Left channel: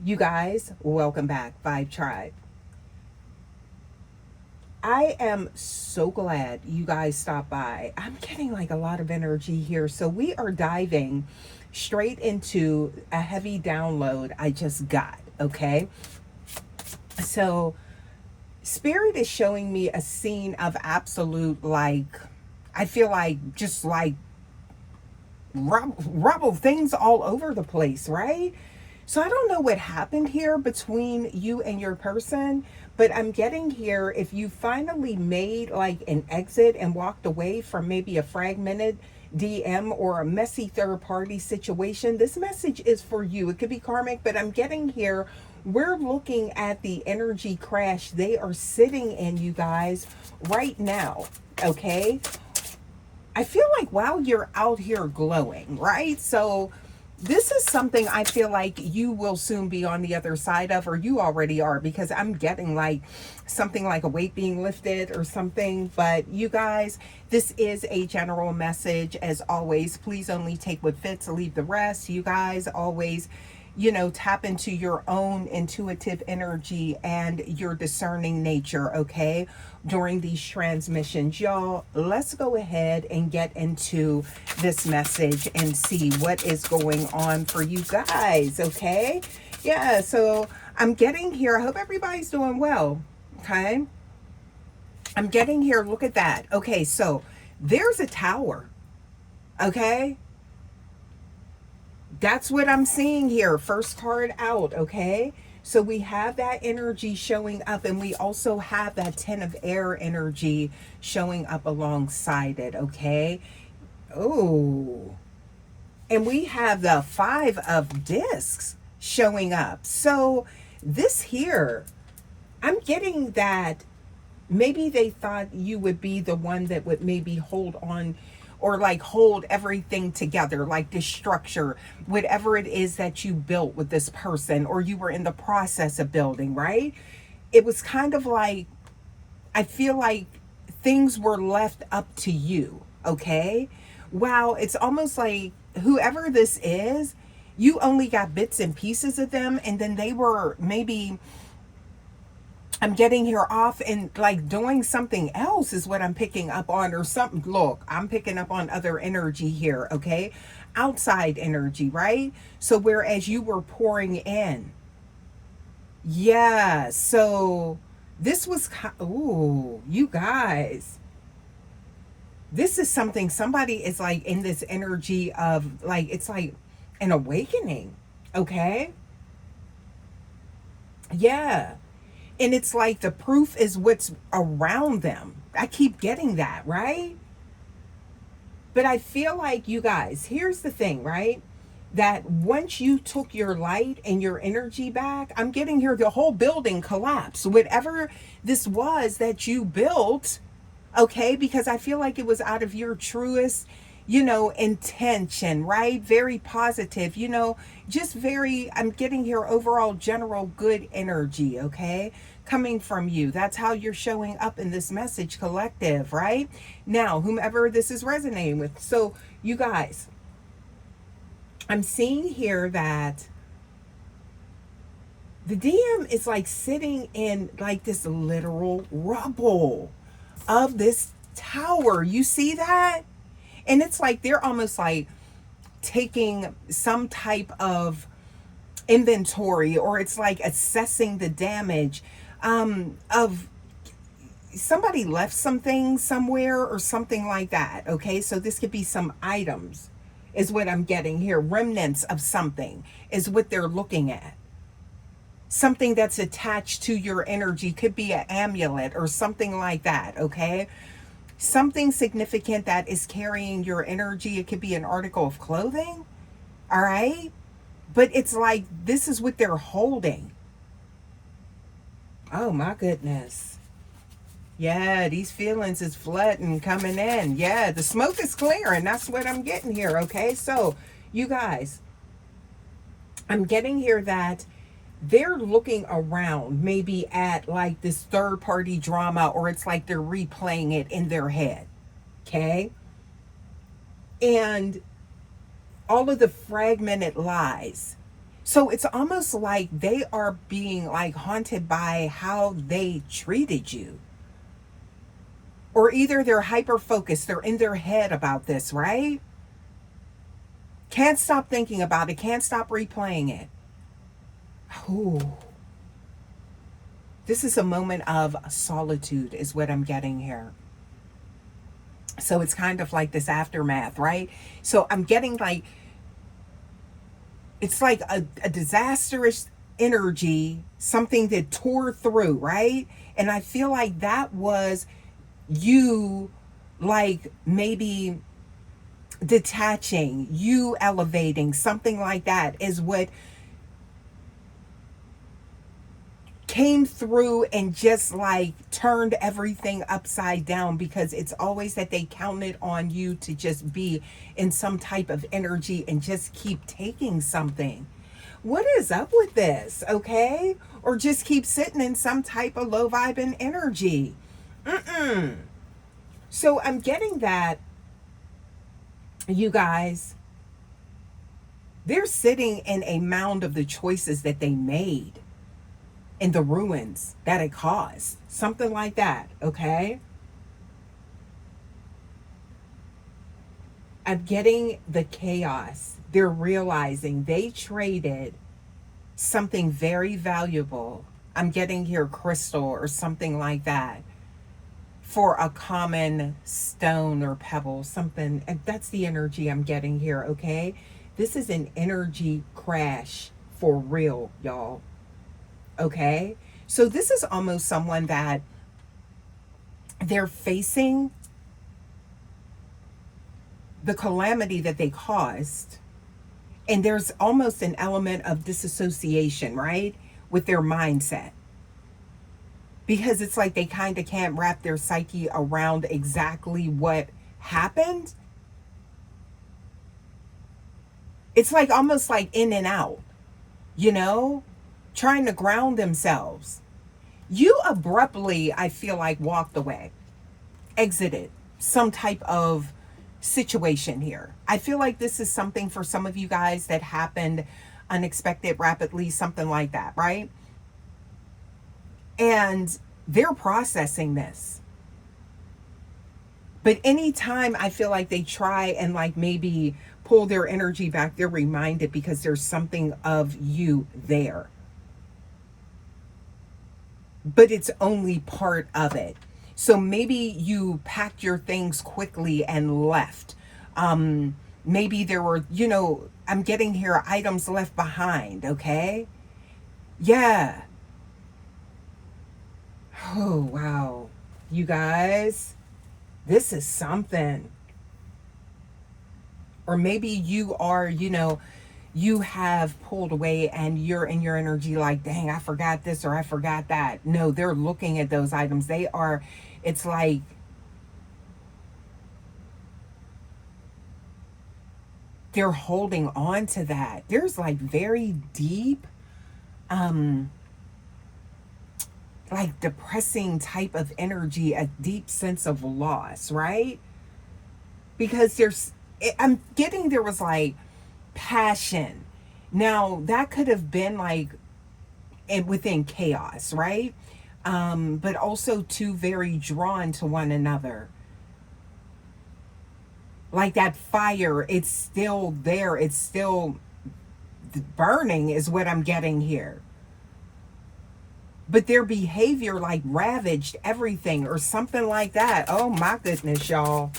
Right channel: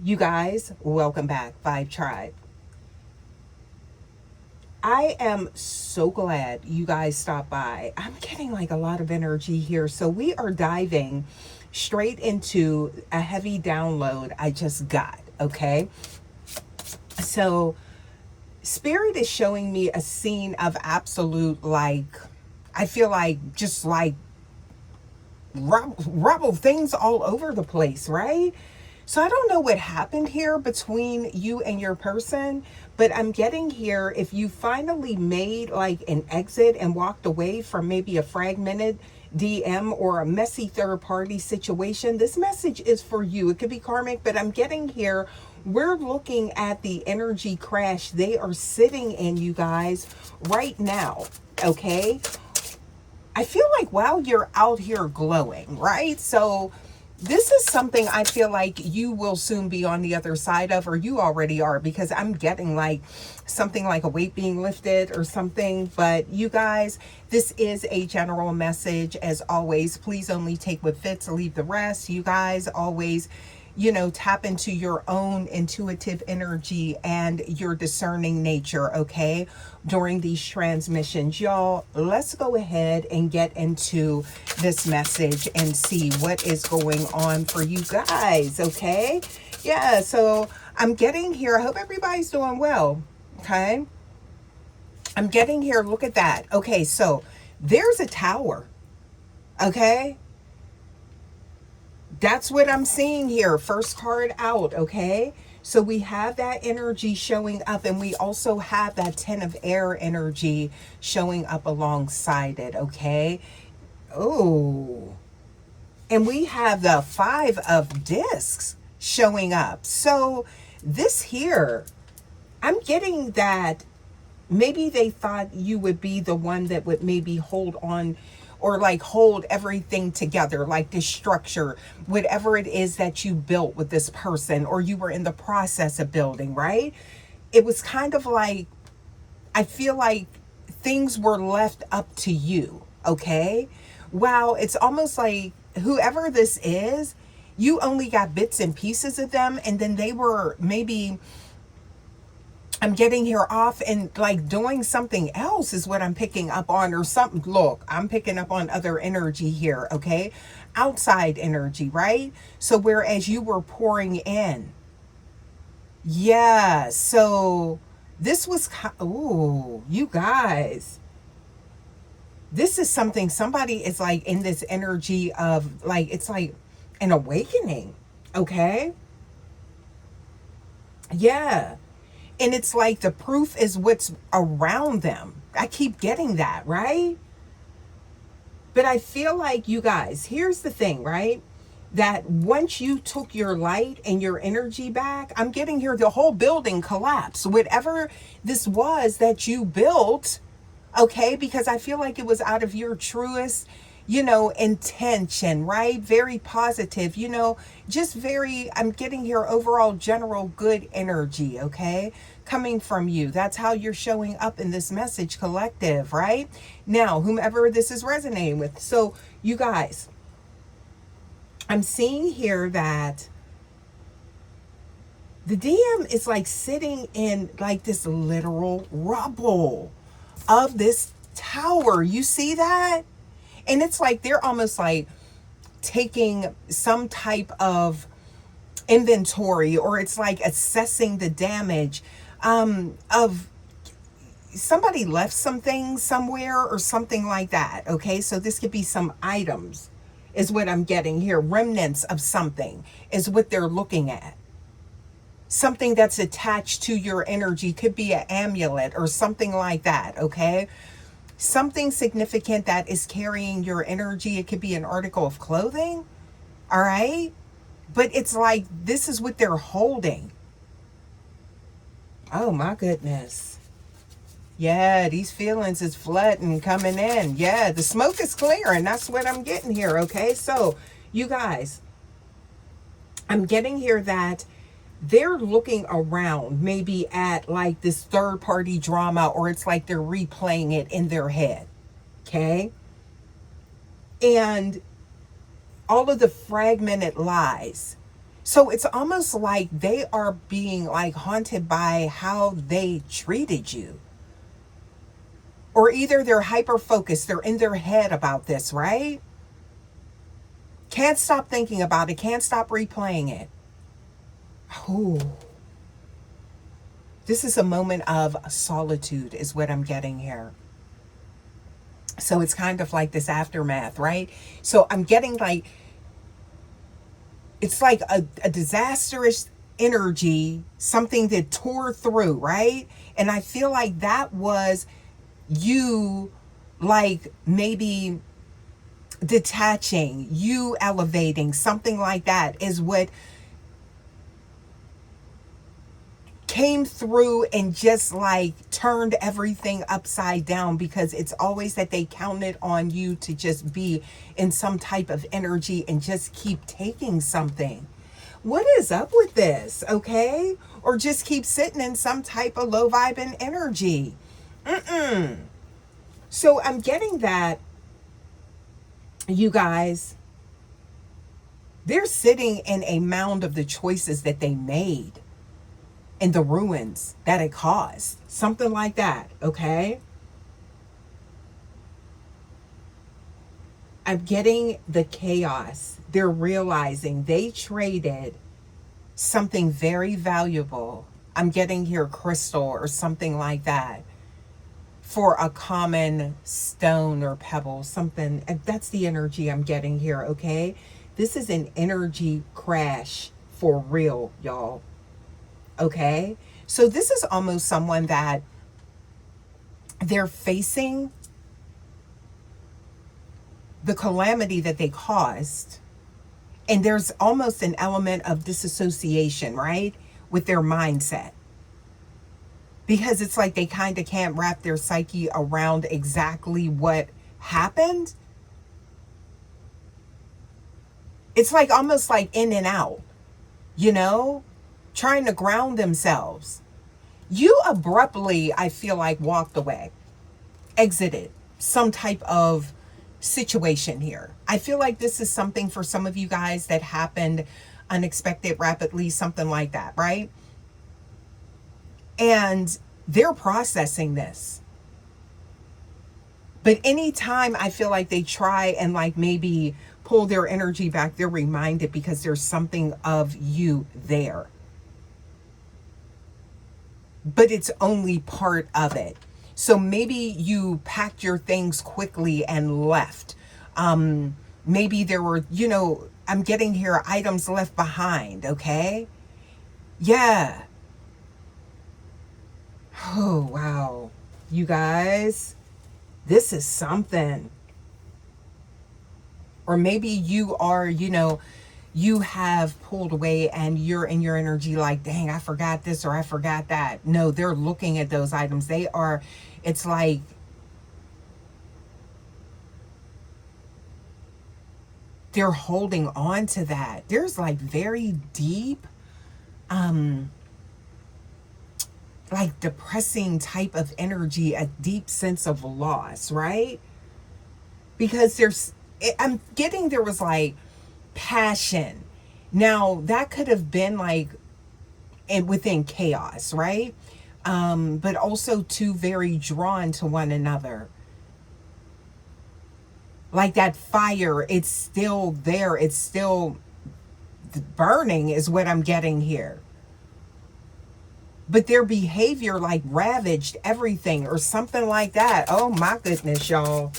You guys, welcome back, Vibe Tribe. I am so glad you guys stopped by. I'm getting like a lot of energy here. So we are diving straight into a heavy download I just got, okay? So Spirit is showing me a scene of absolute, like, I feel like just like rubble things all over the place, right? So I don't know what happened here between you and your person, but I'm getting here if you finally made like an exit and walked away from maybe a fragmented DM or a messy third party situation, this message is for you. It could be karmic, but I'm getting here. We're looking at the energy crash they are sitting in, you guys, right now. Okay. I feel like while you're out here glowing, right? So this is something I feel like you will soon be on the other side of, or you already are, because I'm getting like something like a weight being lifted or something. But you guys, this is a general message. As always, please only take what fits, leave the rest. You guys always, tap into your own intuitive energy and your discerning nature, okay, during these transmissions. Y'all, let's go ahead and get into this message and see what is going on for you guys, okay? Yeah, so I'm getting here. I hope everybody's doing well, okay? I'm getting here. Look at that. Okay, so there's a tower, okay? That's what I'm seeing here. First card out, okay? So we have that energy showing up, and we also have that 10 of air energy showing up alongside it, okay? Oh, and we have the 5 of discs showing up. So this here, I'm getting that maybe they thought you would be the one that would maybe hold on or like hold everything together, like this structure, whatever it is that you built with this person or you were in the process of building, right? It was kind of like, I feel like things were left up to you, okay? Wow, it's almost like whoever this is, you only got bits and pieces of them, and then they were maybe, I'm getting here off and like doing something else is what I'm picking up on, or something. Look, I'm picking up on other energy here, okay? Outside energy, right? So whereas you were pouring in. Yeah, so this was, ooh, you guys. This is something somebody is like in this energy of like, it's like an awakening, okay? Yeah. And it's like the proof is what's around them. I keep getting that, right? But I feel like you guys, here's the thing, right? That once you took your light and your energy back, I'm getting here, the whole building collapsed. Whatever this was that you built, okay? Because I feel like it was out of your truest, intention, right? Very positive, just very, I'm getting here overall general good energy, okay? Coming from you. That's how you're showing up in this message collective, right? Now, whomever this is resonating with. So, you guys, I'm seeing here that the DM is like sitting in like this literal rubble of this tower. You see that? And it's like they're almost like taking some type of inventory, or it's like assessing the damage of somebody left some things somewhere or something like that, okay? So this could be some items is what I'm getting here. Remnants of something is what they're looking at. Something that's attached to your energy, could be an amulet or something like that, okay? Something significant that is carrying your energy. It could be an article of clothing, all right? But it's like this is what they're holding. Oh my goodness. Yeah, these feelings is flooding, coming in. Yeah, the smoke is clearing. That's what I'm getting here, okay? So, you guys, I'm getting here that they're looking around maybe at like this third party drama, or it's like they're replaying it in their head, okay? And all of the fragmented lies. So it's almost like they are being like haunted by how they treated you. Or either they're hyper focused, they're in their head about this, right? Can't stop thinking about it, can't stop replaying it. Ooh. This is a moment of solitude, is what I'm getting here. So it's kind of like this aftermath, right? So I'm getting like, it's like a disastrous energy, something that tore through, right? And I feel like that was you, like maybe detaching, you elevating, something like that is what came through and just like turned everything upside down, because it's always that they counted on you to just be in some type of energy and just keep taking something. What is up with this? Okay? Or just keep sitting in some type of low vibing energy. So I'm getting that, you guys, they're sitting in a mound of the choices that they made and the ruins that it caused. Something like that, okay? I'm getting the chaos. They're realizing they traded something very valuable. I'm getting here crystal or something like that for a common stone or pebble, something. And that's the energy I'm getting here, okay? This is an energy crash for real, y'all. Okay? So this is almost someone that they're facing the calamity that they caused, and there's almost an element of disassociation, right, with their mindset, because it's like they kind of can't wrap their psyche around exactly what happened. It's like almost like in and out, you know, trying to ground themselves. You abruptly, I feel like, walked away, exited some type of situation here. I feel like this is something for some of you guys that happened unexpected, rapidly, something like that, right? And they're processing this. But anytime I feel like they try and like maybe pull their energy back, they're reminded, because there's something of you there. But it's only part of it. So maybe you packed your things quickly and left. Maybe there were, I'm getting here, items left behind, okay? Yeah. Oh, wow. You guys, this is something. Or maybe you are, you have pulled away and you're in your energy like, dang, I forgot this or I forgot that. No, they're looking at those items. It's like, they're holding on to that. There's like very deep, like depressing type of energy, a deep sense of loss, right? Because I'm getting, there was like passion. Now that could have been like within chaos, right? But also two very drawn to one another. Like that fire, it's still there. It's still burning is what I'm getting here. But their behavior like ravaged everything or something like that. Oh my goodness, y'all.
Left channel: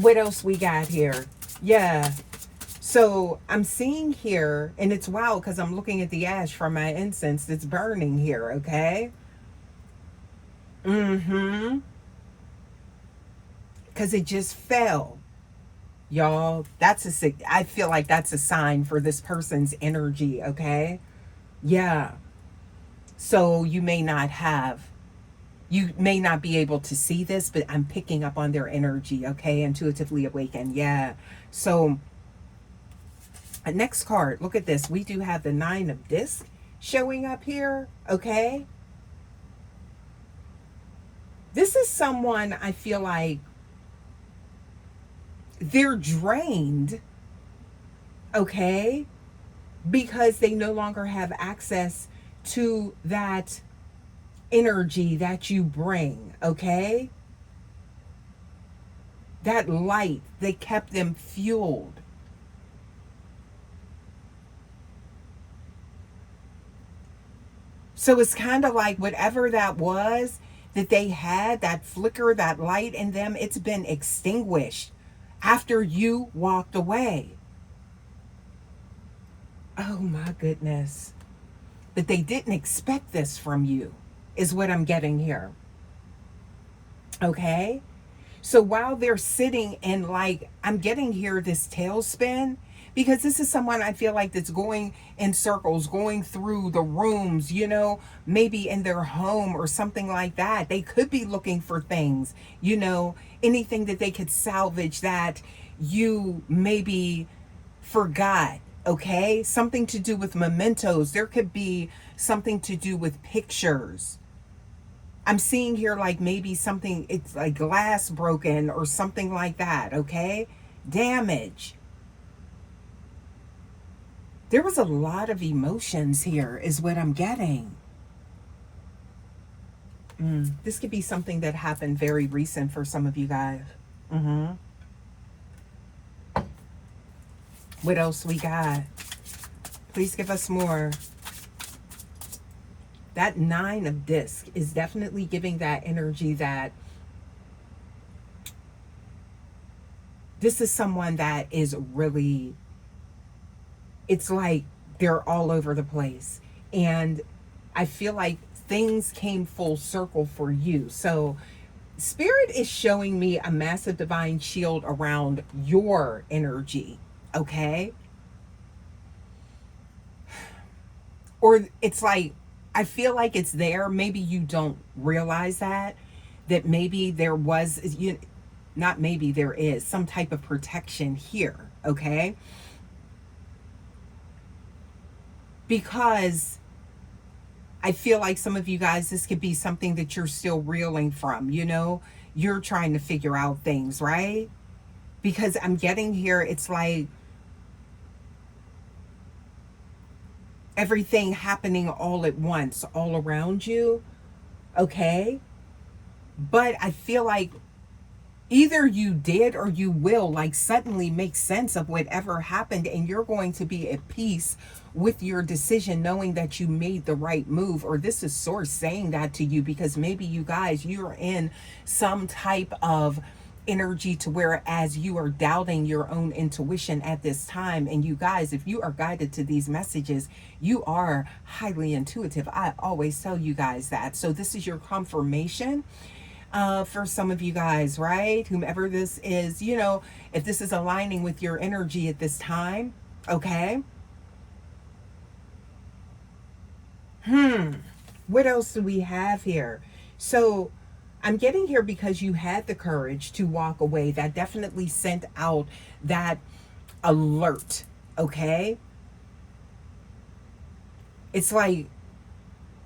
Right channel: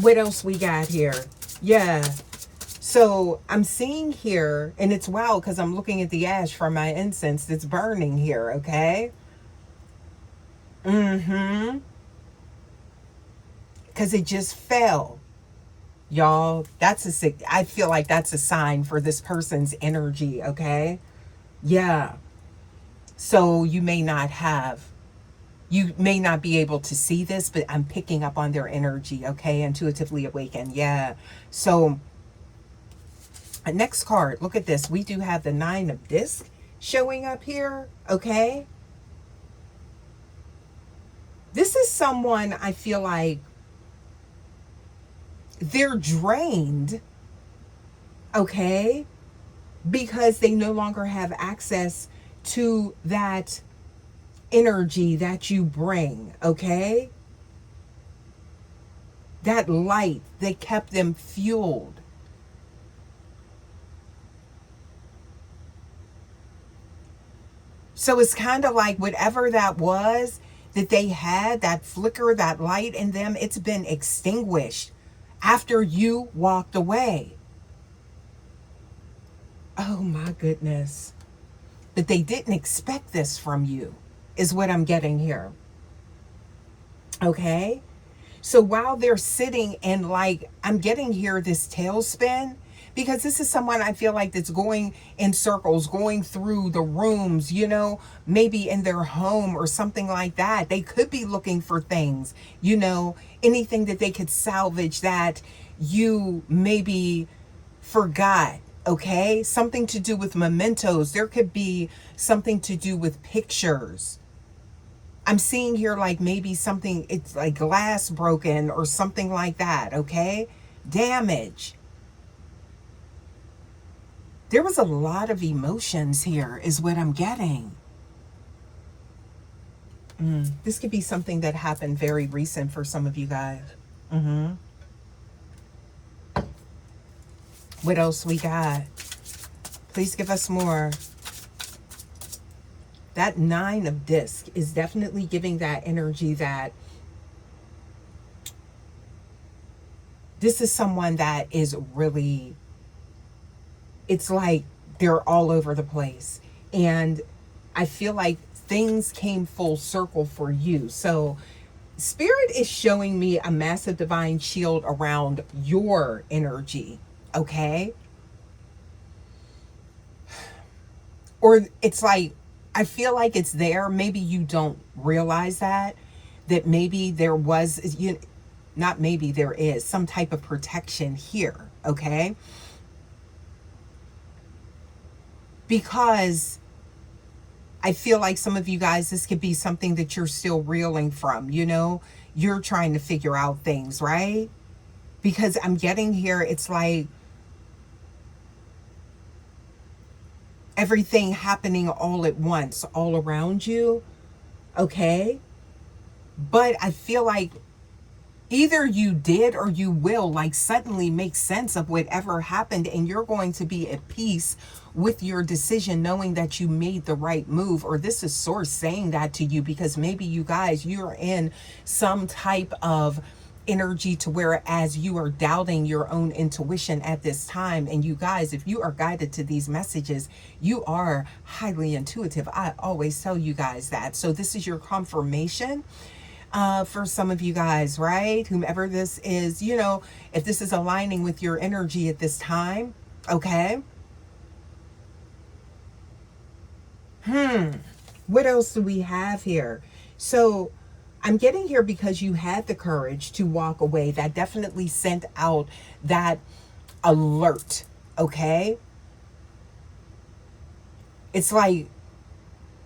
What else we got here? Yeah. So I'm seeing here, and it's wild because I'm looking at the ash from my incense that's burning here, okay? Because it just fell. Y'all, I feel like that's a sign for this person's energy, okay? Yeah. So you may not be able to see this, but I'm picking up on their energy, okay? Intuitively awakened, yeah. So, next card, look at this. We do have the 9 of discs showing up here, okay? This is someone I feel like they're drained, okay? because they no longer have access to that energy that you bring, okay? That light that kept them fueled. So it's kind of like whatever that was that they had, that flicker, that light in them, it's been extinguished after you walked away. Oh my goodness. But they didn't expect this from you, is what I'm getting here. Okay? So while they're sitting in, like, I'm getting here this tailspin, because this is someone I feel like that's going in circles, going through the rooms, you know, maybe in their home or something like that. They could be looking for things, you know, anything that they could salvage that you maybe forgot. Okay, something to do with mementos. There could be something to do with pictures. I'm seeing here like maybe something, it's like glass broken or something like that, okay? Damage. There was a lot of emotions here is what I'm getting. This could be something that happened very recent for some of you guys. What else we got? Please give us more. That 9 of disc is definitely giving that energy that this is someone that is really, it's like they're all over the place. And I feel like things came full circle for you. So Spirit is showing me a massive divine shield around your energy, okay? Or it's like, I feel like it's there. Maybe you don't realize that maybe there was, not maybe there is some type of protection here, okay? Because I feel like some of you guys, this could be something that you're still reeling from, you know? You're trying to figure out things, right? Because I'm getting here, it's like everything happening all at once, all around you, okay? But I feel like either you did or you will like suddenly make sense of whatever happened, and you're going to be at peace with your decision, knowing that you made the right move. Or this is Source saying that to you, because maybe you guys, you're in some type of energy to where as you are doubting your own intuition at this time. And you guys, if you are guided to these messages, you are highly intuitive. I always tell you guys that. So this is your confirmation for some of you guys, right? Whomever this is, you know, if this is aligning with your energy at this time, okay? What else do we have here? So I'm getting here because you had the courage to walk away. That definitely sent out that alert, okay? It's like,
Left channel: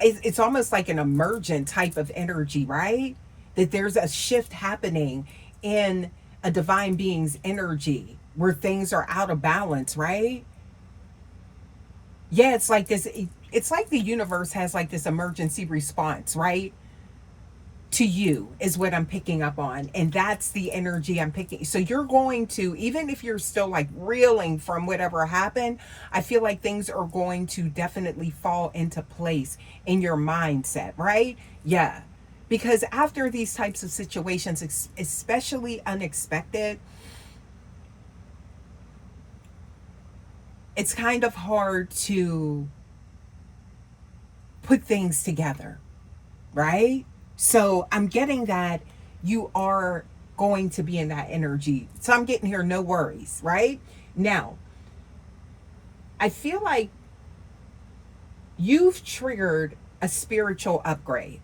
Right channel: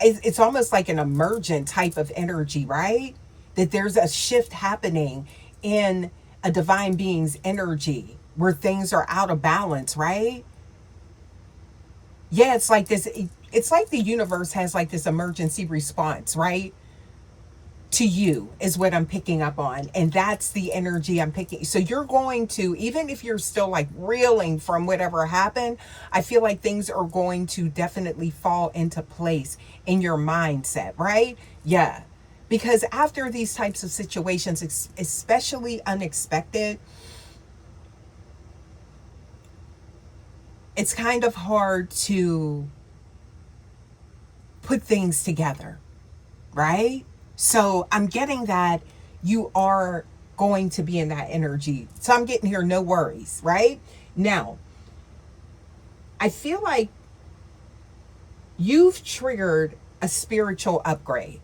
it's almost like an emergent type of energy, right? That there's a shift happening in a divine being's energy where things are out of balance, right? Yeah, it's like this, it's like the universe has like this emergency response, right? To you is what I'm picking up on. And that's the energy I'm picking. So you're going to, even if you're still like reeling from whatever happened, I feel like things are going to definitely fall into place in your mindset, right? Yeah. Because after these types of situations, especially unexpected, it's kind of hard to put things together, right? So I'm getting that you are going to be in that energy. So I'm getting here, no worries, right? Now, I feel like you've triggered a spiritual upgrade.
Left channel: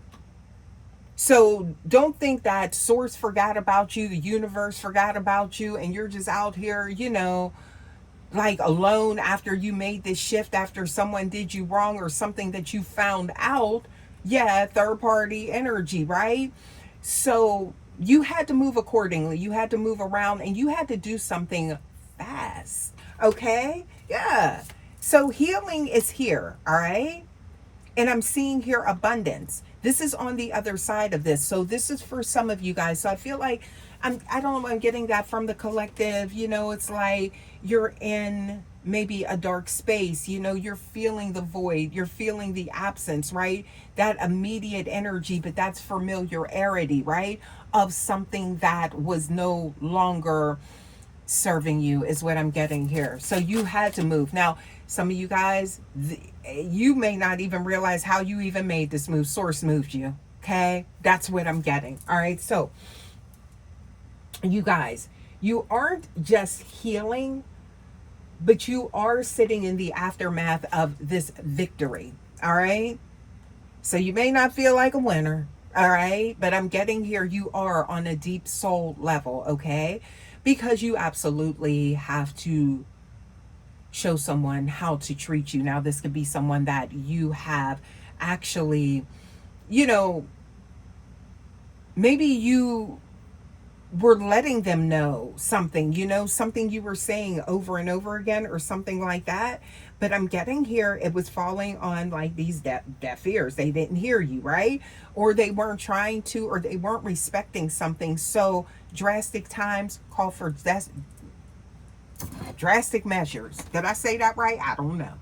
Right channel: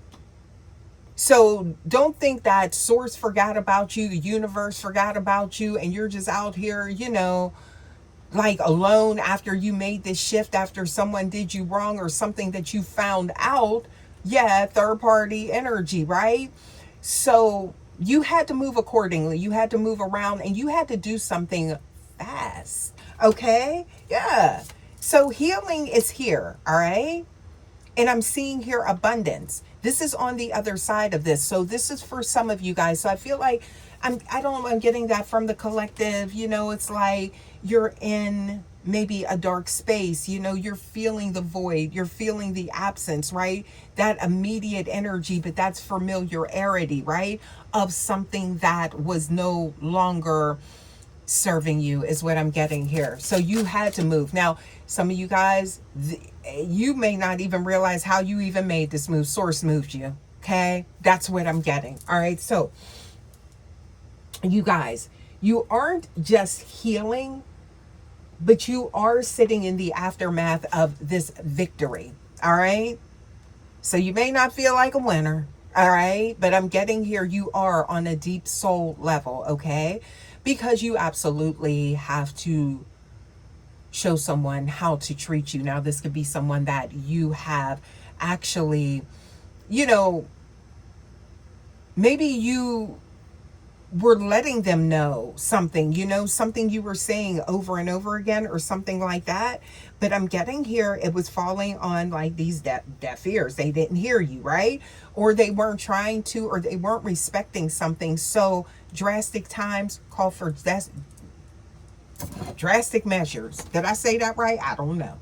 So don't think that Source forgot about you, the universe forgot about you, and you're just out here, you know, like alone after you made this shift, after someone did you wrong or something that you found out. Yeah, third party energy, right? So you had to move accordingly. You had to move around and you had to do something fast. Okay? Yeah. So healing is here, all right? And I'm seeing here abundance. This is on the other side of this. So this is for some of you guys. So I feel like I don't know, I'm getting that from the collective. You know, it's like you're in maybe a dark space. You know, you're feeling the void. You're feeling the absence, right? That immediate energy, but that's familiarity, right? Of something that was no longer serving you is what I'm getting here. So you had to move. Now, some of you guys, you may not even realize how you even made this move. Source moved you. Okay. That's what I'm getting. All right. So you guys, you aren't just healing, but you are sitting in the aftermath of this victory. All right. So you may not feel like a winner. All right. But I'm getting here, you are on a deep soul level. Okay. Because you absolutely have to show someone how to treat you. Now, this could be someone that you have actually, you know, maybe you were letting them know something, you know, something you were saying over and over again or something like that. But I'm getting here, it was falling on like these deaf ears. They didn't hear you, right? Or they weren't trying to, or they weren't respecting something. So drastic times call for drastic measures. Did I say that right? I don't know.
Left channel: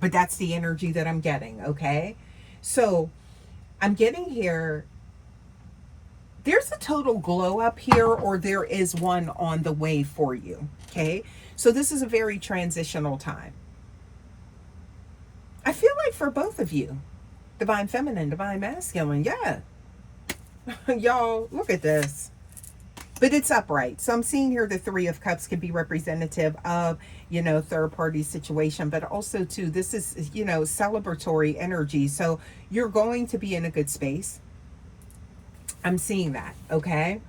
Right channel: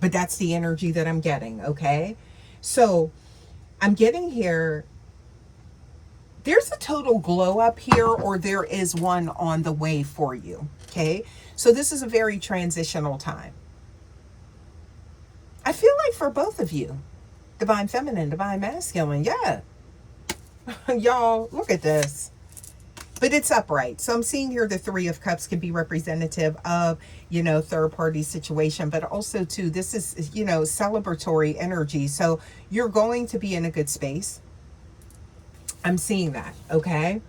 But that's the energy that I'm getting, okay? So I'm getting here, there's a total glow up here, or there is one on the way for you, okay? So this is a very transitional time. I feel like for both of you, divine feminine, divine masculine, yeah. Y'all, look at this. But it's upright. So I'm seeing here the Three of Cups can be representative of, you know, third party situation, but also too, this is, you know, celebratory energy. So you're going to be in a good space. I'm seeing that, okay?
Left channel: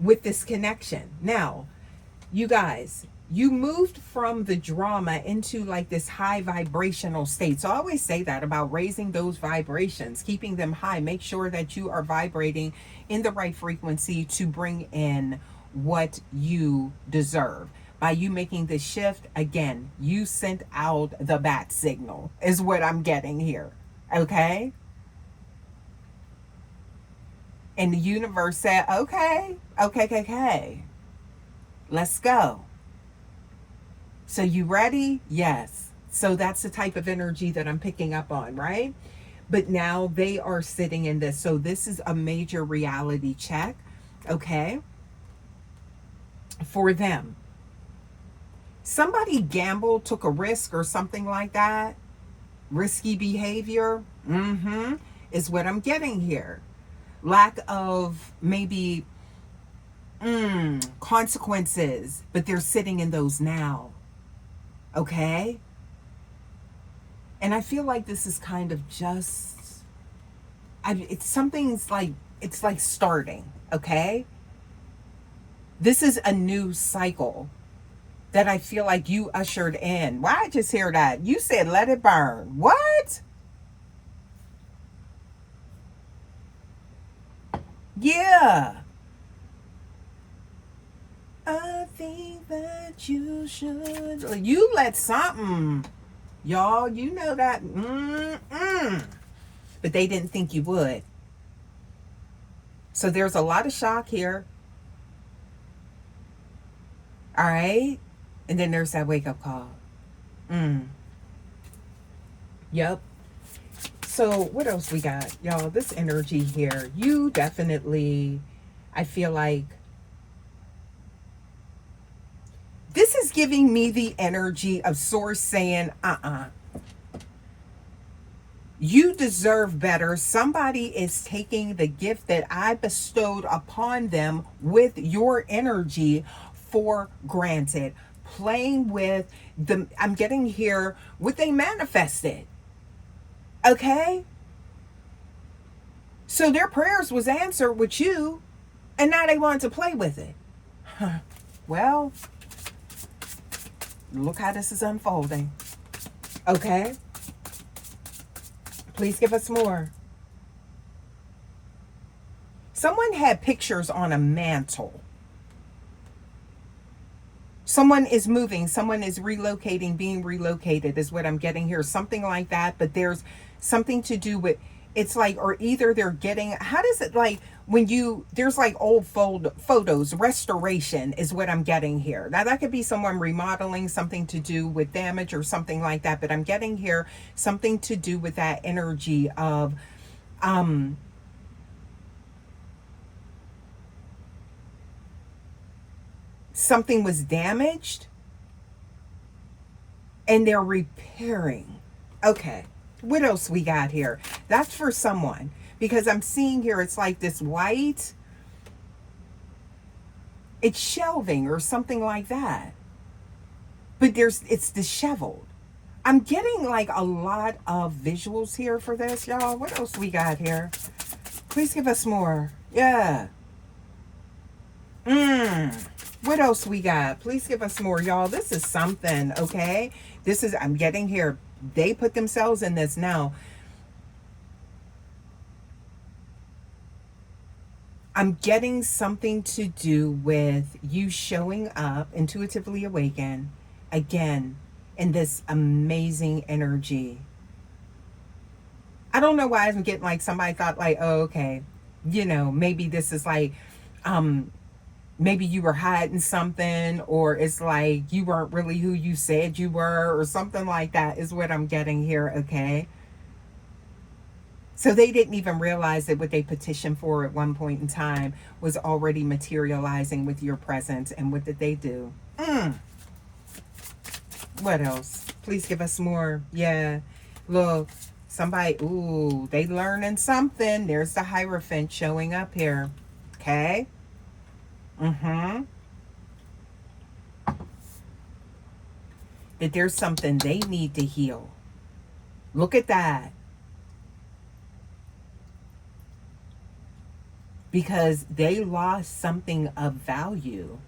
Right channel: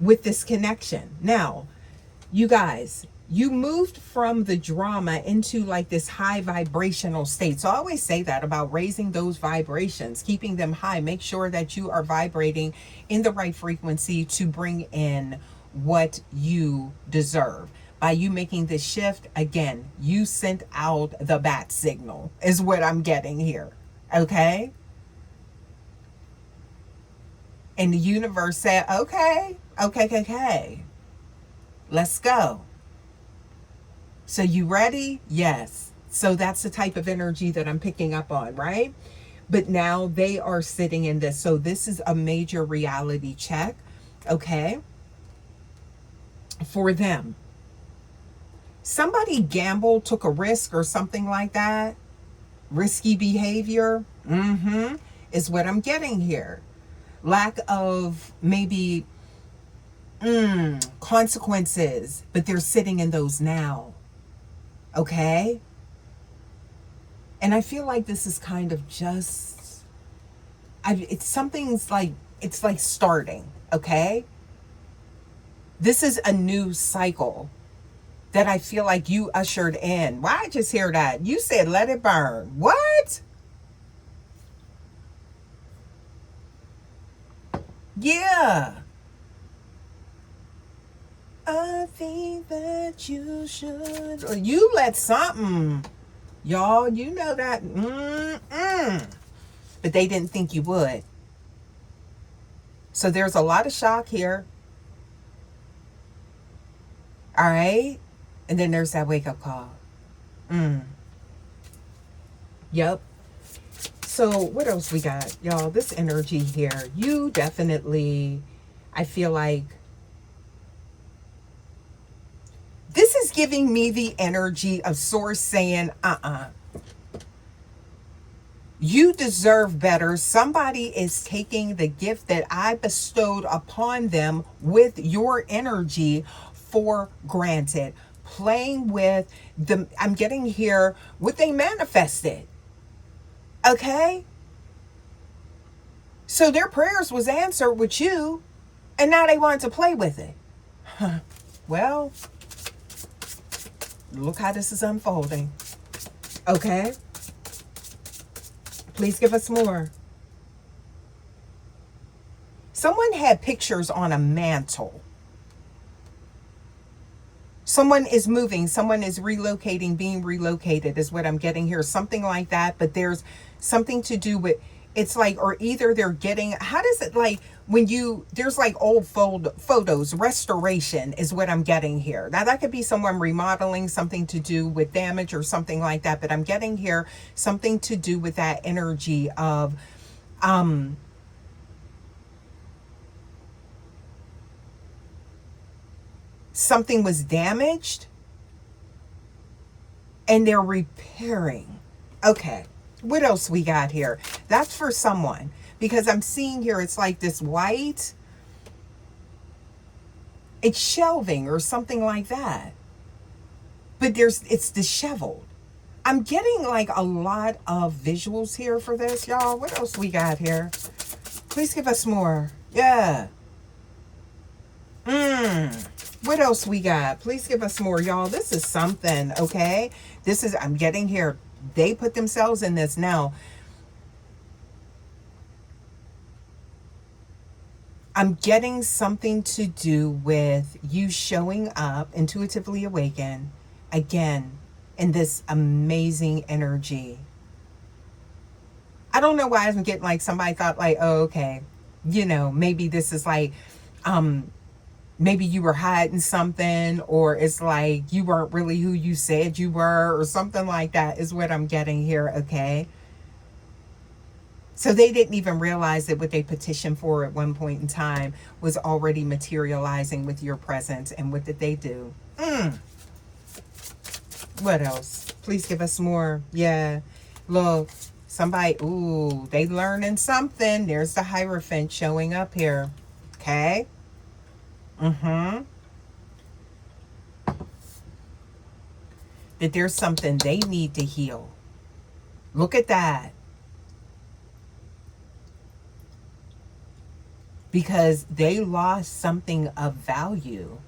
With this connection. Now, you guys, you moved from the drama into like this high vibrational state. So I always say that about raising those vibrations, keeping them high. Make sure that you are vibrating in the right frequency to bring in what you deserve. By you making this shift, again, you sent out the bat signal is what I'm getting here, okay? And the universe said, okay, let's go. So you ready? Yes. So that's the type of energy that I'm picking up on, right? But now they are sitting in this. So this is a major reality check, okay, for them. Somebody gambled, took a risk or something like that. Risky behavior, is what I'm getting here. Lack of maybe consequences, but they're sitting in those now. Okay? And I feel like this is kind of just, something's like, it's like starting, okay? This is a new cycle that I feel like you ushered in. Why I just hear that? You said, let it burn. What? Yeah. I think that you should. You let something. Y'all, you know that. But they didn't think you would. So there's a lot of shock here. All right. And then there's that wake up call. Yep. So what else we got? Y'all, this energy here. You definitely, I feel like, this is giving me the energy of Source saying, you deserve better. Somebody is taking the gift that I bestowed upon them with your energy for granted. Playing with the, I'm getting here, what they manifested. Okay? So their prayers was answered with you, and now they wanted to play with it. Well, look how this is unfolding. Okay? Please give us more. Someone had pictures on a mantle. Someone is moving, someone is relocating, being relocated is what I'm getting here. Something like that, but there's something to do with, it's like, or either they're getting, how does it, like, when you, there's like old photos, restoration is what I'm getting here. Now that could be someone remodeling, something to do with damage or something like that, but I'm getting here something to do with that energy of, something was damaged and they're repairing. Okay, what else we got here? That's for someone, because I'm seeing here it's like this white, it's shelving or something like that, but it's disheveled. I'm getting like a lot of visuals here for this, y'all. What else we got here? Please give us more. Yeah. What else we got? Please give us more, y'all. This is something, okay? This is, I'm getting here. They put themselves in this now. I'm getting something to do with you showing up, intuitively awakened, again, in this amazing energy. I don't know why I'm getting like somebody thought like, oh, okay, you know, maybe this is like, maybe you were hiding something, or it's like you weren't really who you said you were, or something like that is what I'm getting here, okay? So they didn't even realize that what they petitioned for at one point in time was already materializing with your presence. And what did they do? What else? Please give us more. Yeah. Look, somebody, ooh, they learning something. There's the Hierophant showing up here. Okay. That there's something they need to heal. Look at that. Because they lost something of value.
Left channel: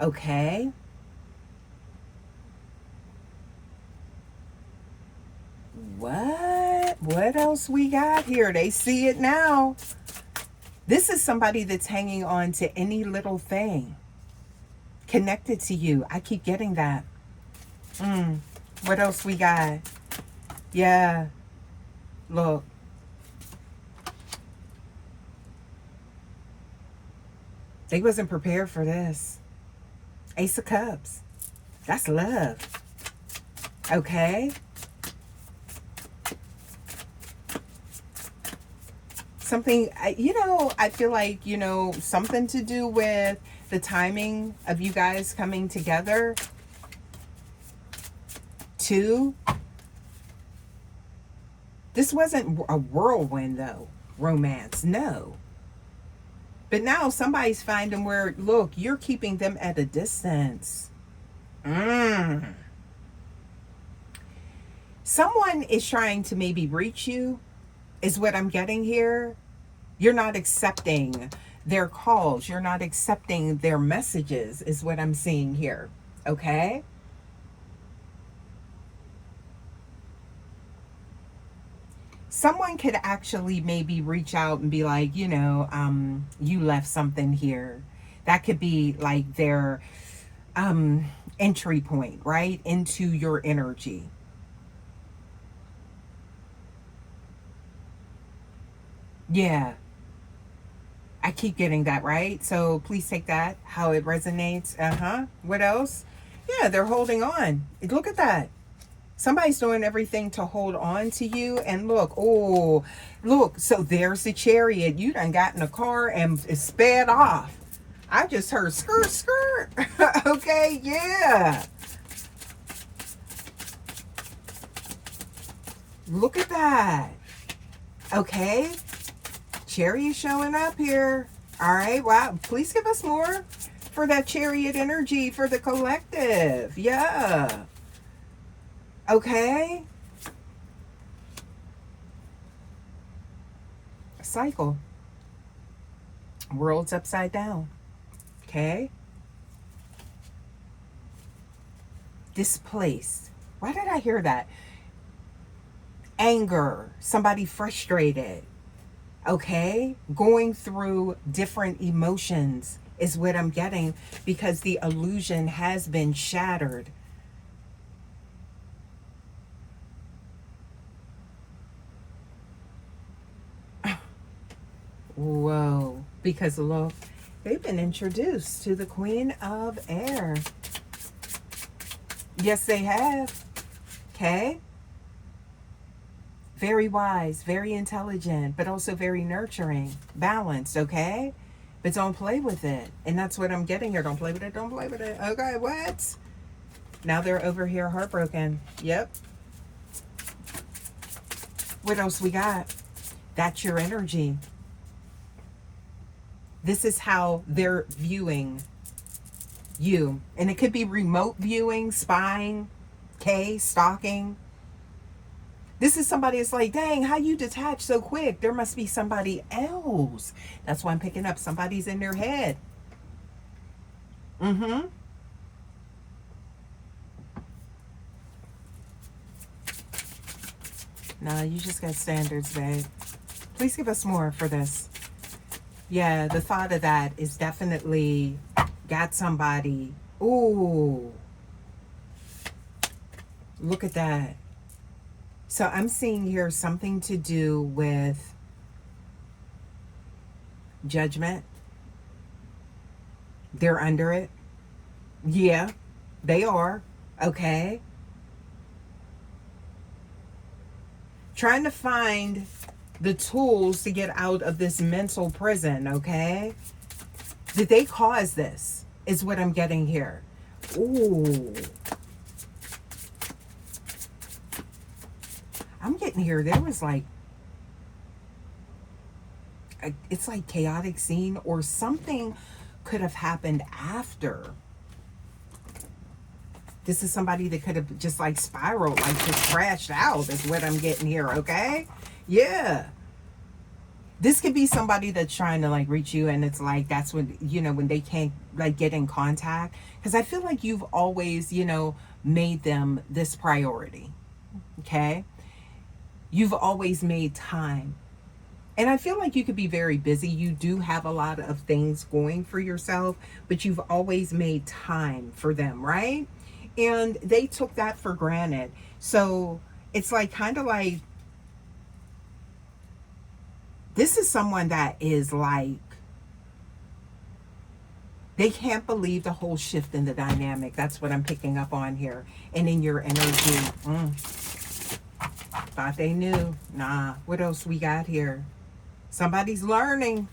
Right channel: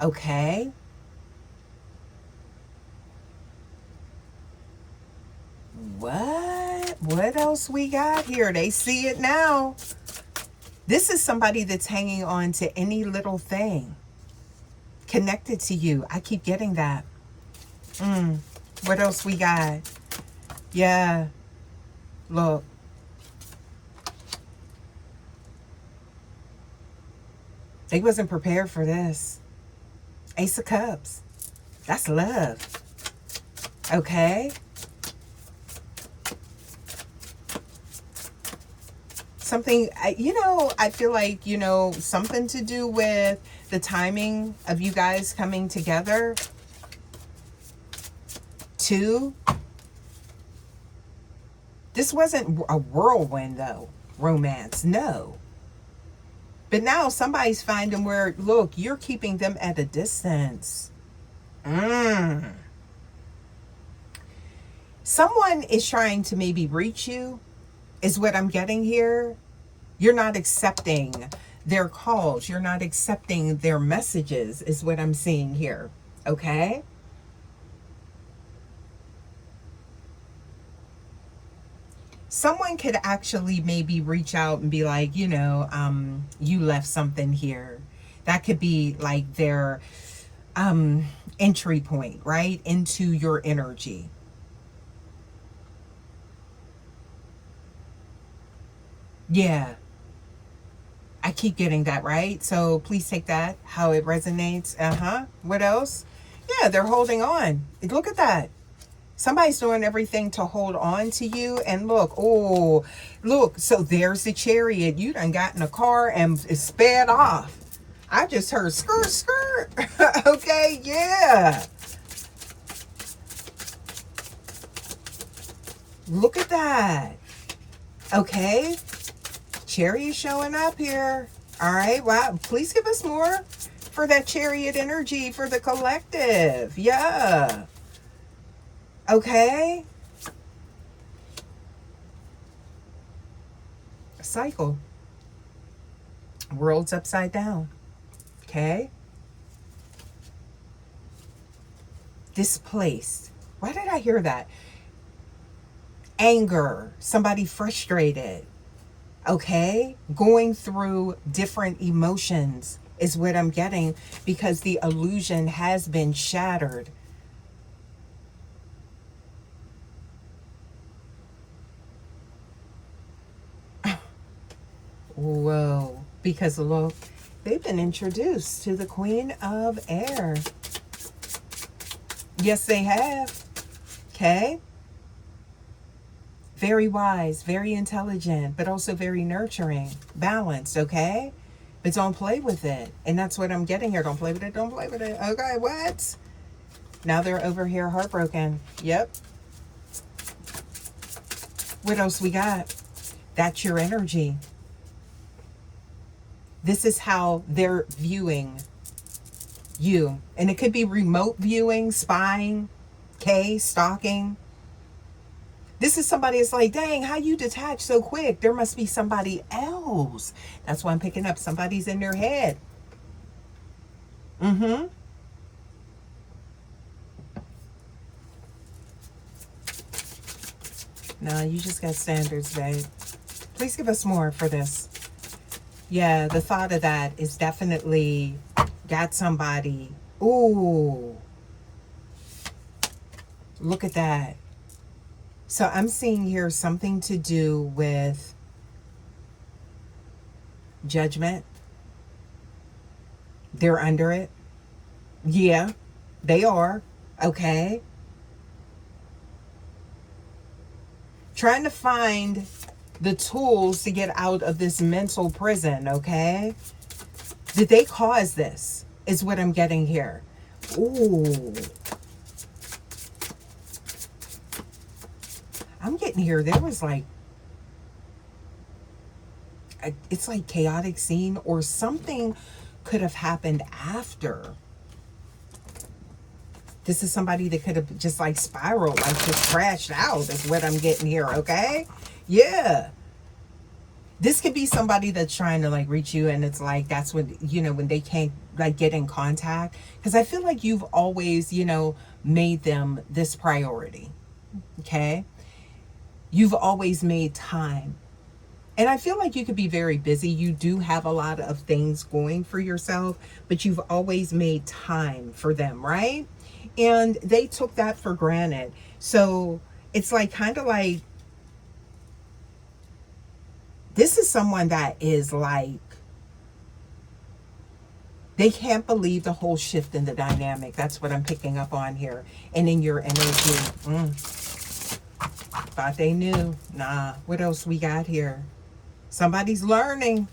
Okay? What else we got here? They see it now. This is somebody that's hanging on to any little thing connected to you. I keep getting that. What else we got? Yeah. Look. They wasn't prepared for this. Ace of Cups. That's love. Okay? Something, you know, I feel like, you know, something to do with the timing of you guys coming together. Two. This wasn't a whirlwind, though. Romance. No. But now somebody's finding where, look, you're keeping them at a distance. Someone is trying to maybe reach you, is what I'm getting here. You're not accepting their calls. You're not accepting their messages, is what I'm seeing here. Okay? Someone could actually maybe reach out and be like, you know, you left something here. That could be like their entry point, right? Into your energy. Yeah. I keep getting that, right? So please take that, how it resonates. What else? Yeah, they're holding on. Look at that. Somebody's doing everything to hold on to you. And look, oh, look. So there's the Chariot. You done got in a car and it sped off. I just heard skirt, skirt. Okay, yeah. Look at that. Okay. Chariot showing up here. All right. Wow. Please give us more for that Chariot energy for the collective. Yeah. Okay. A cycle. World's upside down. Okay. Displaced. Why did I hear that? Anger. Somebody frustrated. Okay. Going through different emotions is what I'm getting, because the illusion has been shattered. Whoa, because look, they've been introduced to the Queen of Air. Yes, they have. Okay. Very wise, very intelligent, but also very nurturing, balanced, okay? But don't play with it. And that's what I'm getting here. Don't play with it, don't play with it. Okay, what? Now they're over here heartbroken. Yep. What else we got? That's your energy. This is how they're viewing you. And it could be remote viewing, spying, okay, stalking. This is somebody that's like, dang, how you detach so quick? There must be somebody else. That's why I'm picking up. Somebody's in their head. Mm-hmm. No, you just got standards, babe. Please give us more for this. Yeah, the thought of that is definitely got somebody. Ooh. Look at that. So I'm seeing here something to do with judgment. They're under it. Yeah, they are. Okay. Trying to find the tools to get out of this mental prison, okay? Did they cause this? Is what I'm getting here. Ooh. I'm getting here, there was like, it's like chaotic scene, or something could have happened after. This is somebody that could have just like spiraled, like just crashed out, is what I'm getting here, okay? Yeah. This could be somebody that's trying to like reach you, and it's like, that's when, you know, when they can't like get in contact. Because I feel like you've always, you know, made them this priority, okay? You've always made time. And I feel like you could be very busy. You do have a lot of things going for yourself, but you've always made time for them, right? And they took that for granted. So it's like, kind of like, this is someone that is like, they can't believe the whole shift in the dynamic. That's what I'm picking up on here. And in your energy. Thought they knew. Nah. What else we got here? Somebody's learning.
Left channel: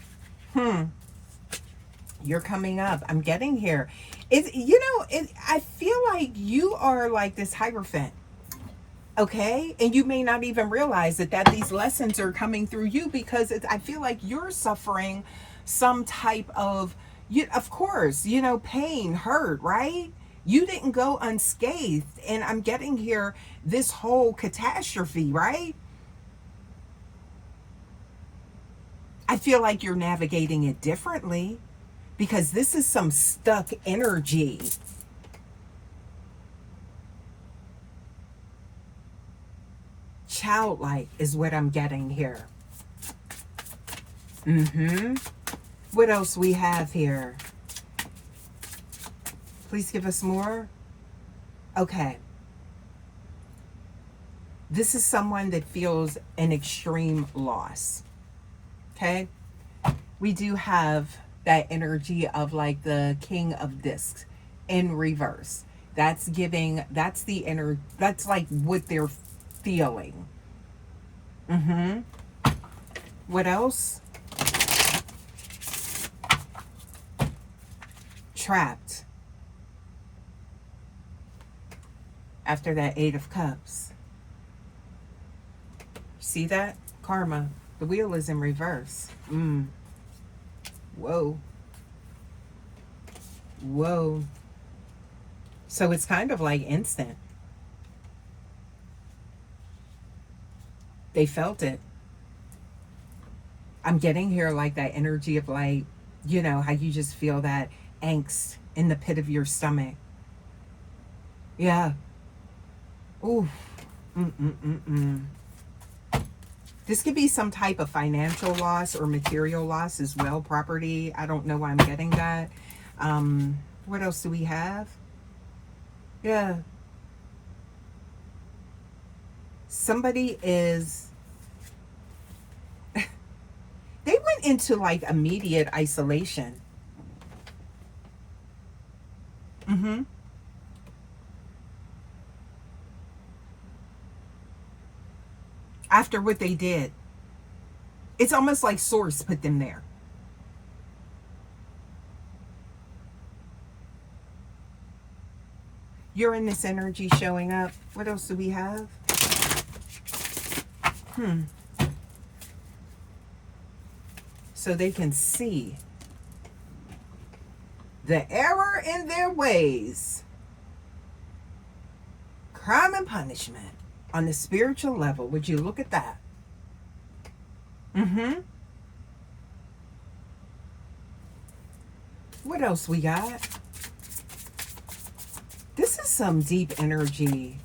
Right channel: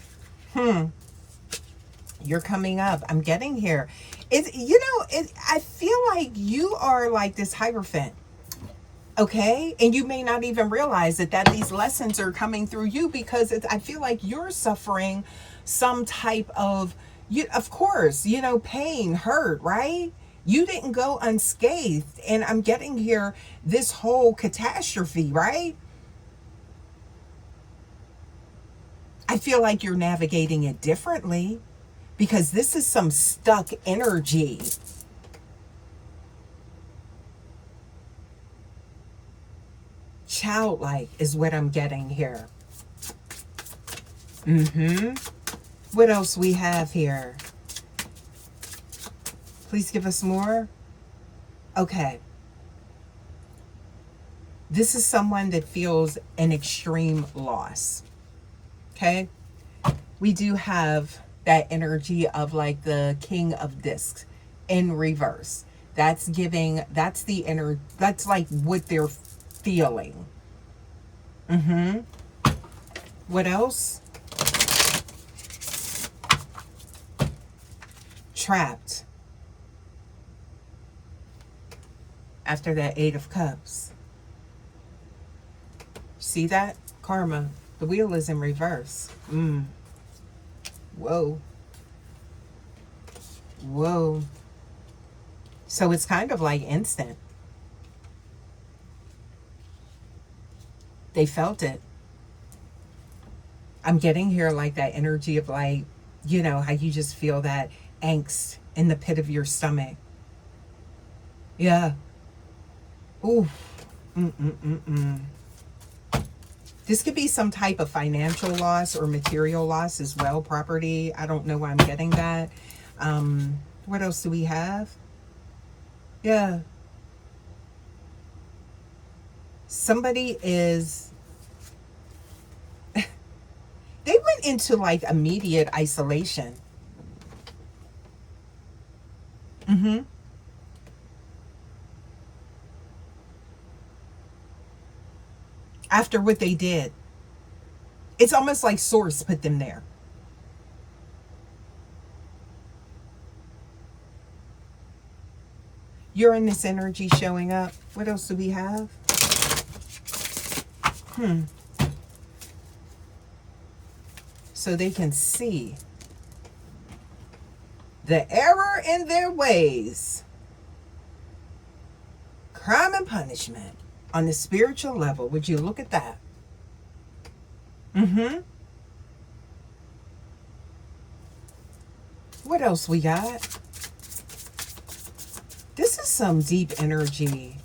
You're coming up. I'm getting here. It's, you know, I feel like you are like this Hierophant. Okay? And you may not even realize that these lessons are coming through you, because I feel like you're suffering some type of, of course, you know, pain, hurt, right? You didn't go unscathed. And I'm getting here this whole catastrophe, right? I feel like you're navigating it differently, because this is some stuck energy. Childlike is what I'm getting here. What else we have here? Please give us more. Okay. This is someone that feels an extreme loss. Okay. We do have that energy of like the King of Discs in reverse. That's giving, that's the inner, that's like what they're feeling. What else? Trapped. After that Eight of Cups. See that? Karma. The wheel is in reverse. Whoa. Whoa. So it's kind of like instant. They felt it. I'm getting here like that energy of like, you know, how you just feel that angst in the pit of your stomach. Yeah. Ooh. This could be some type of financial loss or material loss as well, property. I don't know why I'm getting that. What else do we have? Yeah. Somebody is, they went into like immediate isolation. After what they did. It's almost like Source put them there. Uranus energy showing up. What else do we have? So they can see the error in their ways. Crime and punishment on the spiritual level. Would you look at that? What else we got? This is some deep energy.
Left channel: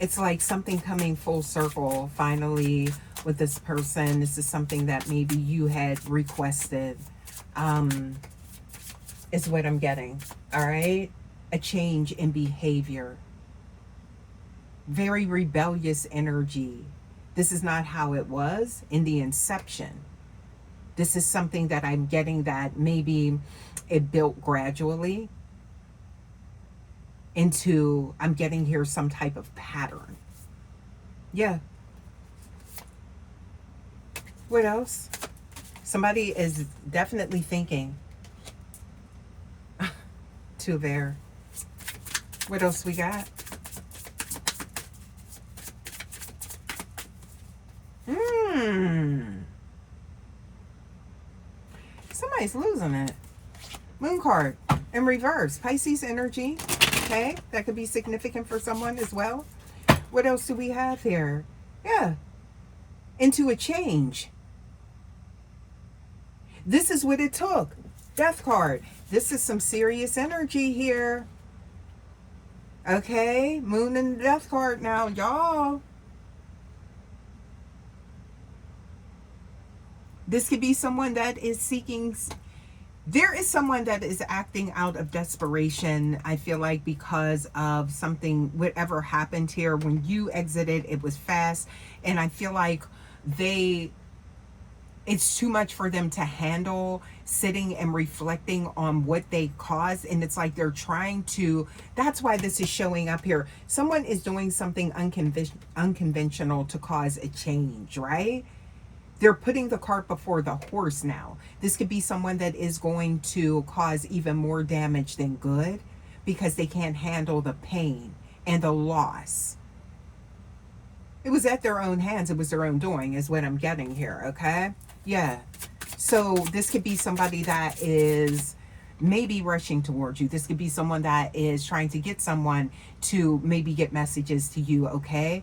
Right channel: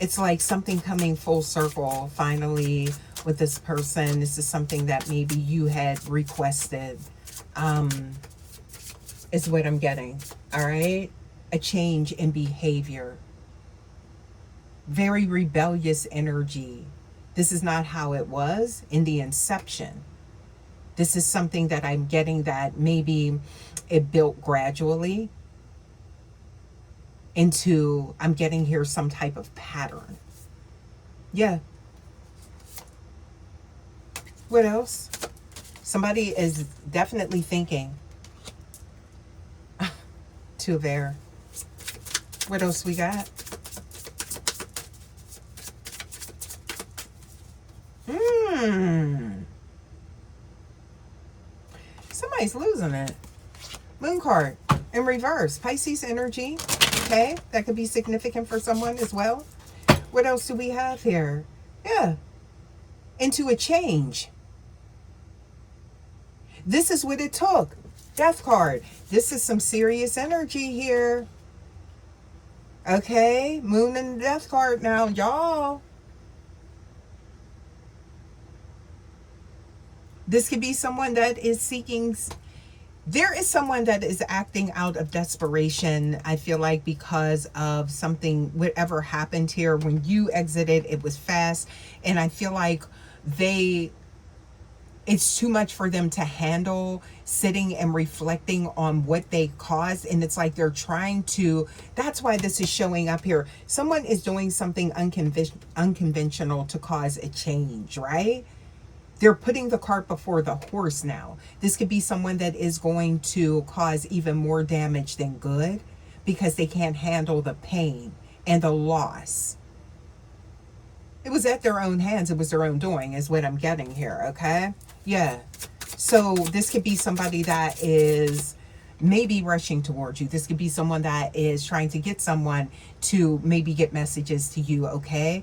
It's like something coming full circle finally with this person. This is something that maybe you had requested. Is what I'm getting. All right? A change in behavior. Very rebellious energy. This is not how it was in the inception. This is something that I'm getting that maybe it built gradually into, I'm getting here some type of pattern. Yeah. What else? Somebody is definitely thinking. Two there. What else we got? Somebody's losing it. Moon card in reverse. Pisces energy. Okay, that could be significant for someone as well. What else do we have here? Yeah. Into a change. This is what it took. Death card. This is some serious energy here. Okay, Moon and Death card now, y'all. This could be someone that is seeking. There is someone that is acting out of desperation, I feel like, because of something, whatever happened here. When you exited, it was fast. And I feel like it's too much for them to handle, sitting and reflecting on what they caused. And it's like they're trying to, that's why this is showing up here. Someone is doing something unconventional to cause a change, right? They're putting the cart before the horse now. This could be someone that is going to cause even more damage than good because they can't handle the pain and the loss. It was at their own hands. It was their own doing is what I'm getting here, okay? Yeah. So this could be somebody that is maybe rushing towards you. This could be someone that is trying to get someone to maybe get messages to you, okay?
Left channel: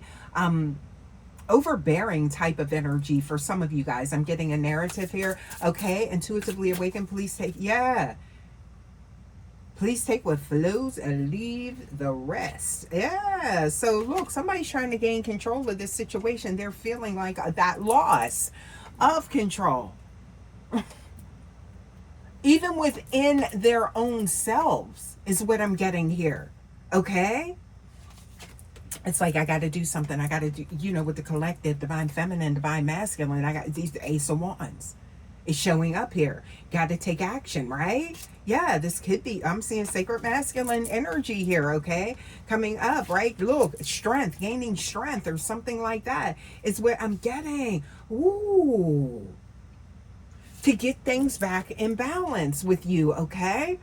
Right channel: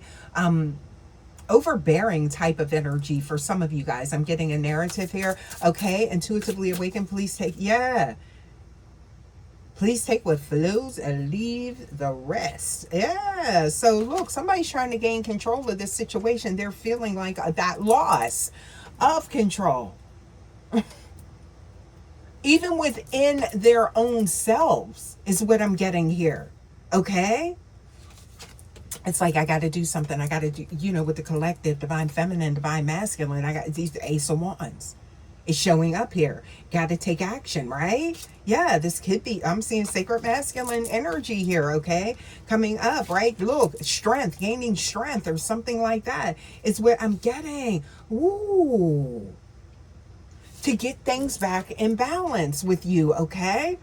Overbearing type of energy for some of you guys. I'm getting a narrative here. Okay, intuitively awakened, please take, yeah. Please take what flows and leave the rest. Yeah, so look, somebody's trying to gain control of this situation. They're feeling like that loss of control. Even within their own selves is what I'm getting here. Okay? It's like, I got to do something. I got to do, you know, with the collective, divine feminine, divine masculine. I got these Ace of Wands is showing up here. Got to take action, right? Yeah, this could be, I'm seeing sacred masculine energy here, okay? Coming up, right? Look, strength, gaining strength or something like that is what I'm getting. Ooh. To get things back in balance with you, okay?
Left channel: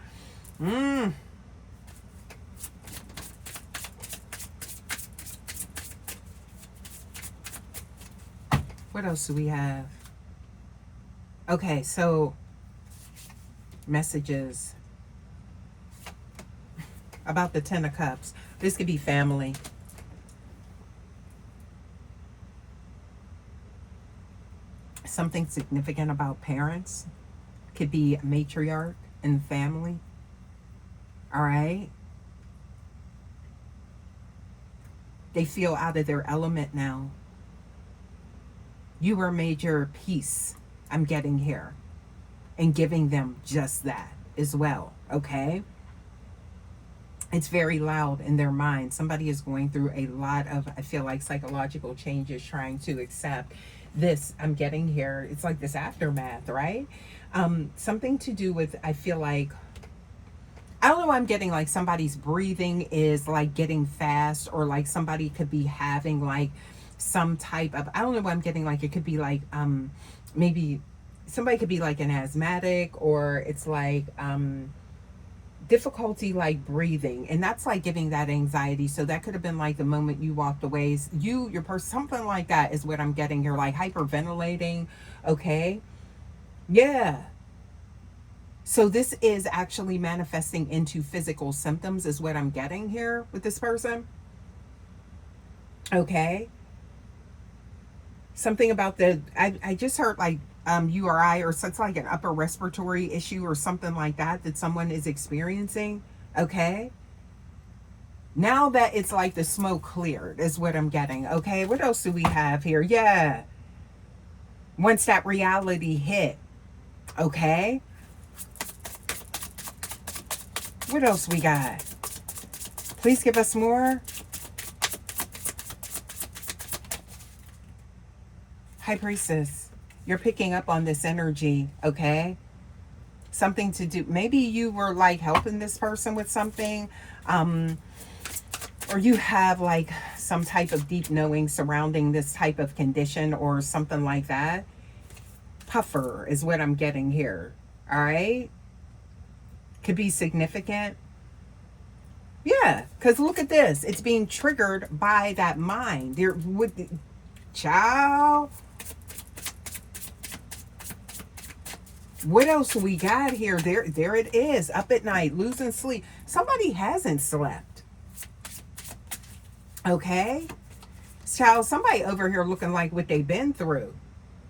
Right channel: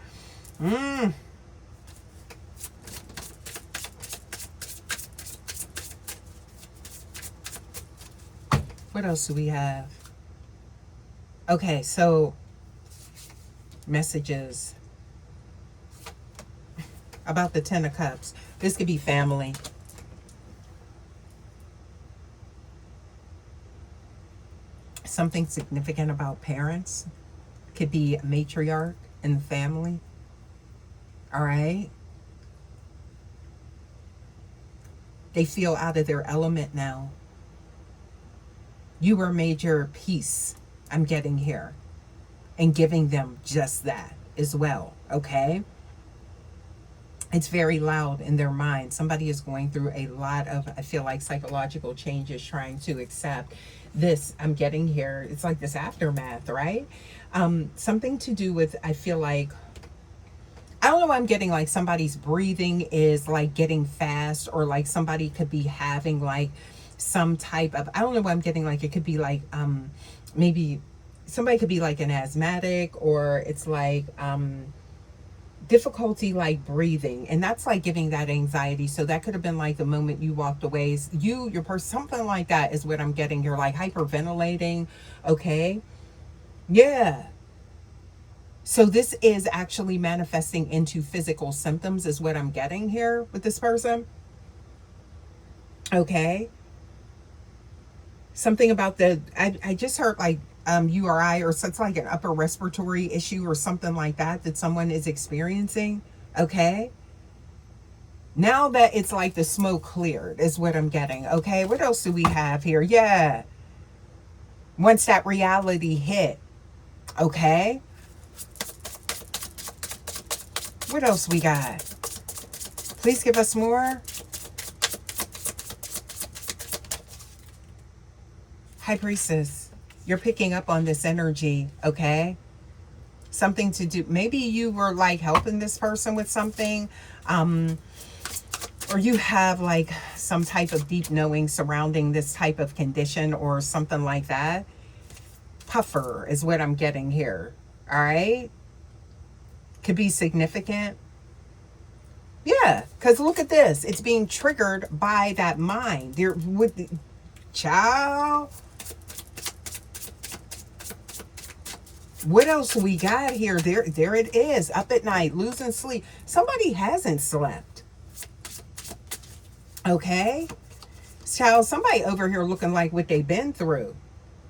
What else do we have? Okay, so messages about the Ten of Cups. This could be family. Something significant about parents. Could be a matriarch in the family. All right. They feel out of their element now. You were made your peace, I'm getting here, and giving them just that as well, okay? It's very loud in their mind. Somebody is going through a lot of, I feel like, psychological changes, trying to accept this I'm getting here. It's like this aftermath, right? Something to do with, I feel like, I don't know, I'm getting like somebody's breathing is like getting fast, or like somebody could be having like some type of, I don't know what I'm getting, like it could be like maybe somebody could be like an asthmatic, or it's like difficulty like breathing, and that's like giving that anxiety. So that could have been like the moment you walked away, your person, something like that is what I'm getting here, like hyperventilating, okay? Yeah. So this is actually manifesting into physical symptoms is what I'm getting here with this person. Okay. Something about the, I just heard like URI, or so it's like an upper respiratory issue or something like that someone is experiencing. Okay. Now that it's like the smoke cleared is what I'm getting. Okay. What else do we have here? Yeah. Once that reality hit. Okay. What else we got? Please give us more. High Priestess, you're picking up on this energy, okay? Something to do. Maybe you were like helping this person with something, or you have like some type of deep knowing surrounding this type of condition or something like that. Puffer is what I'm getting here, all right? Could be significant. Yeah, because look at this. It's being triggered by that mind. There would, child. What else we got here? There it is. Up at night, losing sleep. Somebody hasn't slept. Okay? Child, somebody over here looking like what they've been through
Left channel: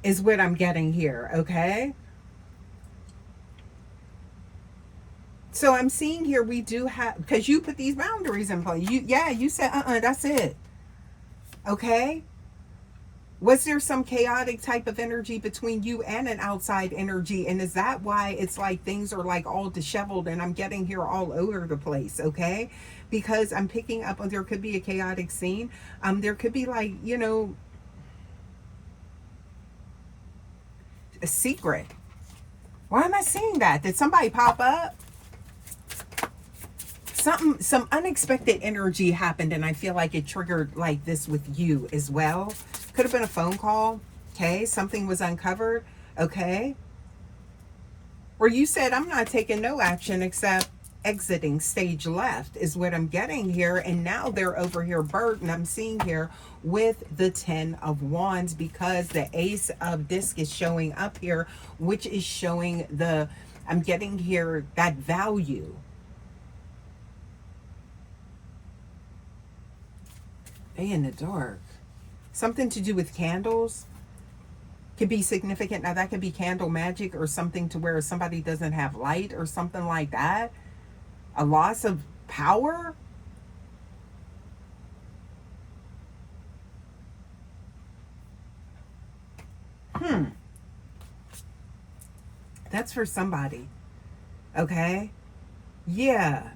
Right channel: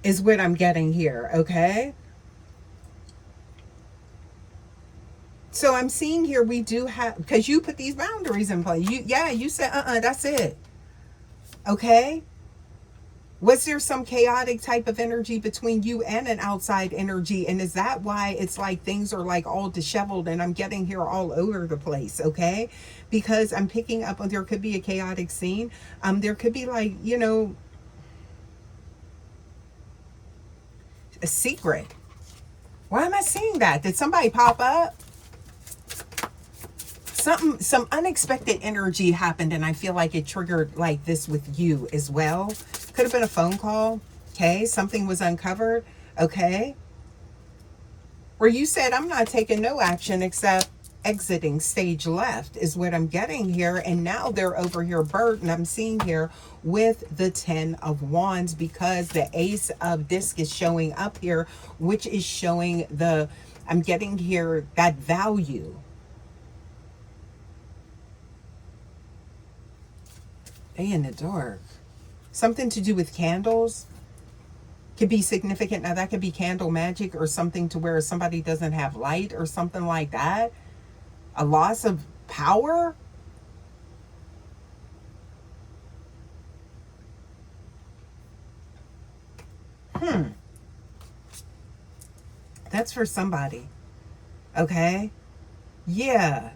is what I'm getting here, okay? So I'm seeing here we do have, because you put these boundaries in place. You said, that's it. Okay? Was there some chaotic type of energy between you and an outside energy? And is that why it's like things are like all disheveled and I'm getting here all over the place, okay? Because I'm picking up on, there could be a chaotic scene. There could be like, you know, a secret. Why am I seeing that? Did somebody pop up? Some unexpected energy happened, and I feel like it triggered like this with you as well. Could have been a phone call. Okay, something was uncovered. Okay, where you said I'm not taking no action except exiting stage left is what I'm getting here. And now they're over here burdened. I'm seeing here with the 10 of Wands, because the Ace of Disc is showing up here, which is showing the, I'm getting here that value. Day in the dark. Something to do with candles could be significant. Now that could be candle magic or something to where somebody doesn't have light or something like that. A loss of power. That's for somebody. Okay. Yeah.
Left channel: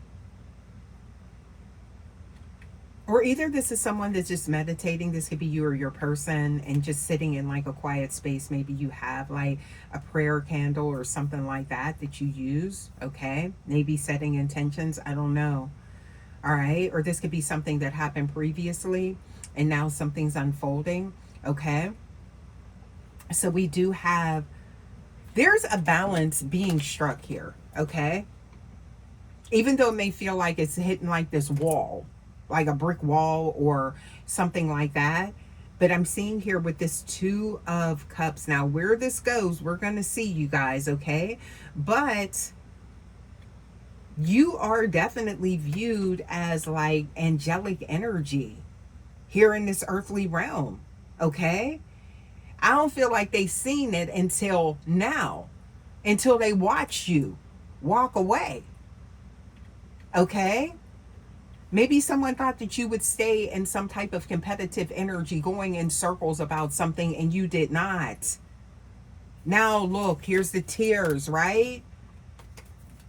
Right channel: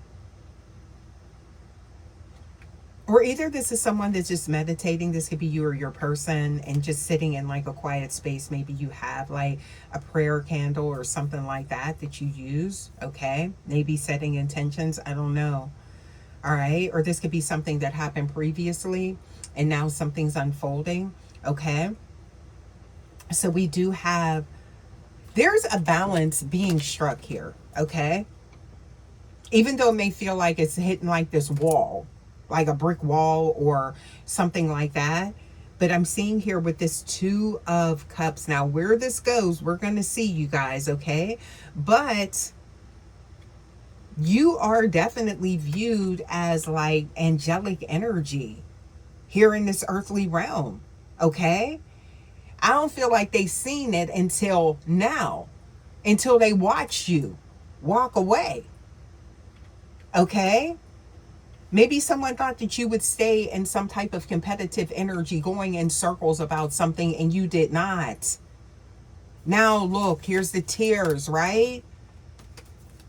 Or either this is someone that's just meditating. This could be you or your person, and just sitting in like a quiet space. Maybe you have like a prayer candle or something like that you use. Okay. Maybe setting intentions. I don't know. All right. Or this could be something that happened previously and now something's unfolding. Okay. So we do have, there's a balance being struck here. Okay. Even though it may feel like it's hitting like this wall, like a brick wall or something like that. But I'm seeing here with this 2 of Cups. Now, where this goes, we're going to see, you guys, okay? But you are definitely viewed as like angelic energy here in this earthly realm, okay? I don't feel like they've seen it until now, until they watched you walk away, okay? Maybe someone thought that you would stay in some type of competitive energy, going in circles about something, and you did not. Now look, here's the tears, right?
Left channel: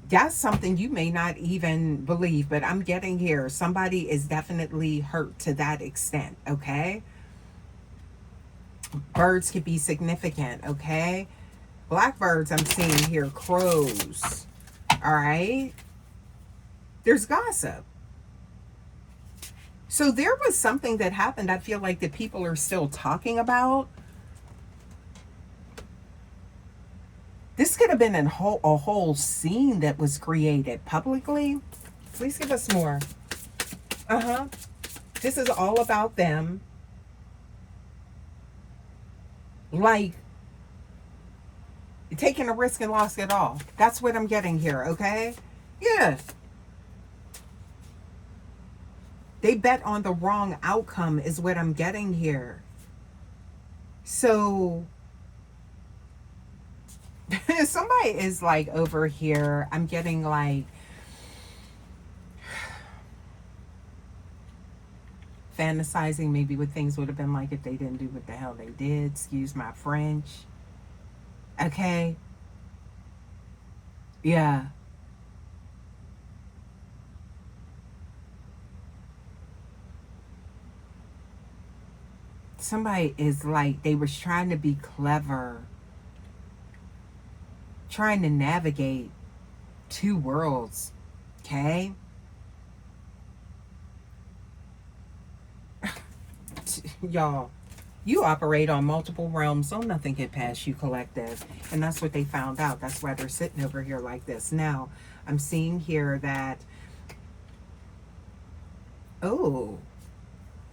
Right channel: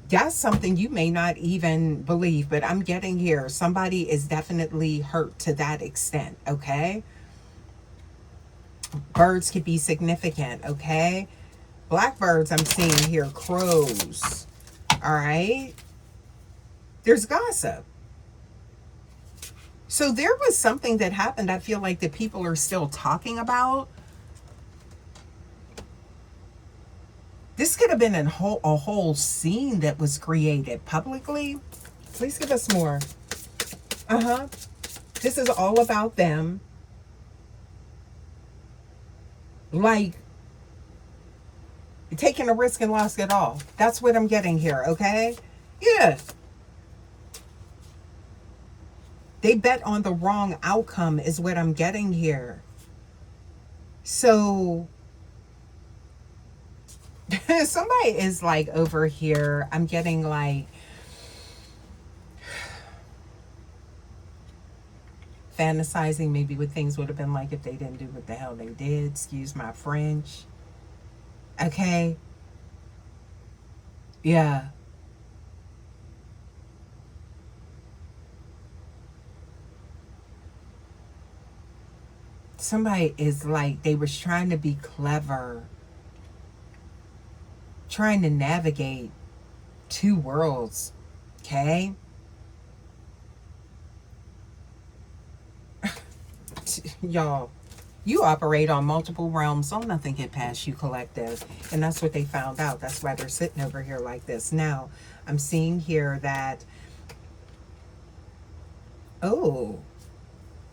That's something you may not even believe, but I'm getting here. Somebody is definitely hurt to that extent, okay? Birds could be significant, okay? Blackbirds, I'm seeing here, crows, all right? There's gossip. So there was something that happened, I feel like, that people are still talking about. This could have been a whole scene that was created publicly. Please give us more. This is all about them. Like, taking a risk and lost it all. That's what I'm getting here, okay? Yeah. They bet on the wrong outcome is what I'm getting here. So somebody is like over here. I'm getting like fantasizing maybe what things would have been like if they didn't do what the hell they did. Excuse my French. Okay. Yeah. Somebody is like, they was trying to be clever, trying to navigate two worlds, okay? Y'all, you operate on multiple realms, so nothing get past you, collective. And that's what they found out. That's why they're sitting over here like this. Now, I'm seeing here that, oh,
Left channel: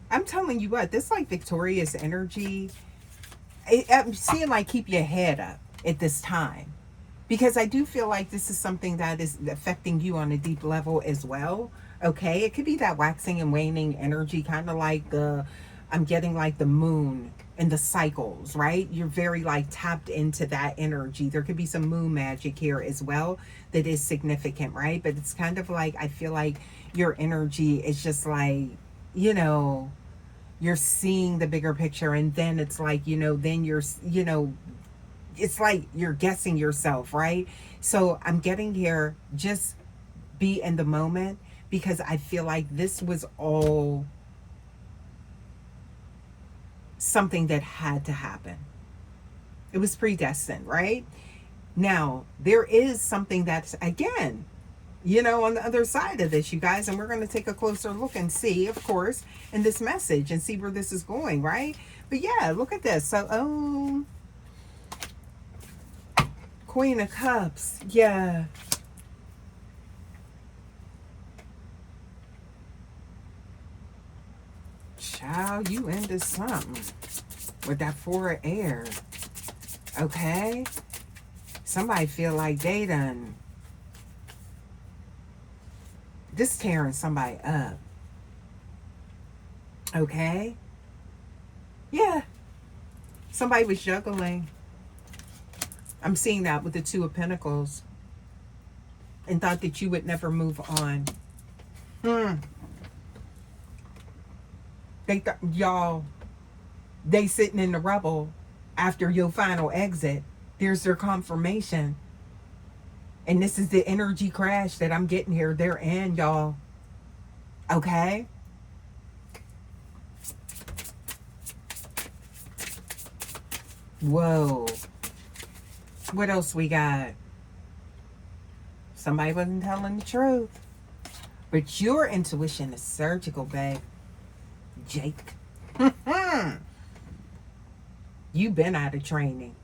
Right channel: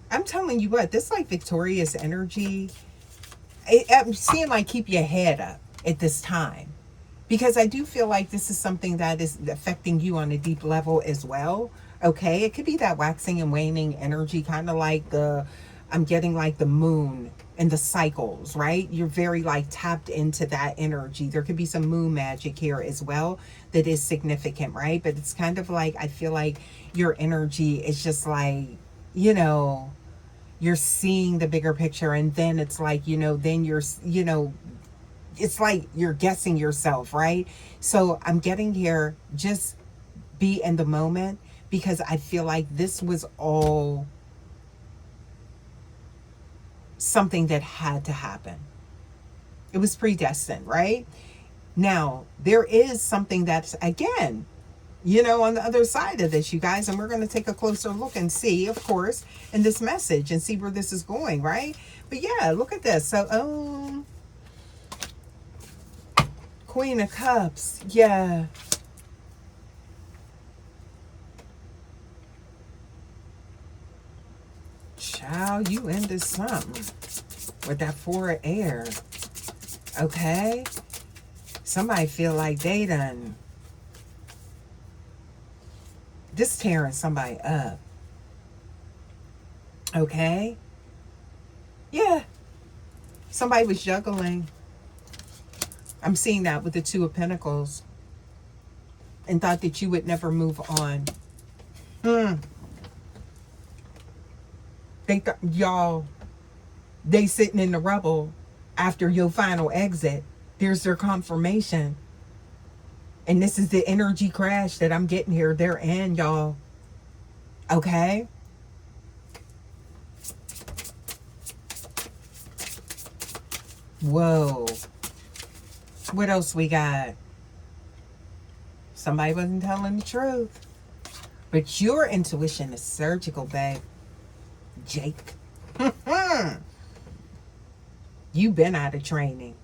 I'm telling you what, this like victorious energy, I'm seeing like keep your head up at this time. Because I do feel like this is something that is affecting you on a deep level as well. Okay, it could be that waxing and waning energy, kind of like I'm getting like the moon and the cycles, right? You're very like tapped into that energy. There could be some moon magic here as well that is significant, right? But it's kind of like, I feel like your energy is just like, you know, you're seeing the bigger picture, and then it's like, you know, then you're, you know, it's like you're guessing yourself, right? So I'm getting here, just be in the moment, because I feel like this was all something that had to happen. It was predestined, right? Now, there is something that's, again, you know, on the other side of this, you guys, and we're going to take a closer look and see, of course, in this message and see where this is going, right? But yeah, look at this. So, Queen of Cups, yeah. Child, you into something with that Four of Air, okay? Somebody feel like they done, this tearing somebody up, okay? Yeah, somebody was juggling. I'm seeing that with the Two of Pentacles, and thought that you would never move on. They thought, y'all, they sitting in the rubble after your final exit. There's their confirmation. And this is the energy crash that I'm getting here. They're in, y'all. Okay? Whoa. What else we got? Somebody wasn't telling the truth. But your intuition is surgical, babe. Jake. You've been out of training.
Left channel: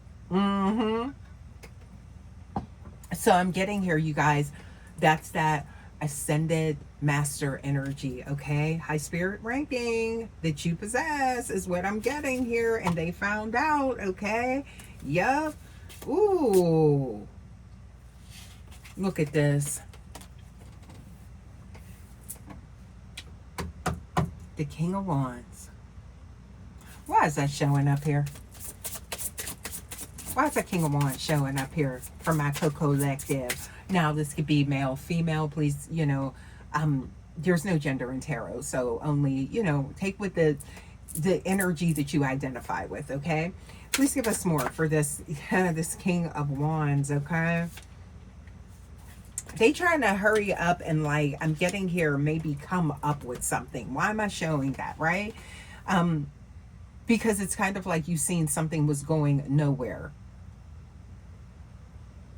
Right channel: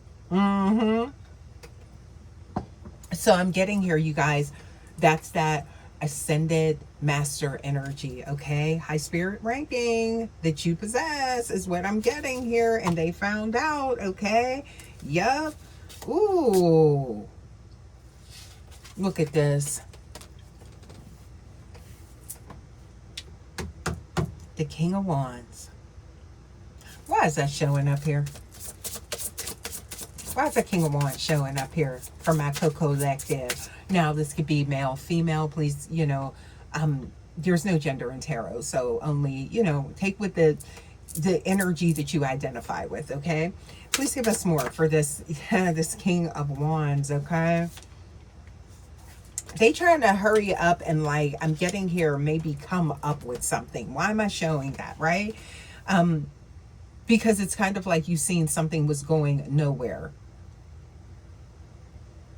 So I'm getting here, you guys. That's that ascended master energy, okay? High spirit ranking that you possess is what I'm getting here. And they found out, okay? Yup. Ooh. Look at this. The King of Wands. Why is that showing up here? Why is the King of Wands showing up here for my co-collective? Now, this could be male, female. Please, you know, there's no gender in tarot, so only, you know, take with the energy that you identify with. Okay, please give us more for this this King of Wands. Okay, they trying to hurry up and, like, I'm getting here, maybe come up with something. Why am I showing that, right? Because it's kind of like you seen something was going nowhere.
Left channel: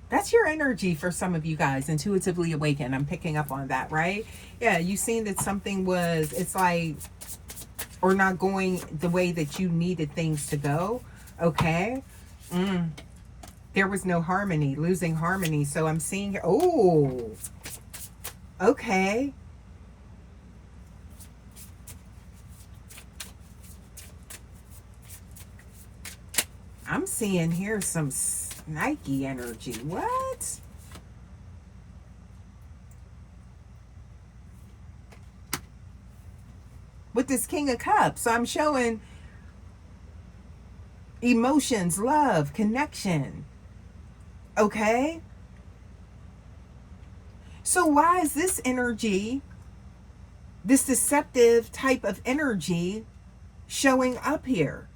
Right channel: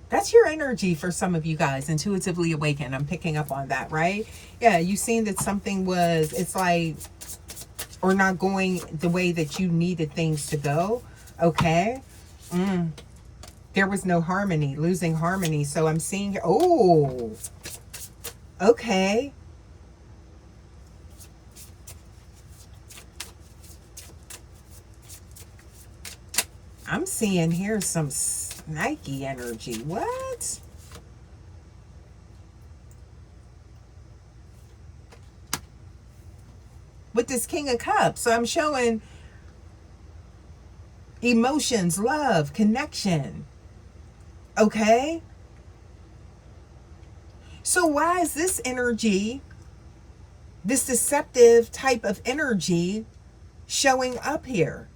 That's your energy for some of you guys, intuitively awakened. I'm picking up on that, right? Yeah, you seen that something was, it's like, or not going the way that you needed things to go. Okay. There was no harmony, losing harmony. So I'm seeing, oh, okay. I'm seeing here some Nike energy. What? With this King of Cups. So I'm showing emotions, love, connection. Okay? So why is this energy, this deceptive type of energy, showing up here?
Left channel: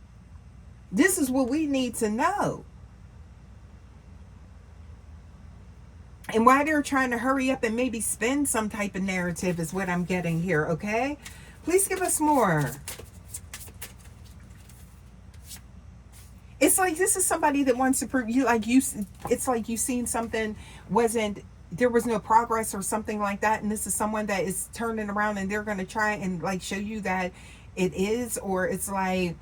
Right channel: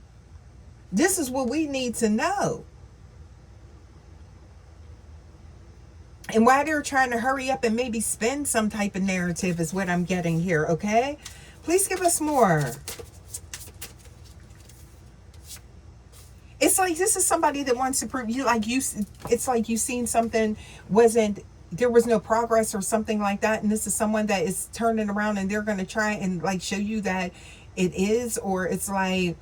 This is what we need to know. And why they're trying to hurry up and maybe spin some type of narrative is what I'm getting here, okay? Please give us more. It's like this is somebody that wants to prove you, like you, it's like you seen something there was no progress or something like that, and this is someone that is turning around and they're going to try and, like, show you that it is, or it's like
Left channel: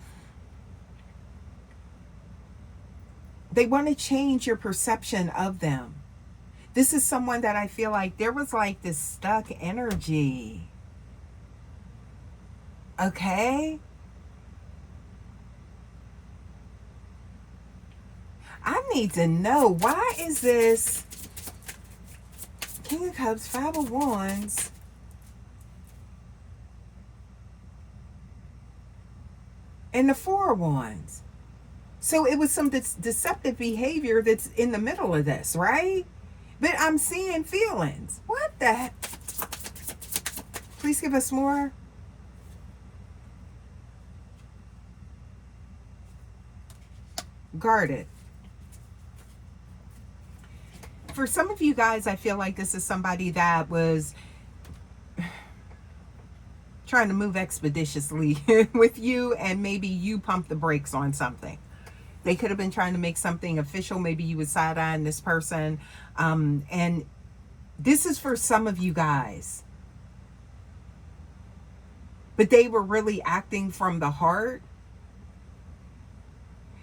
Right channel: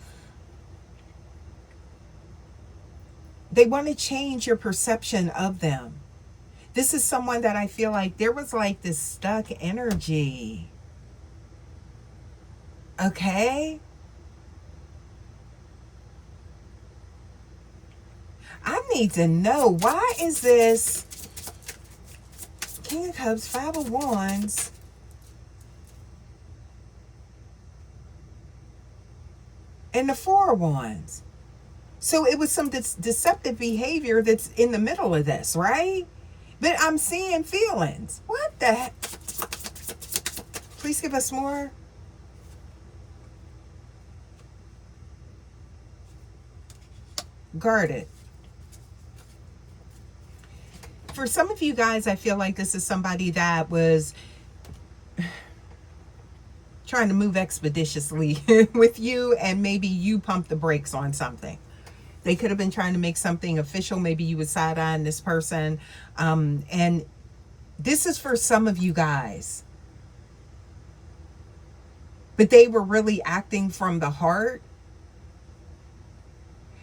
they want to change your perception of them. This is someone that I feel like there was like this stuck energy. Okay? I need to know, why is this King of Cups, Five of Wands, and the Four of Wands? So it was some deceptive behavior that's in the middle of this, right? But I'm seeing feelings. What the heck? Please give us more. Guarded. For some of you guys, I feel like this is somebody that was trying to move expeditiously with you, and maybe you pumped the brakes on something. They could have been trying to make something official. Maybe you would side-eyeing this person. And this is for some of you guys. But they were really acting from the heart.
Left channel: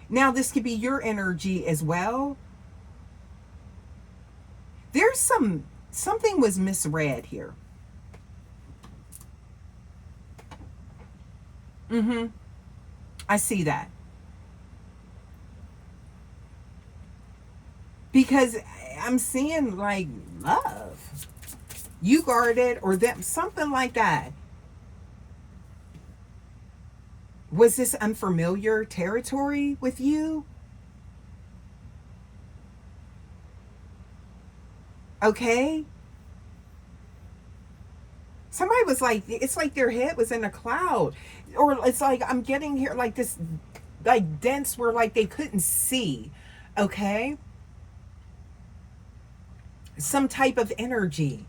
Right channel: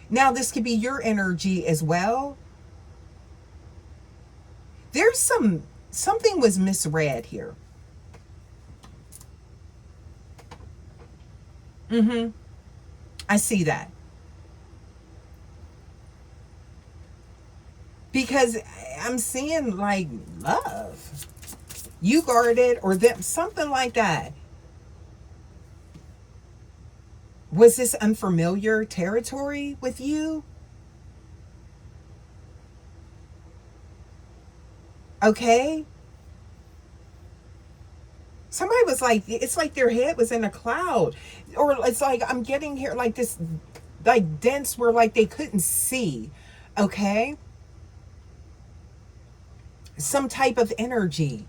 Now, this could be your energy as well. There's something was misread here. I see that. Because I'm seeing, like, love. You guarded, or them, something like that. Was this unfamiliar territory with you? Okay. Somebody was like, it's like their head was in a cloud. Or it's like, I'm getting here like this, like dense, where like they couldn't see. Okay. Some type of energy.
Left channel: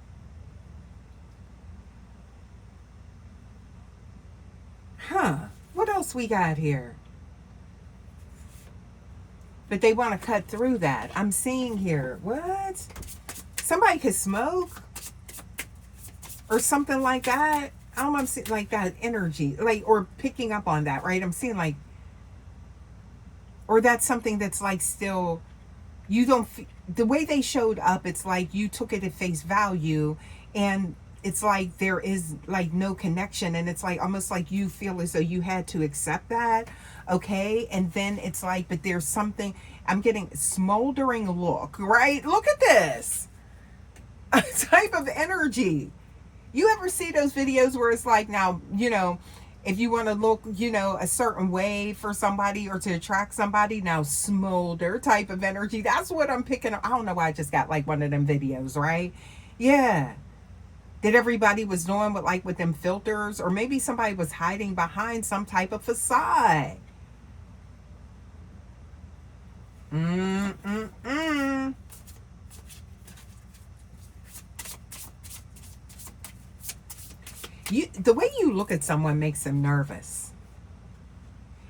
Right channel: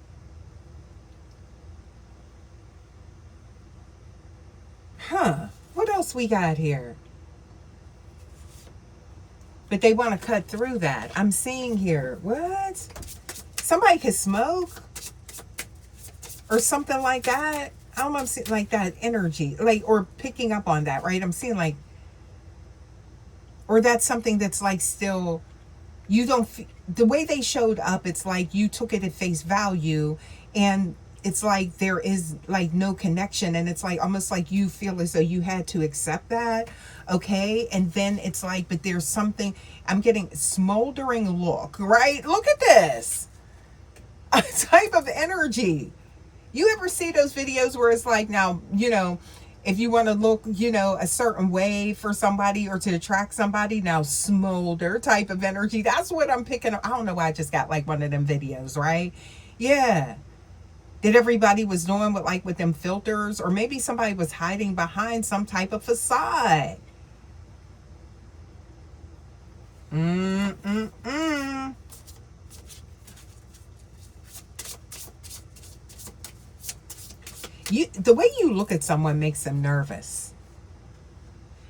Huh. What else we got here? But they want to cut through that. I'm seeing here. What? Somebody could smoke or something like that. I don't know, I'm seeing like that energy, like, or picking up on that, right? I'm seeing like, or that's something that's like still, you don't, the way they showed up, it's like you took it at face value, and it's like there is like no connection, and it's like almost like you feel as though you had to accept that. Okay. And then it's like, but there's something, I'm getting smoldering look, right? Look at this. A type of energy. You ever see those videos where it's like, now, you know, if you want to look, you know, a certain way for somebody or to attract somebody, now smolder type of energy. That's what I'm picking up. I don't know why I just got like one of them videos, right? Yeah. that everybody was doing with like with them filters, or maybe somebody was hiding behind some type of facade. The way you look at someone makes them nervous,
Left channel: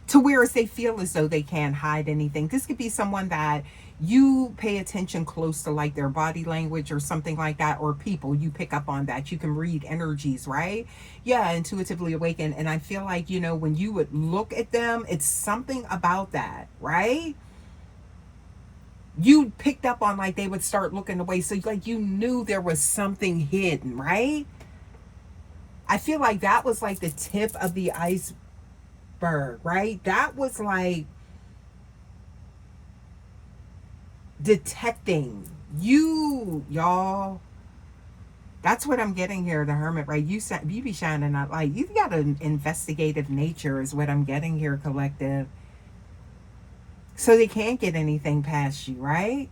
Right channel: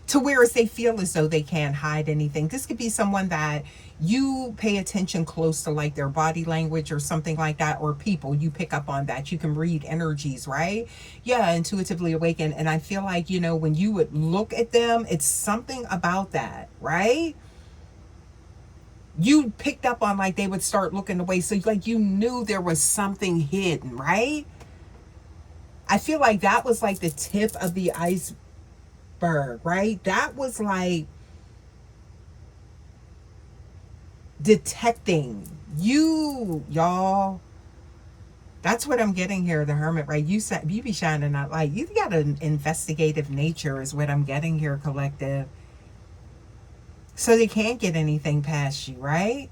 to whereas they feel as though they can't hide anything. This could be someone that you pay attention close to, like their body language or something like that, or people, you pick up on that. You can read energies, right? Yeah, intuitively awaken. And I feel like, you know, when you would look at them, it's something about that, right? You picked up on, like, they would start looking away. So like you knew there was something hidden, right? I feel like that was like the tip of the iceberg, right? That was like detecting you, y'all. That's what I'm getting here, the Hermit, right? You be shining that light. You got an investigative nature is what I'm getting here, collective. So they can't get anything past you, right?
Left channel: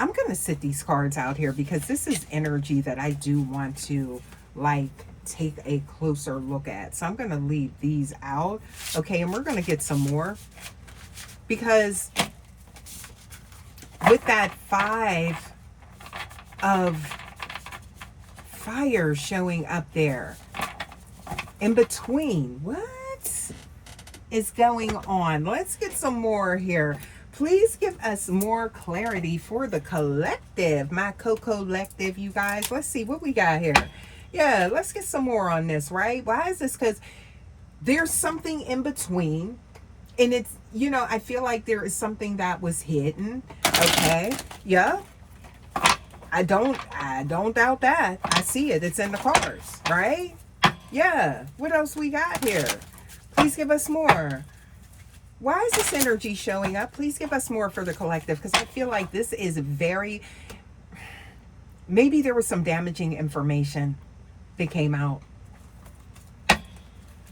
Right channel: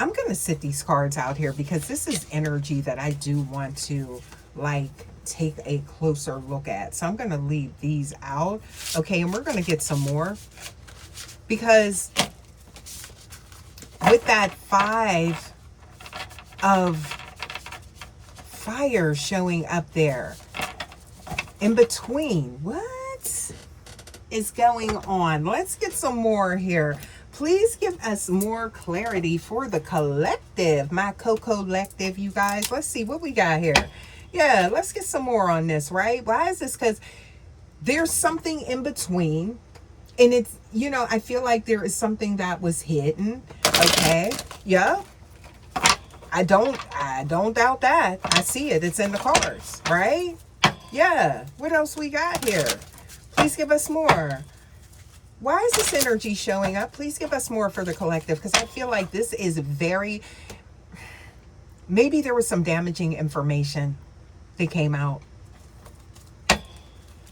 I'm going to sit these cards out here because this is energy that I do want to, like, take a closer look at. So I'm going to leave these out. Okay, and we're going to get some more. Because with that 5 of fire showing up there, in between, what is going on? Let's get some more here. Please give us more clarity for the collective, my co-collective, you guys. Let's see what we got here. Yeah, let's get some more on this, right? Why is this? Because there's something in between. And it's, you know, I feel like there is something that was hidden. Okay. Yeah. I don't doubt that. I see it. It's in the cards, right? Yeah. What else we got here? Please give us more. Why is this energy showing up? Please give us more for the collective, because I feel like this is very, maybe there was some damaging information that came out.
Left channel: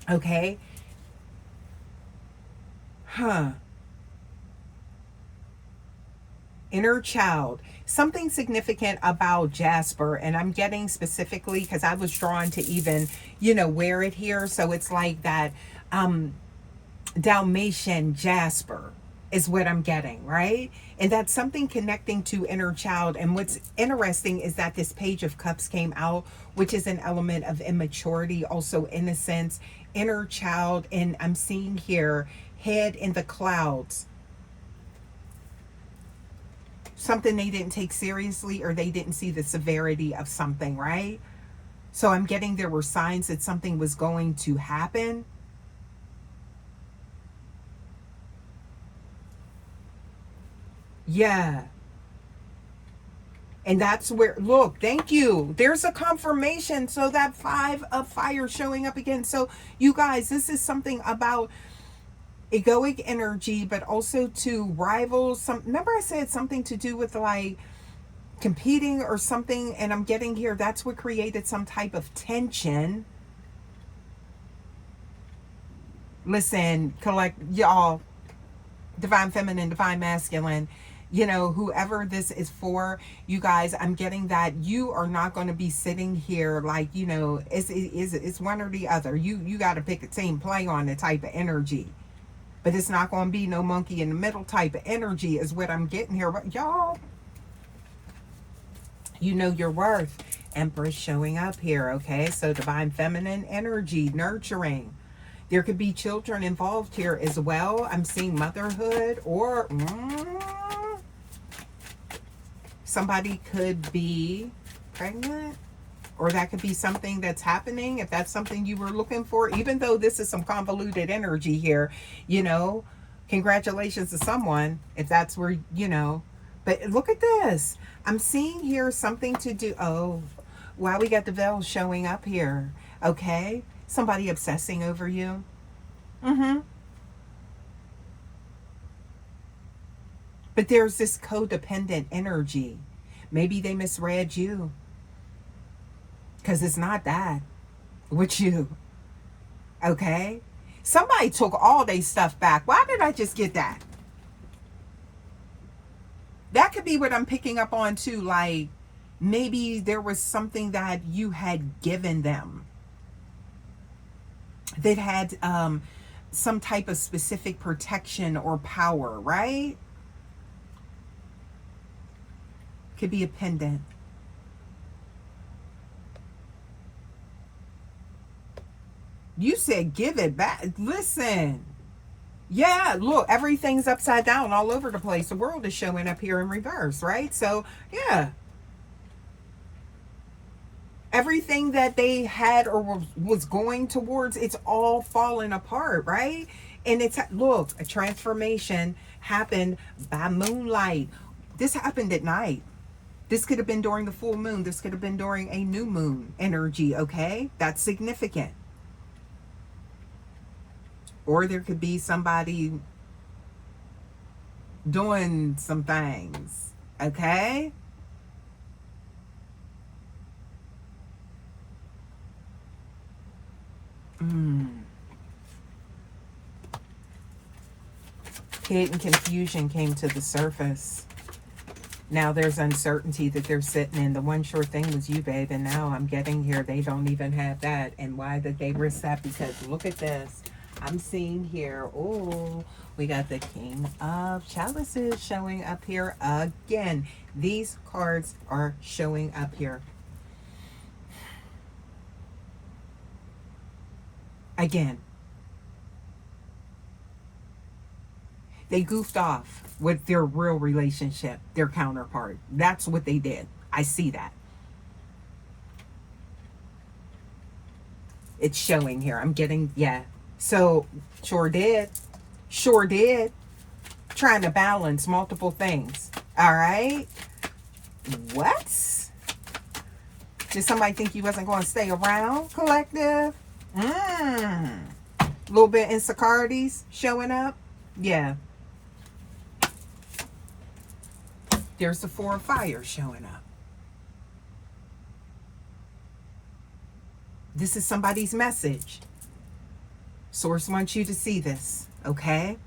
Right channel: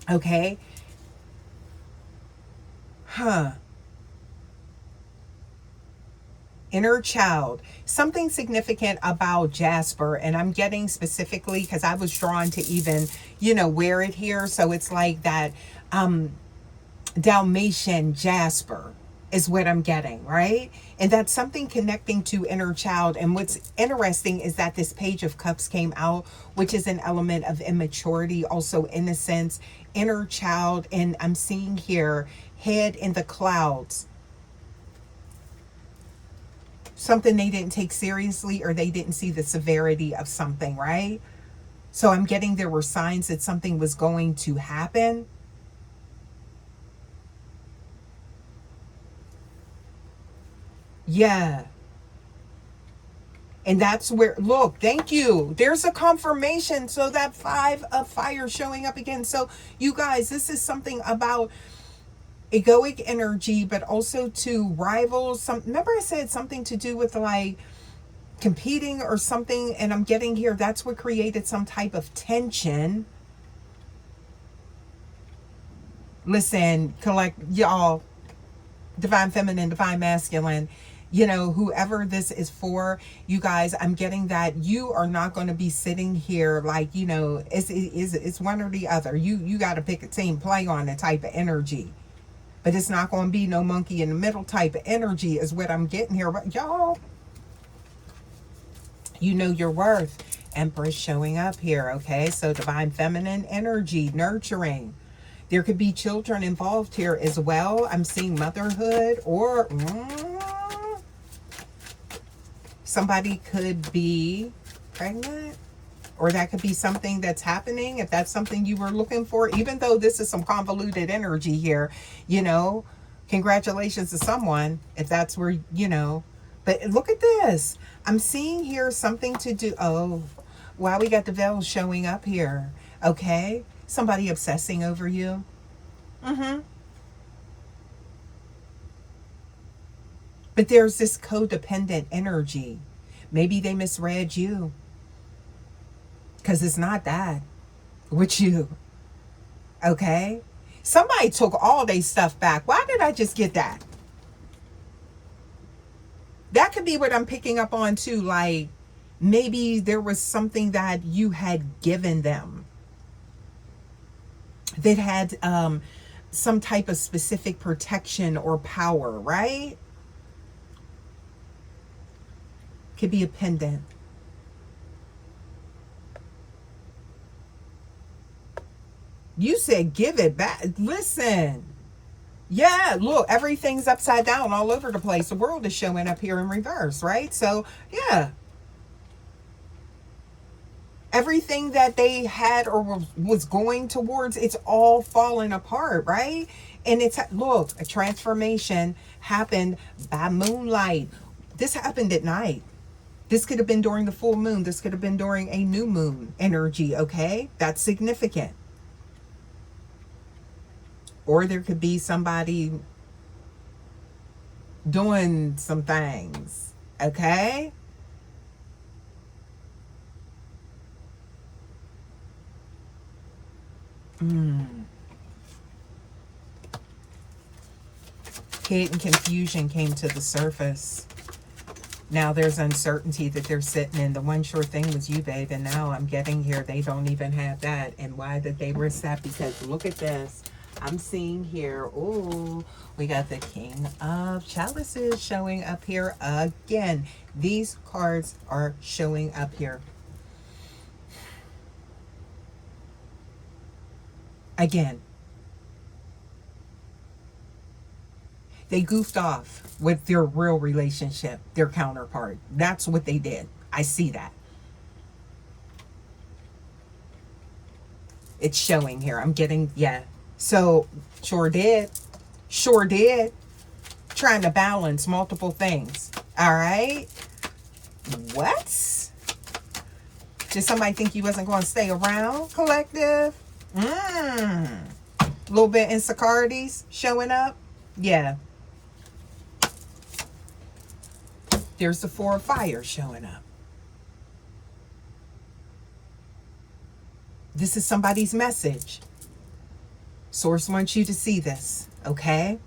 Okay. Inner child. Something significant about Jasper, and I'm getting specifically because I was drawn to even, you know, wear it here. So it's like that Dalmatian Jasper is what I'm getting, right? And that's something connecting to inner child. And what's interesting is that this Page of Cups came out, which is an element of immaturity, also innocence, inner child. And I'm seeing here, head in the clouds. Something they didn't take seriously, or they didn't see the severity of something, right? So I'm getting there were signs that something was going to happen. Yeah. And that's where, look, thank you. There's a confirmation. So that 5 of fire showing up again. So you guys, this is something about egoic energy, but also to rivals. Remember I said something to do with like competing or something, and I'm getting here that's what created some type of tension. Listen, collect, y'all, divine feminine, divine masculine, you know, whoever this is for, you guys, I'm getting that you are not going to be sitting here like, you know, it's one or the other. You got to pick a team, play on the type of energy. But it's not going to be no monkey in the middle type of energy is what I'm getting here. But y'all, you know your worth. Empress showing up here, okay? So divine feminine energy, nurturing. There could be children involved here as well. I'm seeing motherhood, or somebody could be pregnant. Or that could be something that's happening, if that's something you were looking for. Even though this is some convoluted energy here, you know, congratulations to someone, if that's where, you know. But look at this. I'm seeing here something to do. Oh, wow, we got the veil showing up here. Okay. Somebody obsessing over you. But there's this codependent energy. Maybe they misread you. Because it's not that with you. Okay? Somebody took all their stuff back. Why did I just get that? That could be what I'm picking up on too. Like, maybe there was something that you had given them that had some type of specific protection or power, right? Could be a pendant. You said give it back. Listen. Yeah, look, everything's upside down all over the place. The world is showing up here in reverse, right? So, yeah. Everything that they had or was going towards, it's all falling apart, right? And it's, look, a transformation happened by moonlight. This happened at night. This could have been during the full moon. This could have been during a new moon energy, okay? That's significant. Or there could be somebody doing some things, okay? Hate and confusion came to the surface. Now there's uncertainty that they're sitting in. The one sure thing was you, babe, and now I'm getting here. They don't even have that. And why did they risk that? Because look at this. I'm seeing here, oh, we got the King of Chalices showing up here again. These cards are showing up here. Again. They goofed off with their real relationship, their counterpart. That's what they did. I see that. It's showing here. I'm getting, yeah. So, sure did. Sure did. Trying to balance multiple things. All right. What? Did somebody think you wasn't going to stay around, collective? A little bit insecurities showing up. Yeah. There's the Four of Fire showing up. This is somebody's message. Source wants you to see this, okay?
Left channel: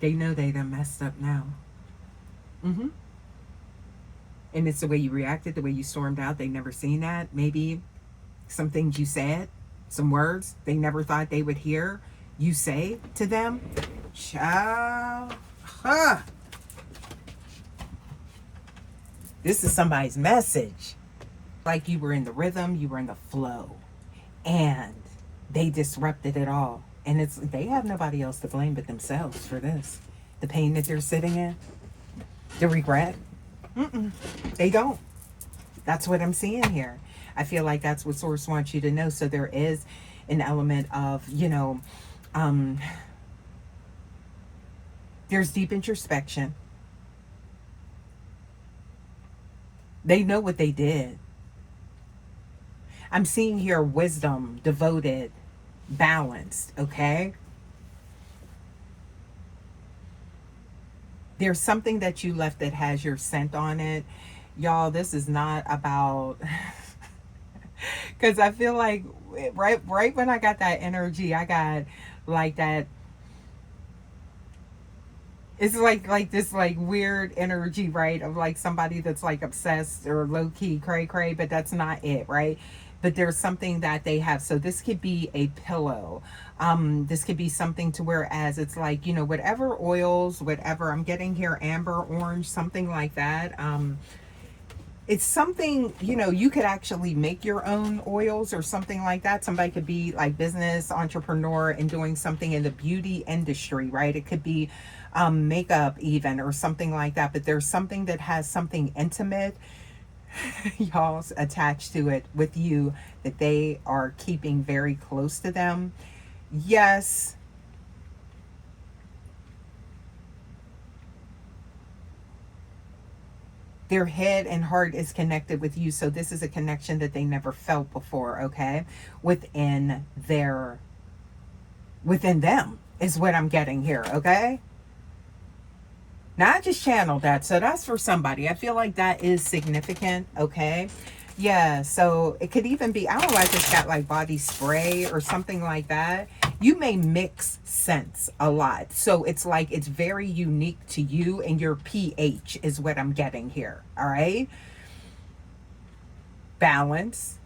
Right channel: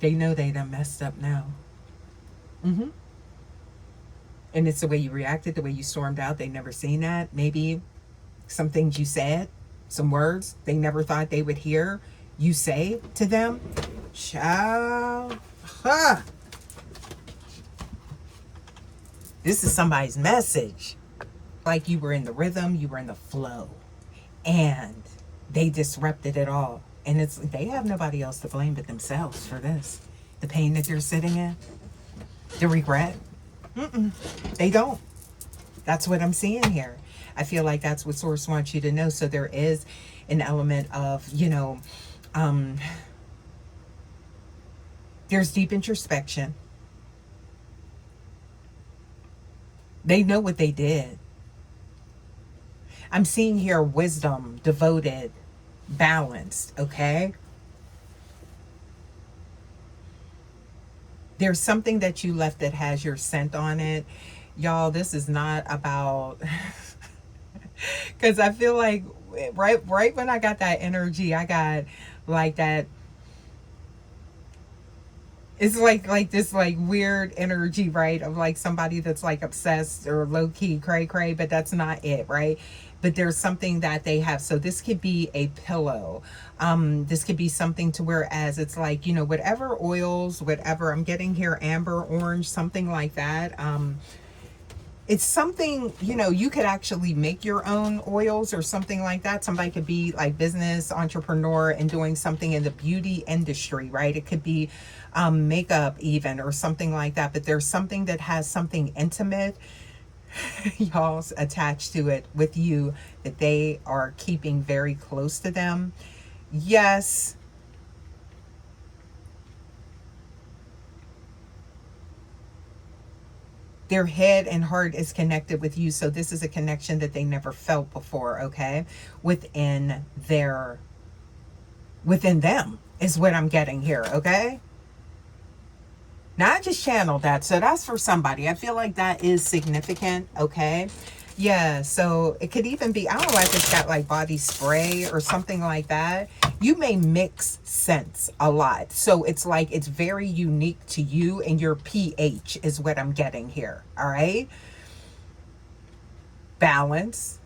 They know they done messed up now. And it's the way you reacted, the way you stormed out. They never seen that. Maybe some things you said, some words they never thought they would hear you say to them. Child. Huh. This is somebody's message. Like you were in the rhythm, you were in the flow, and they disrupted it all. And it's, they have nobody else to blame but themselves for this. The pain that they're sitting in, the regret. They don't. That's what I'm seeing here. I feel like that's what Source wants you to know. So there is an element of, you know, there's deep introspection. They know what they did. I'm seeing here wisdom, devoted, balanced, okay? There's something that you left that has your scent on it. Y'all, this is not about... Because I feel like right when I got that energy, I got like that... It's like this like weird energy, right? Of like somebody that's like obsessed or low-key cray-cray, but that's not it, right? But there's something that they have. So this could be a pillow. This could be something to where as it's like, you know, whatever oils, whatever, I'm getting here, amber, orange, something like that. It's something, you know, you could actually make your own oils or something like that. Somebody could be like business entrepreneur and doing something in the beauty industry, right? It could be makeup even or something like that. But there's something that has something intimate, y'all's attached to it with you that they are keeping very close to them. Yes. Their head and heart is connected with you. So this is a connection that they never felt before, okay? Within them is what I'm getting here, okay? Now I just channeled that. So that's for somebody. I feel like that is significant, okay? Yeah, so it could even be, I don't know, I just got like body spray or something like that. you may mix scents a lot. So it's like it's very unique to you, and your pH is what I'm getting here. All right. Balance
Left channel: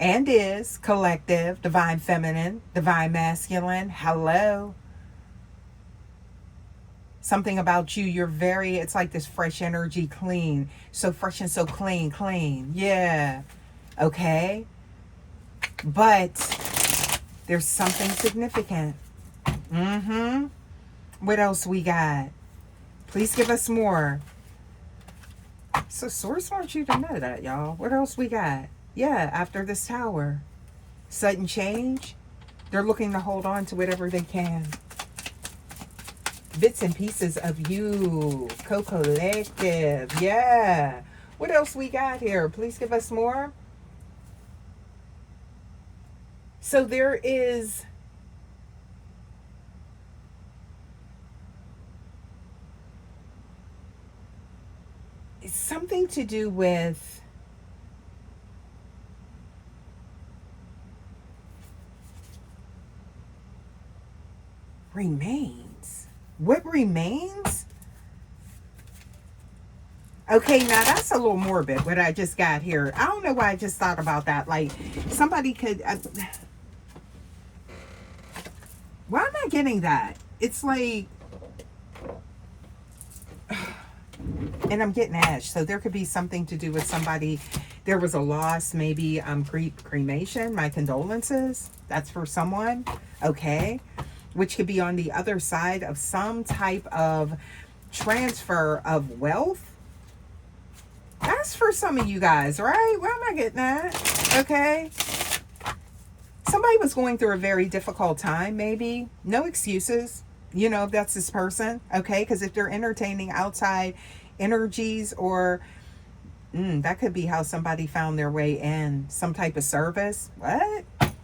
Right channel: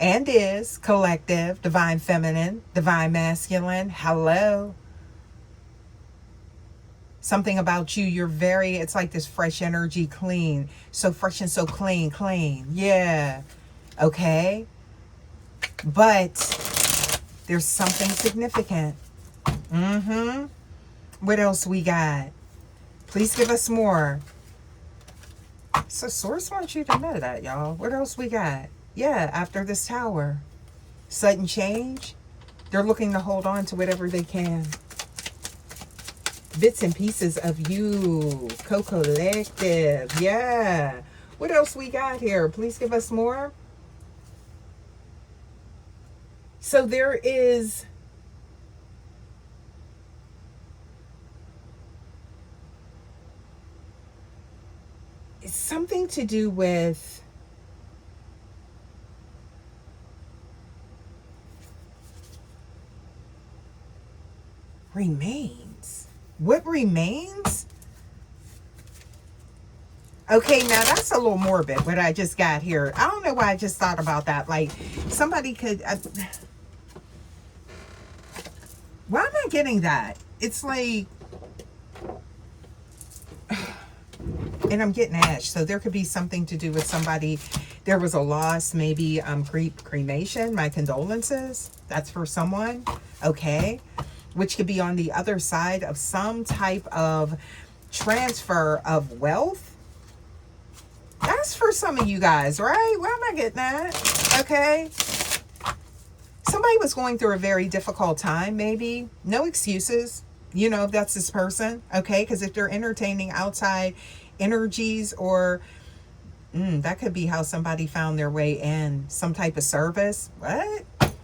and is collective, divine feminine, divine masculine. Hello. Something about you, you're very, it's like this fresh energy, clean. So fresh and so clean, clean. Yeah. Okay. But there's something significant. What else we got? Please give us more. So source wants you to know that, y'all. What else we got? Yeah, after this tower. Sudden change. They're looking to hold on to whatever they can. Bits and pieces of you. Co-collective. Yeah. What else we got here? Please give us more. So there is something to do with remains. What remains? Okay, now that's a little morbid, what I just got here. I don't know why I just thought about that. Like, somebody could... why am I getting that? It's like... and I'm getting ash. So there could be something to do with somebody. There was a loss, maybe cremation. My condolences. That's for someone. Okay. Which could be on the other side of some type of transfer of wealth. That's for some of you guys, right? Why am I getting that? Okay. Somebody was going through a very difficult time, maybe. No excuses. You know, if that's this person. Okay. Because if they're entertaining outside energies, or that could be how somebody found their way in. Some type of service.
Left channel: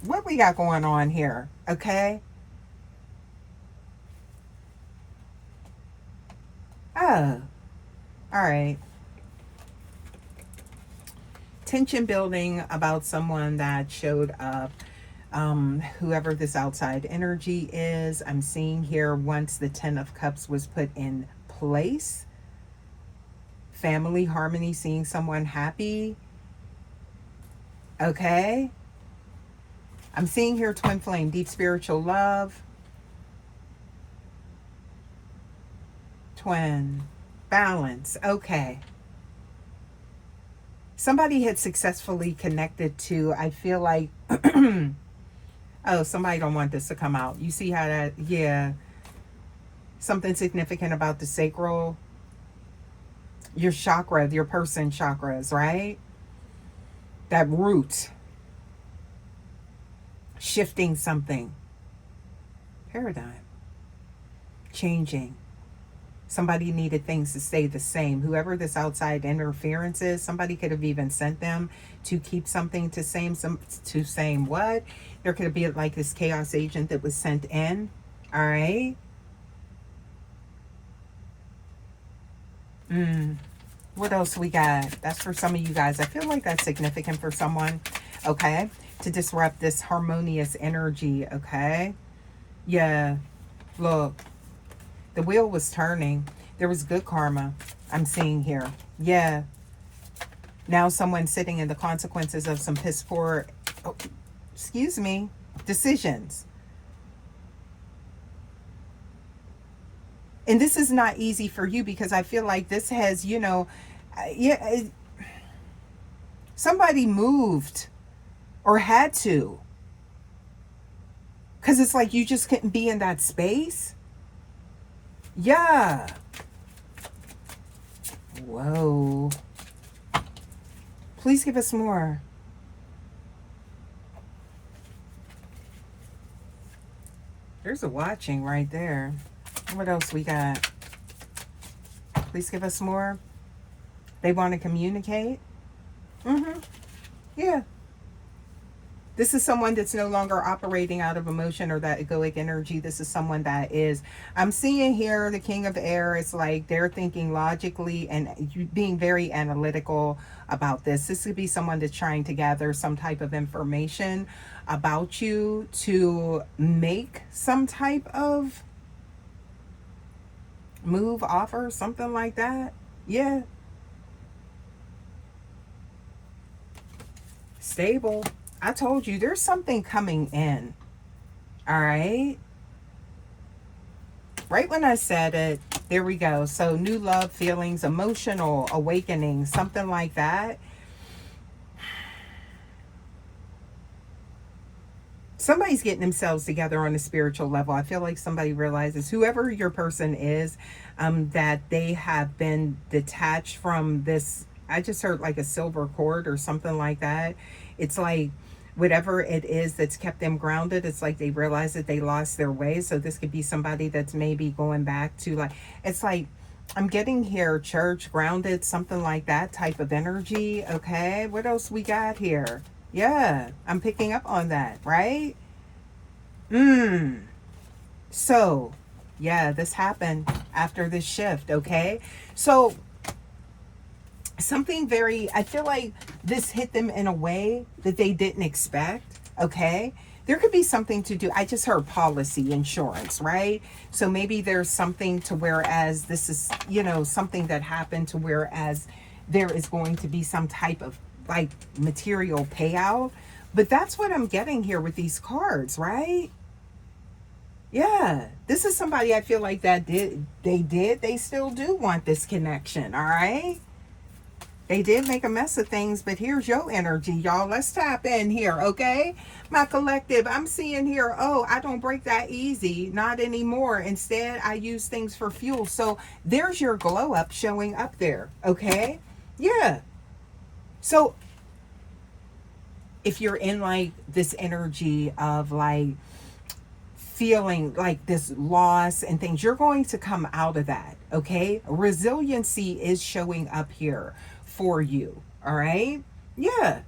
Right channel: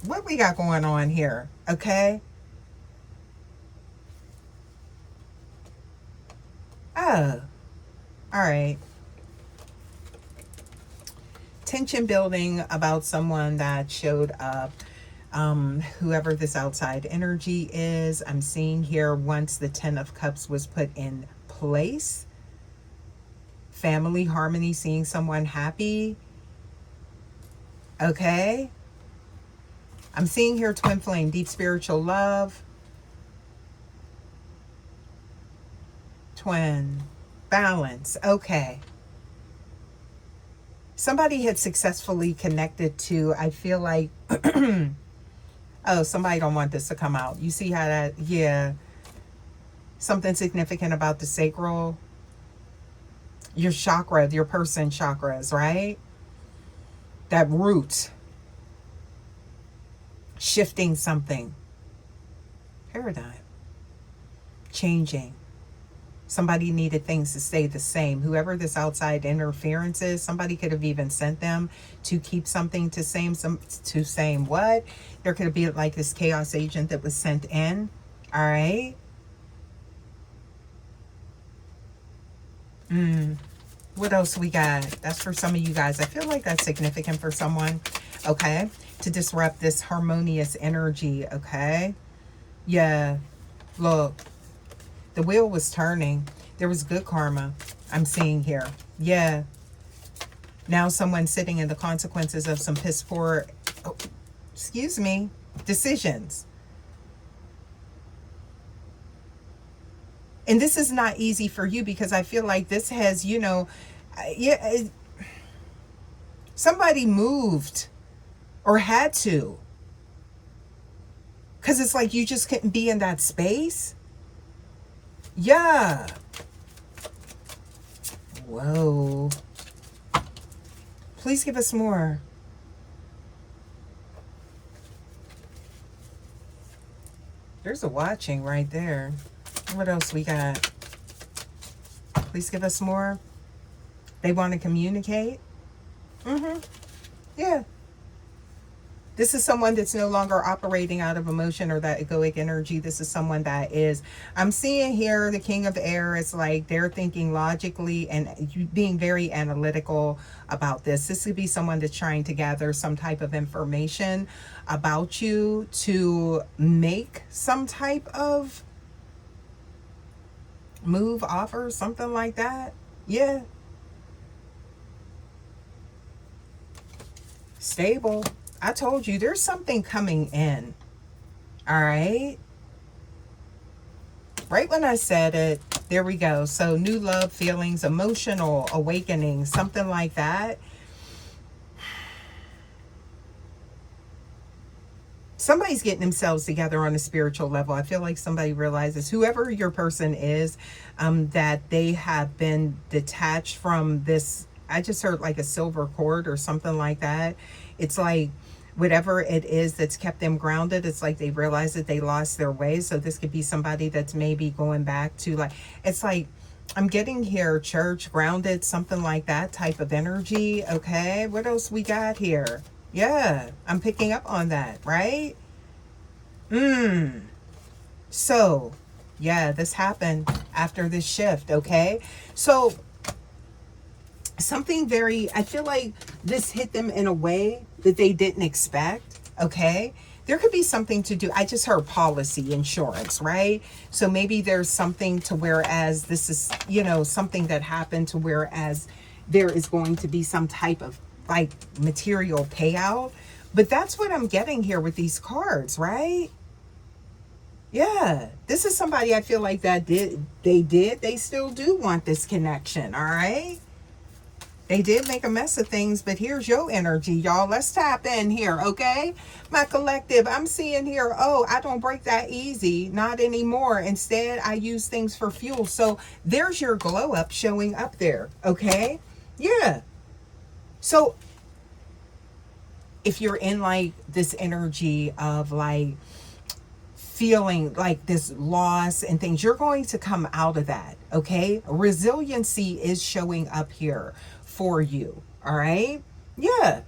What we got going on here? Okay. Oh, all right. Tension building about someone that showed up. Whoever this outside energy is, I'm seeing here once the 10 of Cups was put in place. Family harmony, seeing someone happy. Okay. I'm seeing here twin flame, deep spiritual love. Twin, balance. Okay. Somebody had successfully connected to, I feel like, oh, somebody don't want this to come out. You see how that, yeah. Something significant about the sacral. Your chakra, your person chakras, right? That root. Shifting something. Paradigm. Changing. Somebody needed things to stay the same. Whoever this outside interference is, somebody could have even sent them to keep something to same what? There could be like this chaos agent that was sent in. All right. What else we got? That's for some of you guys. I feel like that's significant for someone. Okay. To disrupt this harmonious energy. Okay. Yeah. Look. The wheel was turning. There was good karma I'm seeing here. Yeah. Now someone's sitting in the consequences of some piss poor, excuse me, decisions. And this is not easy for you, because I feel like this has, you know, somebody moved or had to. Because it's like you just couldn't be in that space. Yeah. Whoa. Please give us more. There's a watching right there. What else we got? Please give us more. They want to communicate. Yeah. This is someone that's no longer operating out of emotion or that egoic energy. This is someone that is, I'm seeing here the King of Air. It's like they're thinking logically and being very analytical about this. This could be someone that's trying to gather some type of information about you to make some type of move, offer, something like that. Yeah. Stable. I told you there's something coming in. All right. Right when I said it, there we go. So new love feelings, emotional awakening, something like that. Somebody's getting themselves together on a spiritual level. I feel like somebody realizes, whoever your person is, that they have been detached from this. I just heard like a silver cord or something like that. It's like whatever it is that's kept them grounded, it's like they realize that they lost their way. So this could be somebody that's maybe going back to, like, it's like I'm getting here, church, grounded, something like that type of energy. Okay, what else we got here? Yeah, I'm picking up on that, right? So yeah, this happened after this shift. Okay, so something very, I feel like this hit them in a way that they didn't expect. Okay, there could be something to do. I just heard policy, insurance, right? So maybe there's something to whereas this is, you know, something that happened to whereas there is going to be some type of like material payout. But that's what I'm getting here with these cards, right? Yeah, this is somebody I feel like that they still do want this connection. All right, they did make a mess of things, but here's your energy, y'all. Let's tap in here, okay? My collective, I'm seeing here, oh, I don't break that easy, not anymore. Instead, I use things for fuel. So there's your glow up showing up there, okay? Yeah. So if you're in like this energy of like feeling like this loss and things, you're going to come out of that, okay? Resiliency is showing up here for you, all right? Yeah.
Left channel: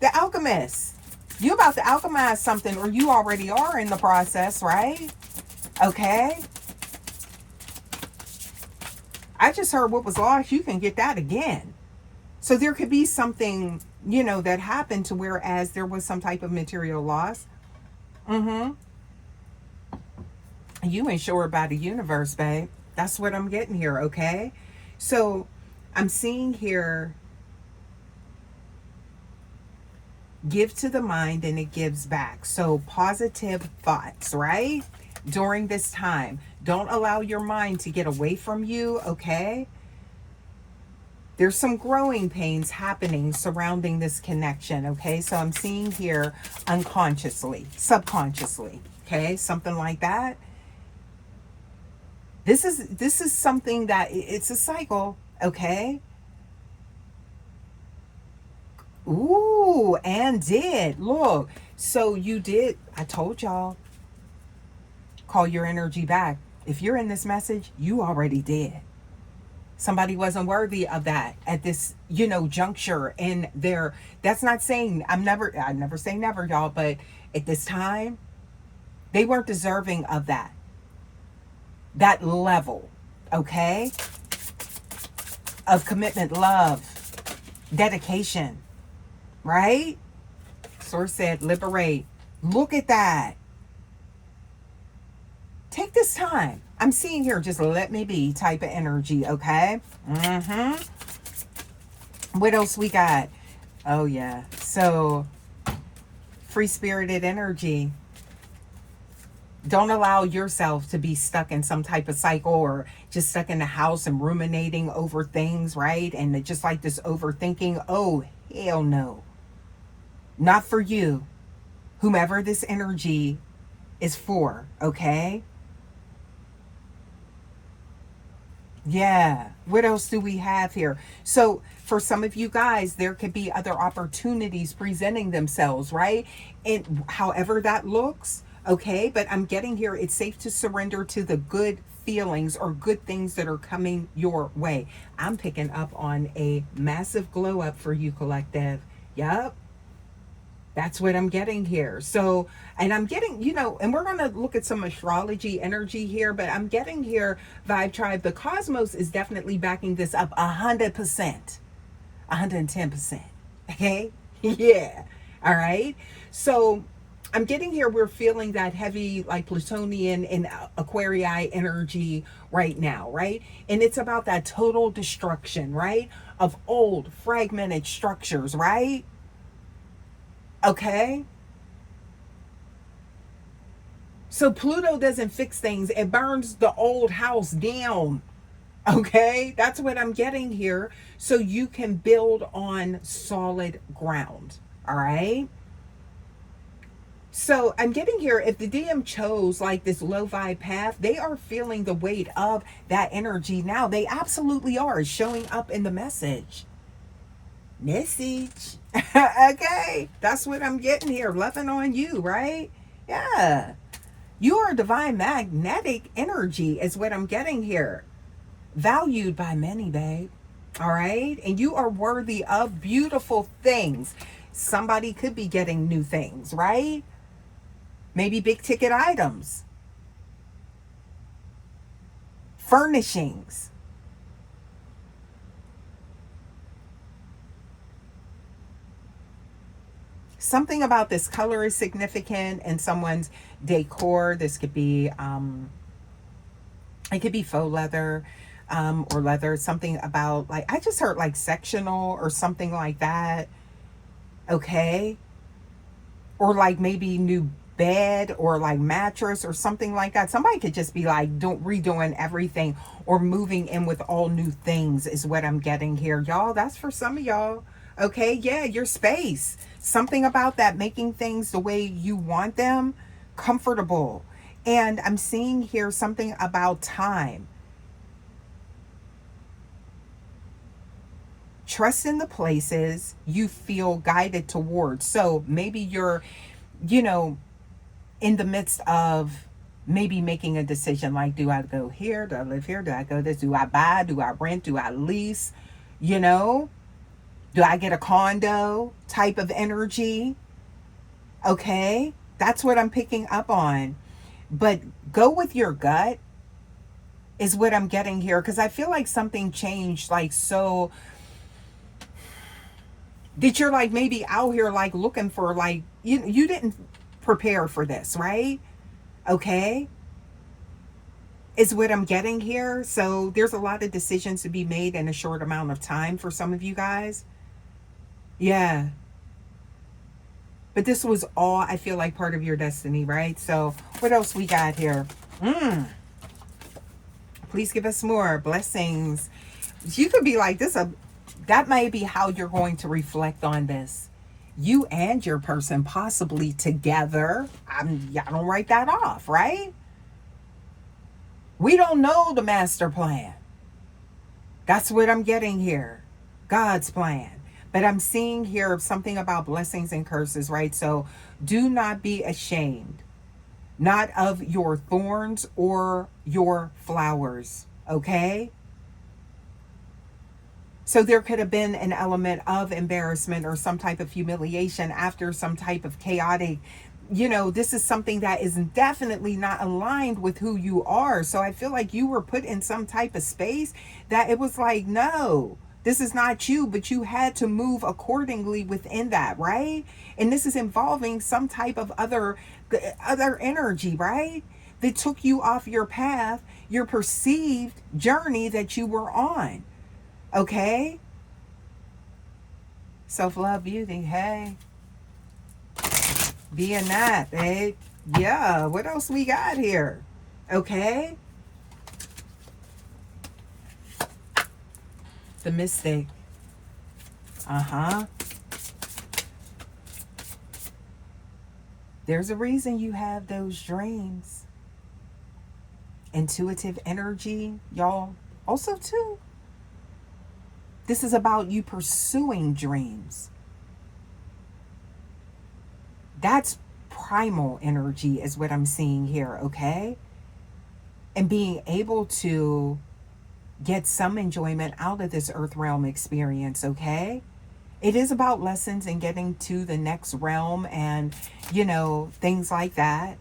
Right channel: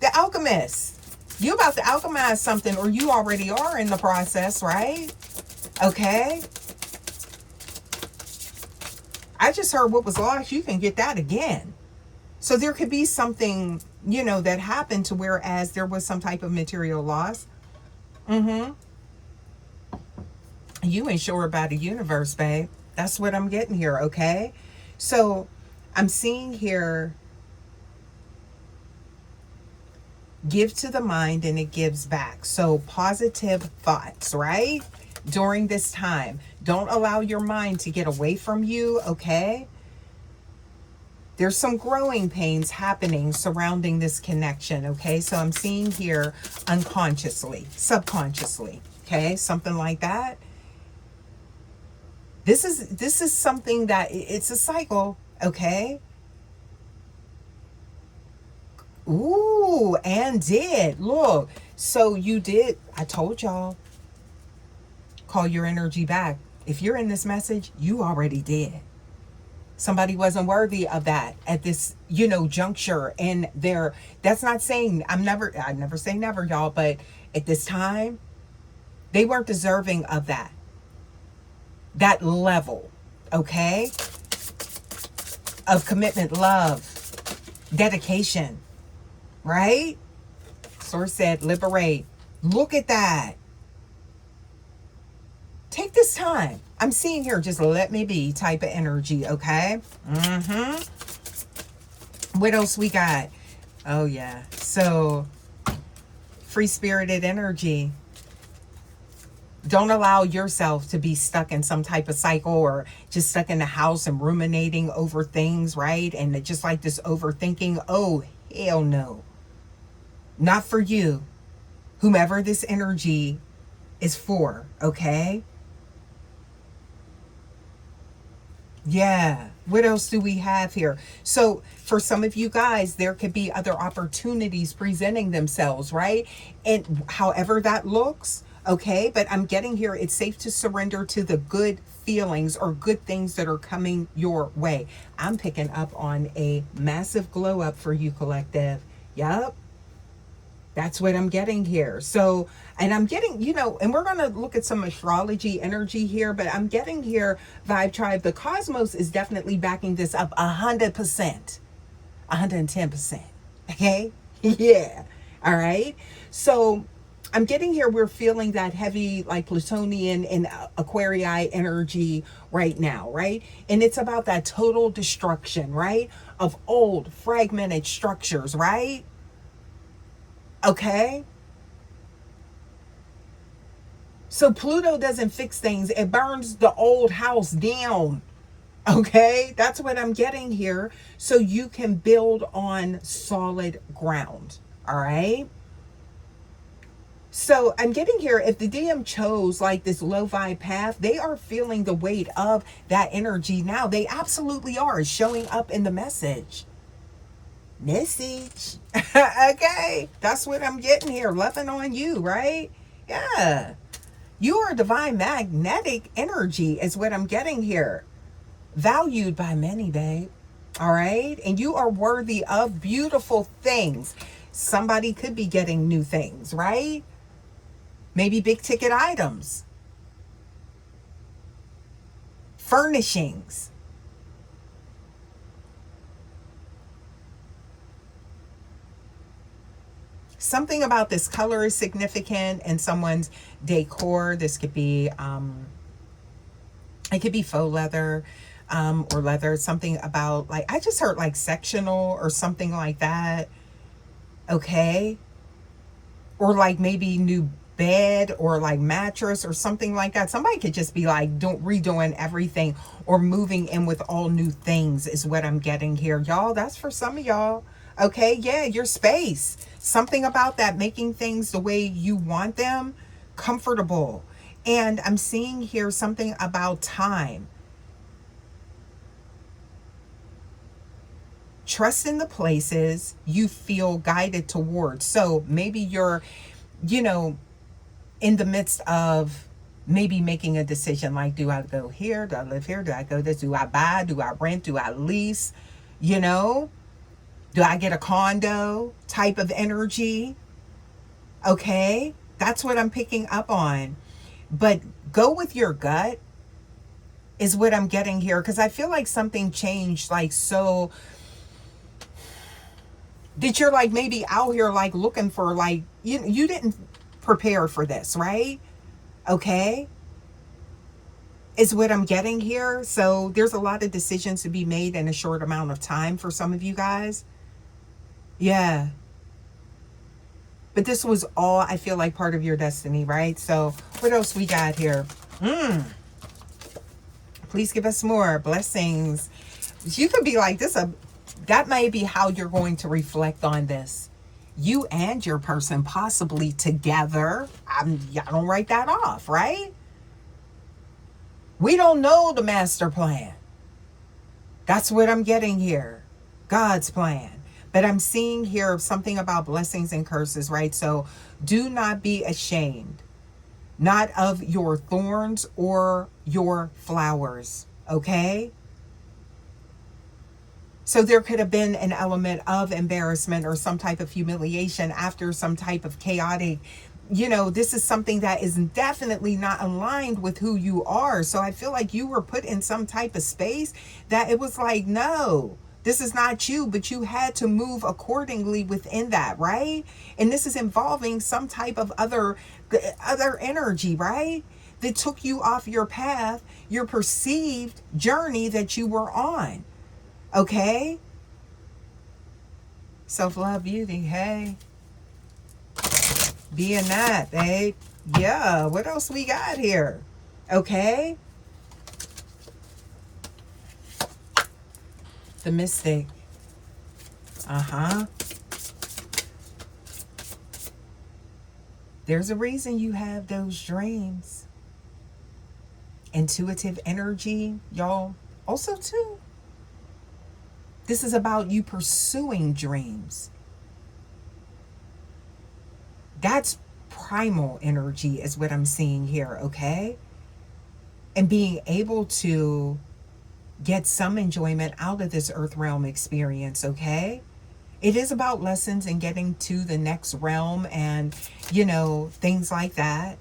The alchemist. You about to alchemize something, or you already are in the process, right? Okay. I just heard what was lost, you can get that again. So there could be something, you know, that happened to whereas there was some type of material loss. You ain't sure about the universe, babe. That's what I'm getting here, okay? So I'm seeing here, give to the mind and it gives back. So positive thoughts, right? During this time, don't allow your mind to get away from you, okay? There's some growing pains happening surrounding this connection, okay? So I'm seeing here unconsciously, subconsciously, okay? Something like that. This is something that it's a cycle, okay? Ooh, and did. Look, so you did. I told y'all, call your energy back. If you're in this message, you already did. Somebody wasn't worthy of that at this, you know, juncture in their, that's not saying, I never say never, y'all, but at this time, they weren't deserving of that level, okay, of commitment, love, dedication, right? Source said, liberate. Look at that. Take this time. I'm seeing here, just let me be type of energy, okay? What else we got? Oh, yeah. So, free-spirited energy. Don't allow yourself to be stuck in some type of cycle or just stuck in the house and ruminating over things, right? And just like this overthinking. Oh, hell no. Not for you. Whomever this energy is for, okay? Yeah. What else do we have here? So for some of you guys, there could be other opportunities presenting themselves, right? And however that looks, okay? But I'm getting here, it's safe to surrender to the good feelings or good things that are coming your way. I'm picking up on a massive glow up for you, collective. Yup. That's what I'm getting here. So, and I'm getting, and we're going to look at some astrology energy here, but I'm getting here, Vibe Tribe, the cosmos is definitely backing this up 100%, 110%. Okay? Yeah. All right. So, I'm getting here, we're feeling that heavy, like Plutonian and Aquarii energy right now, right? And it's about that total destruction, right? Of old, fragmented structures, right? Okay? So Pluto doesn't fix things, it burns the old house down. Okay? That's what I'm getting here. So you can build on solid ground. All right? So I'm getting here, if the DM chose like this low vibe path, they are feeling the weight of that energy now. They absolutely are. It's showing up in the message. Okay, that's what I'm getting here. Loving on you, right? Yeah. You are divine magnetic energy is what I'm getting here. Valued by many, babe. All right? And you are worthy of beautiful things. Somebody could be getting new things, right? Maybe big ticket items. Furnishings. Something about this color is significant in someone's decor. This could be, it could be faux leather, or leather. Something about, like, I just heard like sectional or something like that. Okay. Or like maybe new bed or like mattress or something like that. Somebody could just be like redoing everything or moving in with all new things is what I'm getting here. Y'all, that's for some of y'all. Okay, yeah, your space. Something about that, making things the way you want them, comfortable. And I'm seeing here something about time. Trust in the places you feel guided towards. So maybe you're, in the midst of maybe making a decision like, do I go here? Do I live here? Do I go this? Do I buy? Do I rent? Do I lease? Do I get a condo type of energy? Okay, that's what I'm picking up on. But go with your gut is what I'm getting here, because I feel like something changed, like, so that you're like maybe out here like looking for, like, you didn't prepare for this, right? Okay, is what I'm getting here. So there's a lot of decisions to be made in a short amount of time for some of you guys. Yeah. But this was all, I feel like, part of your destiny, right? So what else we got here? Please give us more blessings. You could be like this. That may be how you're going to reflect on this. You and your person possibly together. Y'all don't write that off, right? We don't know the master plan. That's what I'm getting here. God's plan. But I'm seeing here something about blessings and curses, right? So do not be ashamed, not of your thorns or your flowers, okay? So there could have been an element of embarrassment or some type of humiliation after some type of chaotic, this is something that is definitely not aligned with who you are. So I feel like you were put in some type of space that it was like, no, this is not you, but you had to move accordingly within that, right? And this is involving some type of other energy, right? That took you off your path, your perceived journey that you were on. Okay? Self-love, beauty, hey. Being that, babe. Yeah, what else we got here? Okay? The mystic. There's a reason you have those dreams. Intuitive energy, y'all. Also, too, this is about you pursuing dreams. That's primal energy is what I'm seeing here, okay? And being able to get some enjoyment out of this earth realm experience, okay? It is about lessons and getting to the next realm and, you know, things like that.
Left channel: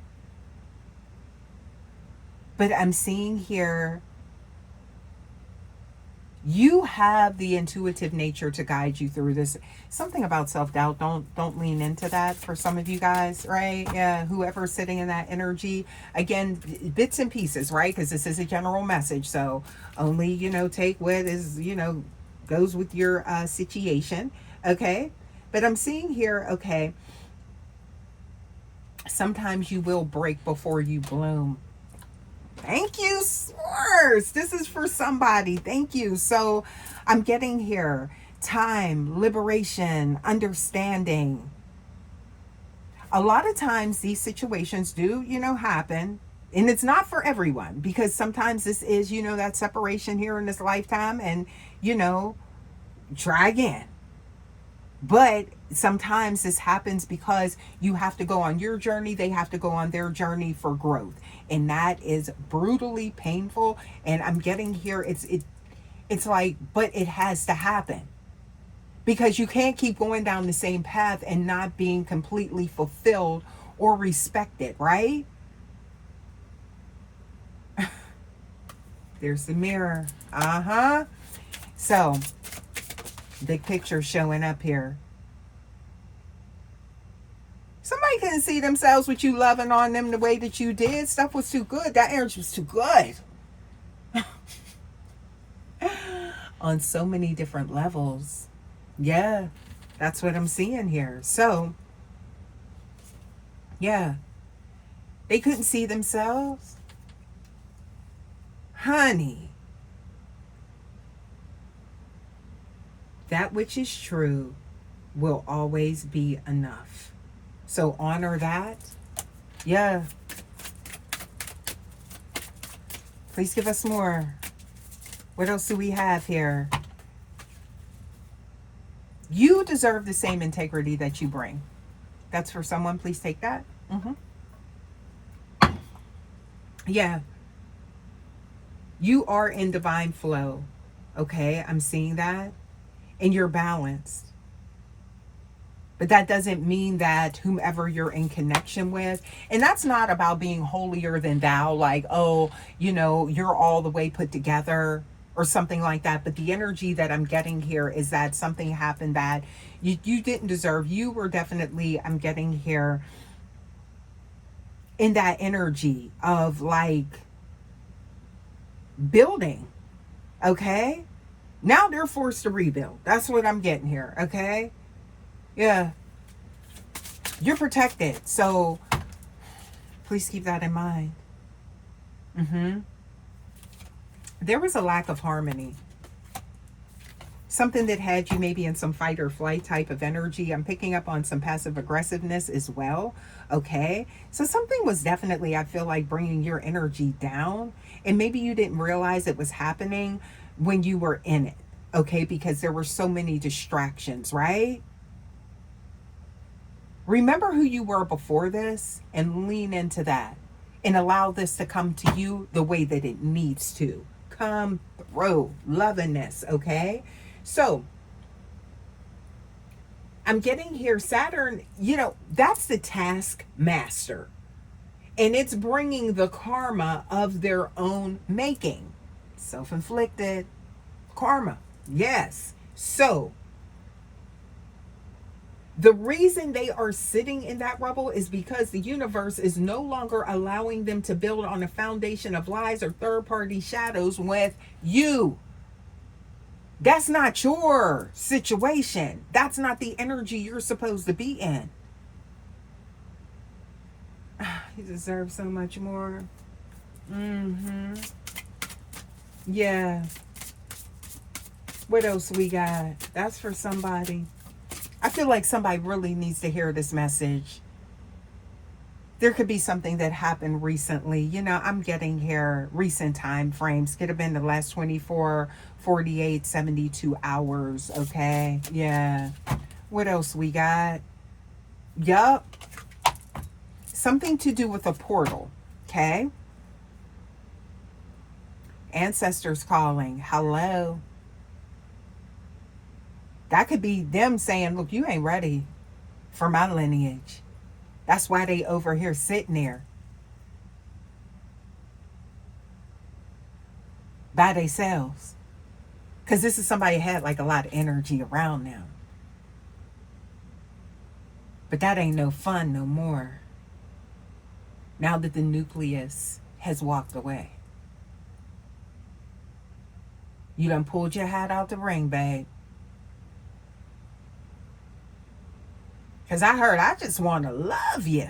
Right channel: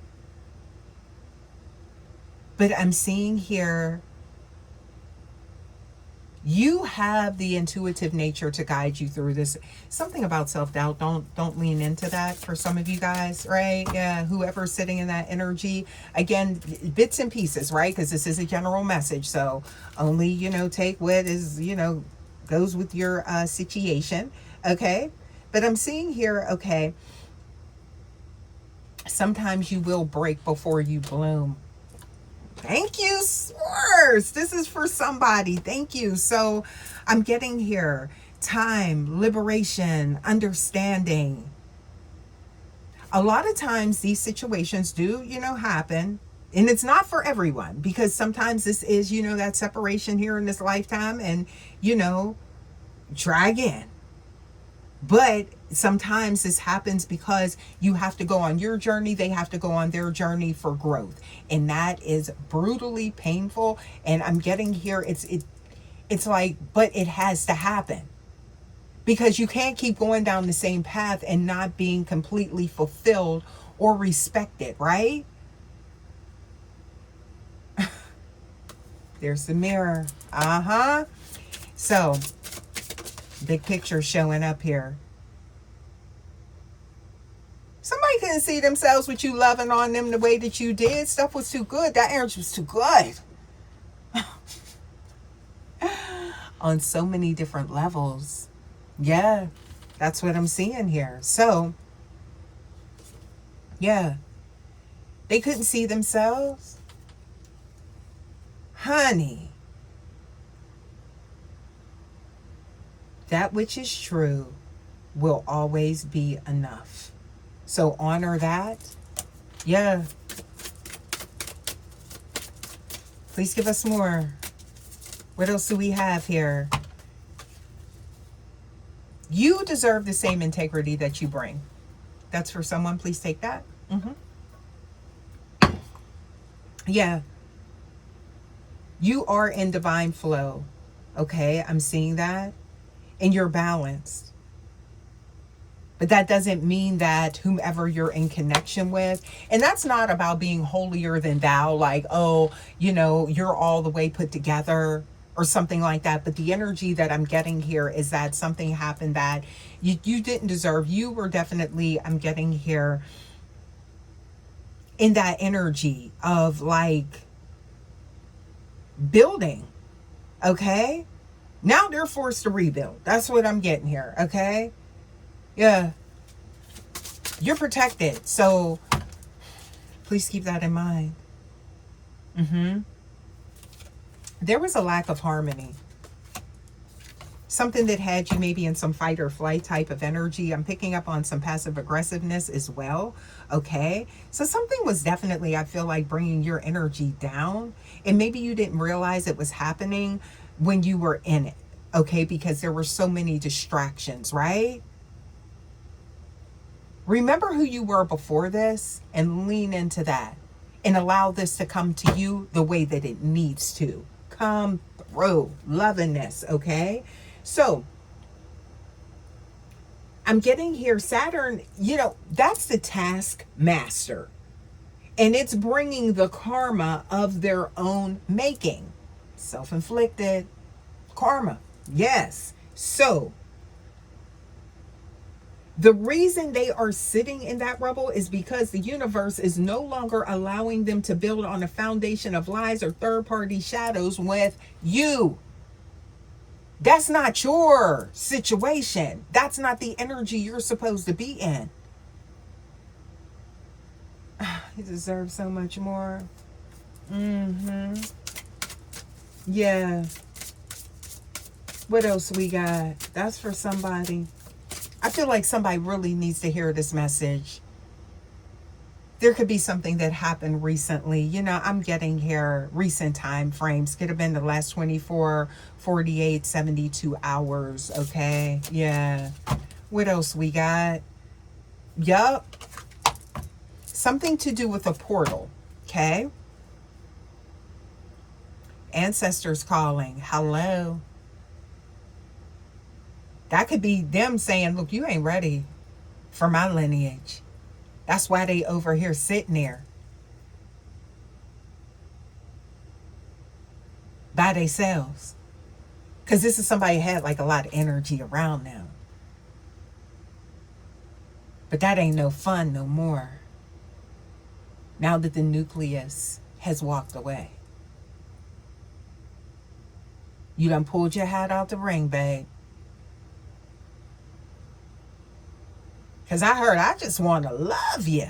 But I'm seeing here, you have the intuitive nature to guide you through this. Something about self-doubt, don't lean into that for some of you guys, right? Yeah, whoever's sitting in that energy, again, bits and pieces, right? Because this is a general message, so only, you know, take what is, you know, goes with your situation, okay? But I'm seeing here, okay, sometimes you will break before you bloom. Thank you, source. This is for somebody. Thank you. So I'm getting here time, liberation, understanding. A lot of times these situations do, you know, happen. And it's not for everyone, because sometimes this is, you know, that separation here in this lifetime, and, you know, try again. But sometimes this happens because you have to go on your journey, they have to go on their journey for growth, and that is brutally painful. And I'm getting here, it's like, but it has to happen, because you can't keep going down the same path and not being completely fulfilled or respected, right? There's the mirror. So big picture showing up here. Somebody couldn't see themselves with you loving on them the way that you did. Stuff was too good. That energy was too good. On so many different levels. Yeah, that's what I'm seeing here. So, yeah, they couldn't see themselves. Honey, that which is true will always be enough. So honor that. Yeah. Please give us more. What else do we have here? You deserve the same integrity that you bring. That's for someone. Please take that. Yeah. You are in divine flow. Okay, I'm seeing that. And you're balanced. But that doesn't mean that whomever you're in connection with, and that's not about being holier than thou, like, oh, you know, you're all the way put together or something like that. But the energy that I'm getting here is that something happened that you didn't deserve. You were definitely, I'm getting here, in that energy of like building. Okay? Now they're forced to rebuild. That's what I'm getting here. Okay? Yeah, you're protected, so please keep that in mind. There was a lack of harmony, something that had you maybe in some fight or flight type of energy. I'm picking up on some passive aggressiveness as well. Okay, so something was definitely, I feel like, bringing your energy down, and maybe you didn't realize it was happening when you were in it. Okay, because there were so many distractions, right? Remember who you were before this and lean into that and allow this to come to you the way that it needs to come through. Loving this, okay? So I'm getting here, Saturn, you know, that's the task master. And it's bringing the karma of their own making. Self-inflicted karma. Yes. So the reason they are sitting in that rubble is because the universe is no longer allowing them to build on a foundation of lies or third-party shadows with you. That's not your situation. That's not the energy you're supposed to be in. You deserve so much more. Yeah. What else we got? That's for somebody. I feel like somebody really needs to hear this message. There could be something that happened recently. You know, I'm getting here recent time frames. Could have been the last 24, 48, 72 hours. Okay. Yeah. What else we got? Yup. Something to do with a portal. Okay. Ancestors calling. Hello. That could be them saying, look, you ain't ready for my lineage. That's why they over here sitting there by themselves. Because this is somebody who had like a lot of energy around them. But that ain't no fun no more. Now that the nucleus has walked away. You done pulled your hat out the ring, babe. Because I heard, I just want to love you.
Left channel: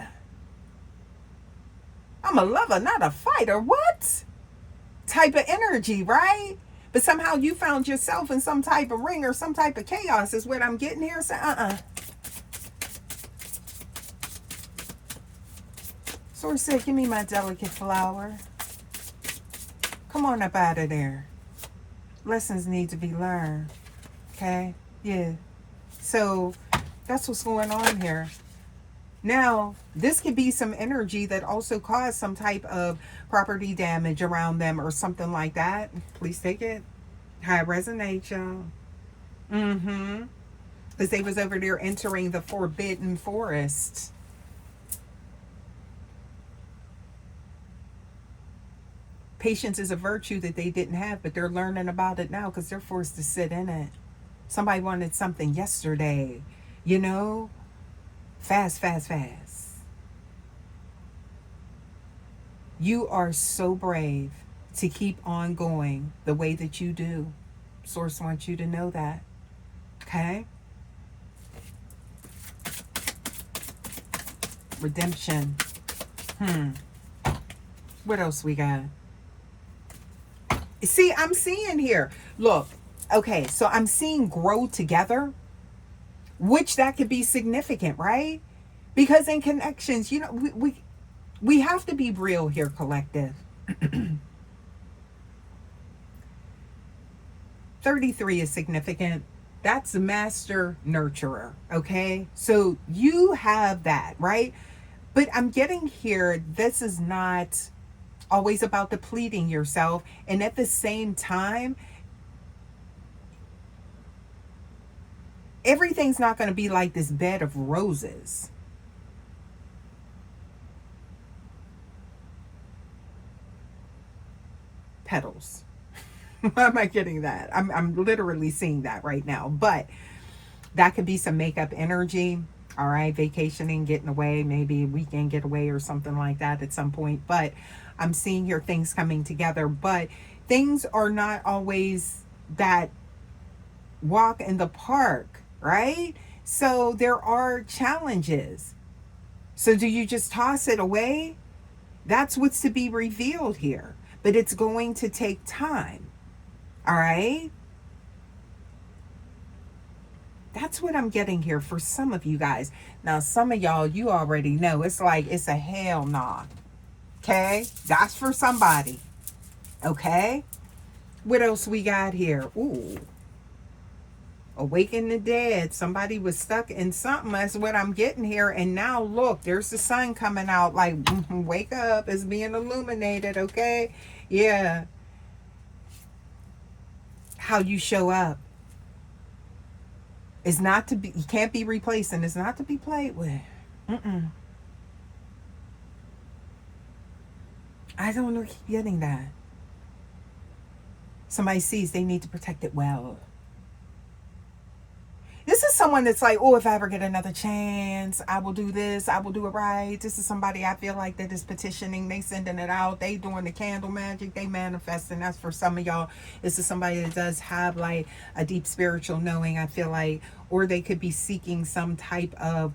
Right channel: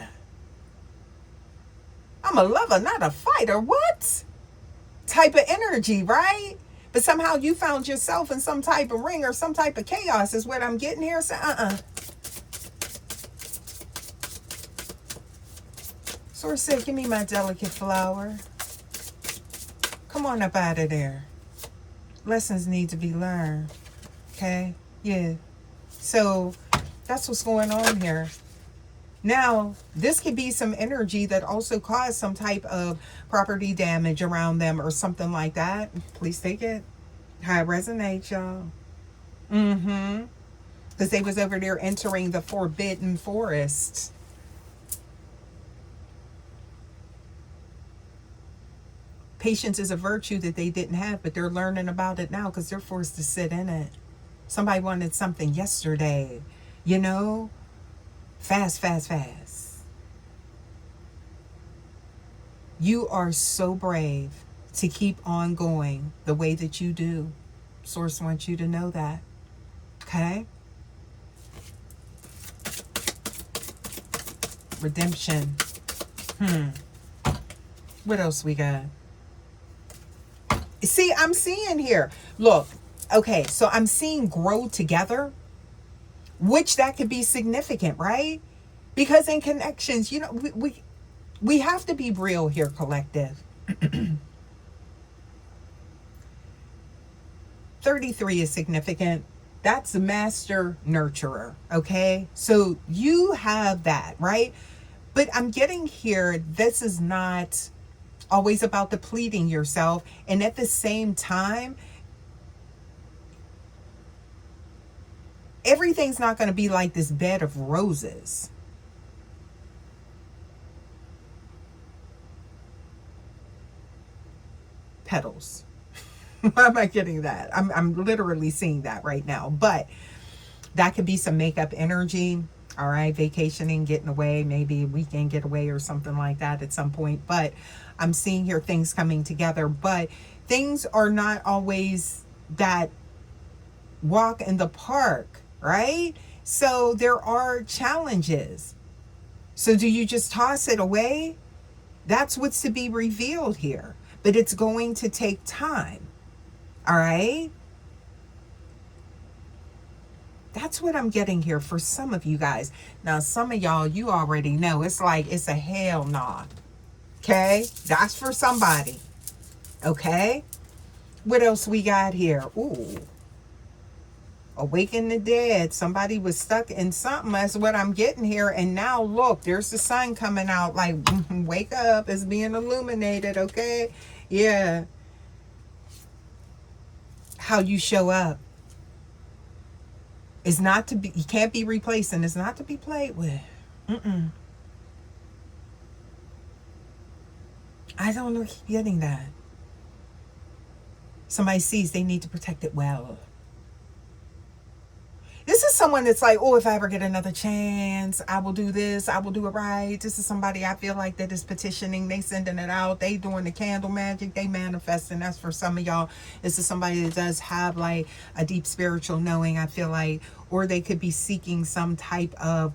I'm a lover, not a fighter. What? Type of energy, right? But somehow you found yourself in some type of ring or some type of chaos is what I'm getting here. So, Source said, give me my delicate flower. Come on up out of there. Lessons need to be learned. Okay? Yeah. So that's what's going on here. Now, this could be some energy that also caused some type of property damage around them or something like that. Please take it how it resonates, y'all. Because they was over there entering the forbidden forest. Patience is a virtue that they didn't have, but they're learning about it now because they're forced to sit in it. Somebody wanted something yesterday, you know? Fast, fast, fast. You are so brave to keep on going the way that you do. Source wants you to know that. Okay? Redemption. What else we got? See, I'm seeing here. Look, okay, so I'm seeing grow together, which that could be significant, right? Because in connections, you know, we have to be real here, collective. 33 is significant. That's the master nurturer, okay? So you have that, right? But I'm getting here, this is not always about depleting yourself. And at the same time, everything's not going to be like this bed of roses. Petals. Why am I getting that? I'm literally seeing that right now. But that could be some makeup energy. All right, vacationing, getting away, maybe a weekend getaway or something like that at some point. But I'm seeing here things coming together. But things are not always that walk in the park, right? So there are challenges. So do you just toss it away? That's what's to be revealed here. But it's going to take time. All right? That's what I'm getting here for some of you guys. Now, some of y'all, you already know. It's like, it's a hell nah. Okay? That's for somebody. Okay? What else we got here? Ooh. Awaken the dead. Somebody was stuck in something. That's what I'm getting here. And now, look, there's the sun coming out. Like, wake up. It's being illuminated, okay? Yeah. How you show up is not to be, you can't be replaced, and it's not to be played with. I don't know, keep getting that. Somebody sees they need to protect it well. This is someone that's like, oh, if I ever get another chance, I will do this, I will do it right. This is somebody I feel like that is petitioning, they sending it out, they doing the candle magic, they manifesting. That's for some of y'all. This is somebody that does have like a deep spiritual knowing, I feel like, or they could be seeking some type of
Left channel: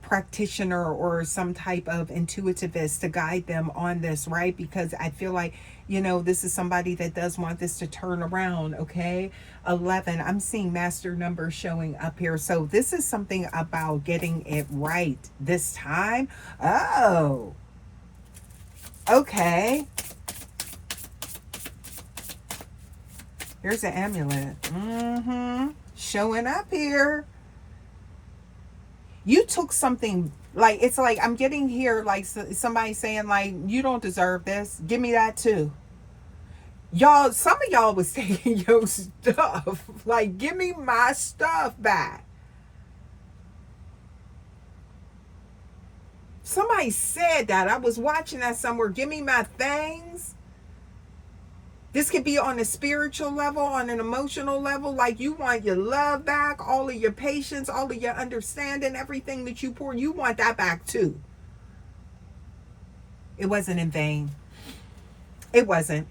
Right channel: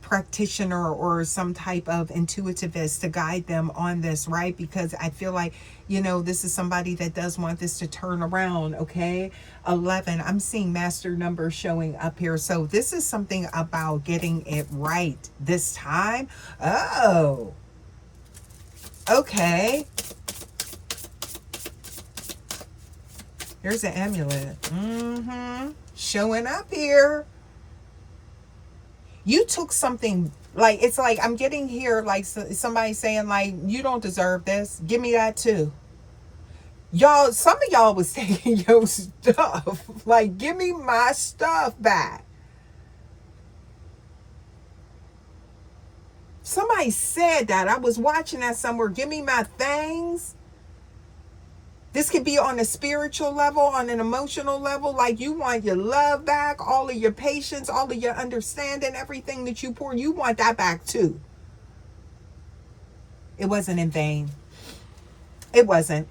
practitioner or some type of intuitivist to guide them on this, right? Because I feel like, you know, this is somebody that does want this to turn around, okay? 11, I'm seeing master numbers showing up here. So this is something about getting it right this time. Oh, okay. Here's an amulet. Showing up here. You took something, like, it's like, I'm getting here, like somebody saying, like, you don't deserve this. Give me that too. Y'all, some of y'all was taking your stuff. Like, give me my stuff back. Somebody said that. I was watching that somewhere. Give me my things. This could be on a spiritual level, on an emotional level. Like, you want your love back, all of your patience, all of your understanding, everything that you pour. You want that back too. It wasn't in vain. It wasn't.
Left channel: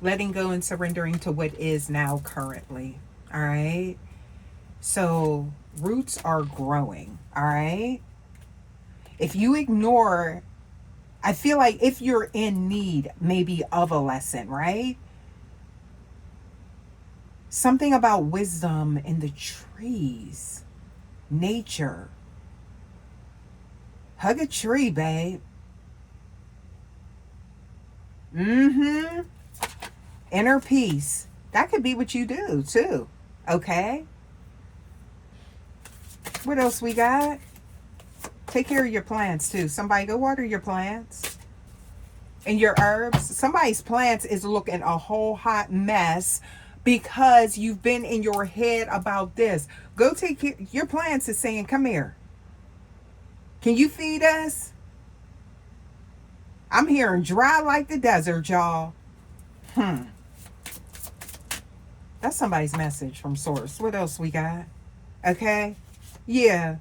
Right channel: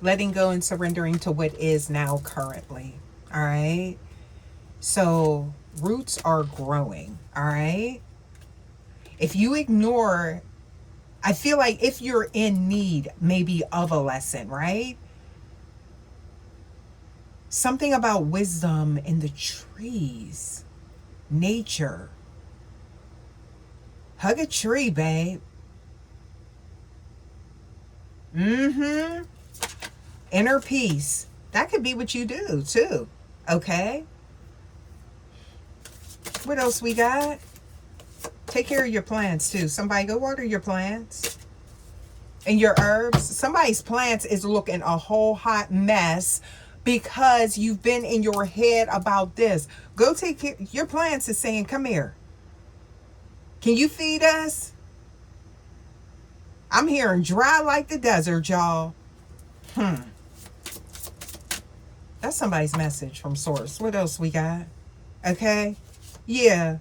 Letting go and surrendering to what is now currently. All right. So roots are growing. All right. If you ignore, I feel like if you're in need maybe of a lesson, right? Something about wisdom in the trees, nature. Hug a tree, babe. Inner peace. That could be what you do too. Okay. What else we got? Take care of your plants too. Somebody go water your plants and your herbs. Somebody's plants is looking a whole hot mess because you've been in your head about this. Go take care. Your plants is saying, come here. Can you feed us? I'm hearing dry like the desert, y'all. That's somebody's message from source. What else we got? Okay. Yeah.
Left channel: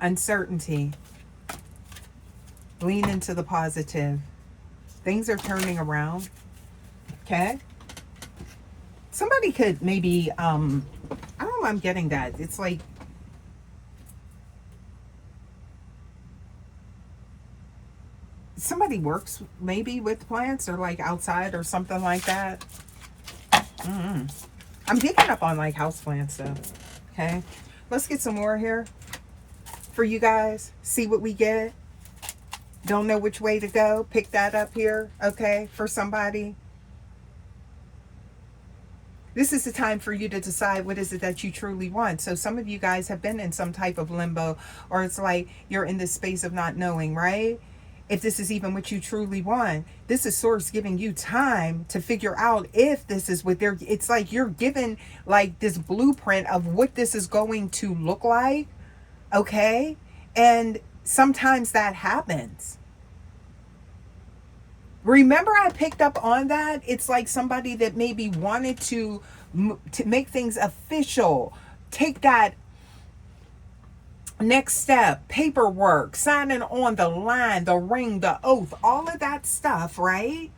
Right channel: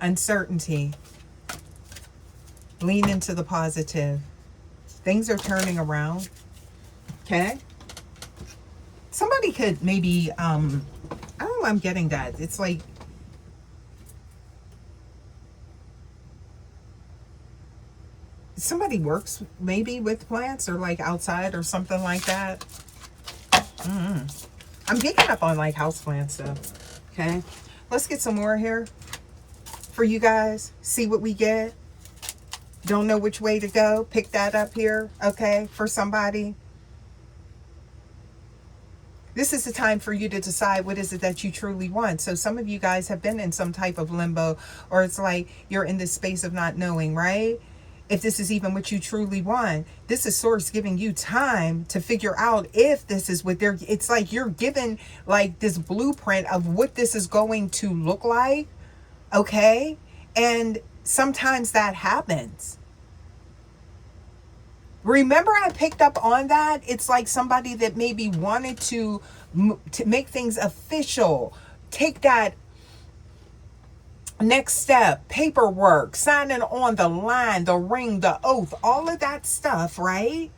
Uncertainty. Lean into the positive. Things are turning around. Okay. Somebody could maybe, I don't know, I'm getting that. It's like, somebody works maybe with plants or like outside or something like that. I'm picking up on like houseplant stuff. Okay. Let's get some more here for you guys. See what we get. Don't know which way to go. Pick that up here. Okay. For somebody. This is the time for you to decide what is it that you truly want. So some of you guys have been in some type of limbo, or it's like you're in this space of not knowing, right? If this is even what you truly want. This is source giving you time to figure out if this is what they're, it's like you're given like this blueprint of what this is going to look like. Okay. And sometimes that happens. Remember, I picked up on that. It's like somebody that maybe wanted to make things official, take that next step, paperwork, signing on the line, the ring, the oath, all of that stuff, right?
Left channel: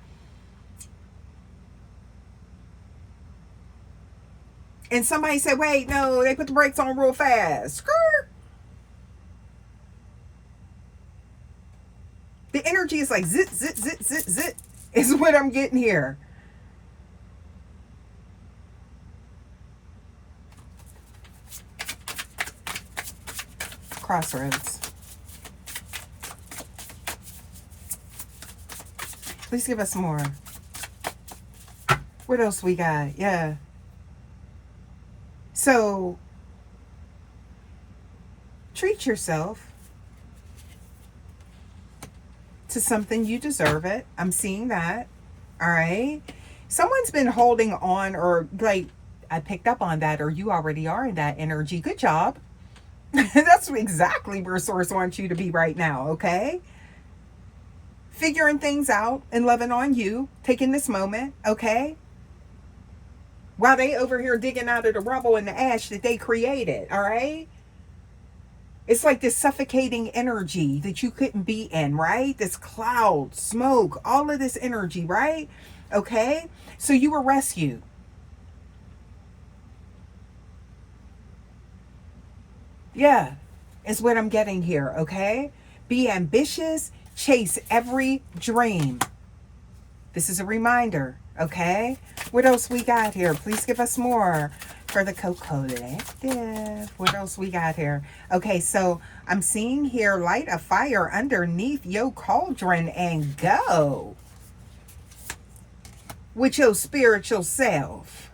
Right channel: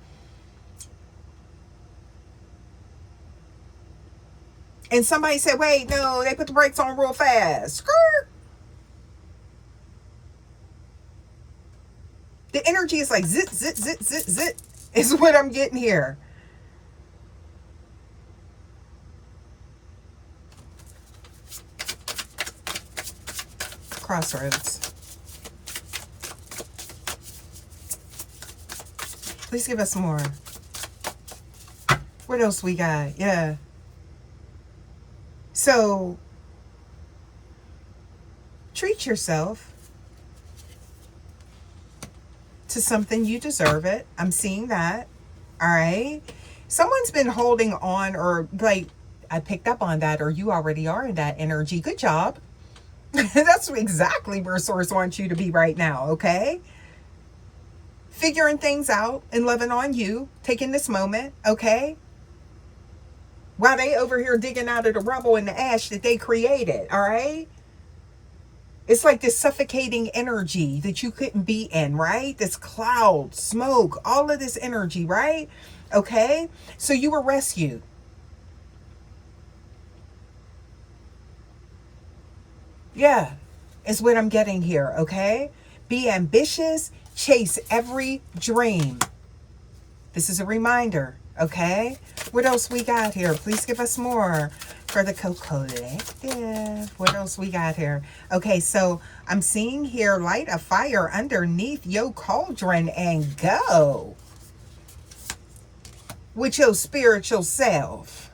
And somebody said, wait, no, they put the brakes on real fast. Skirt. The energy is like zit, zit, zit, zit, zit, is what I'm getting here. Crossroads. Please give us more. What else we got? Yeah. So, treat yourself to something. You deserve it. I'm seeing that. All right. Someone's been holding on, or like I picked up on that, or you already are in that energy. Good job. That's exactly where source wants you to be right now. Okay. Figuring things out and loving on you, taking this moment. Okay. While they over here digging out of the rubble and the ash that they created. All right. It's like this suffocating energy that you couldn't be in, right? This cloud, smoke, all of this energy, right? Okay. So you were rescued. Yeah, is what I'm getting here. Okay. Be ambitious. Chase every dream. This is a reminder. Okay. What else we got here? Please give us more for the collective. What else we got here? Okay, so I'm seeing here, light a fire underneath your cauldron and go with your spiritual self.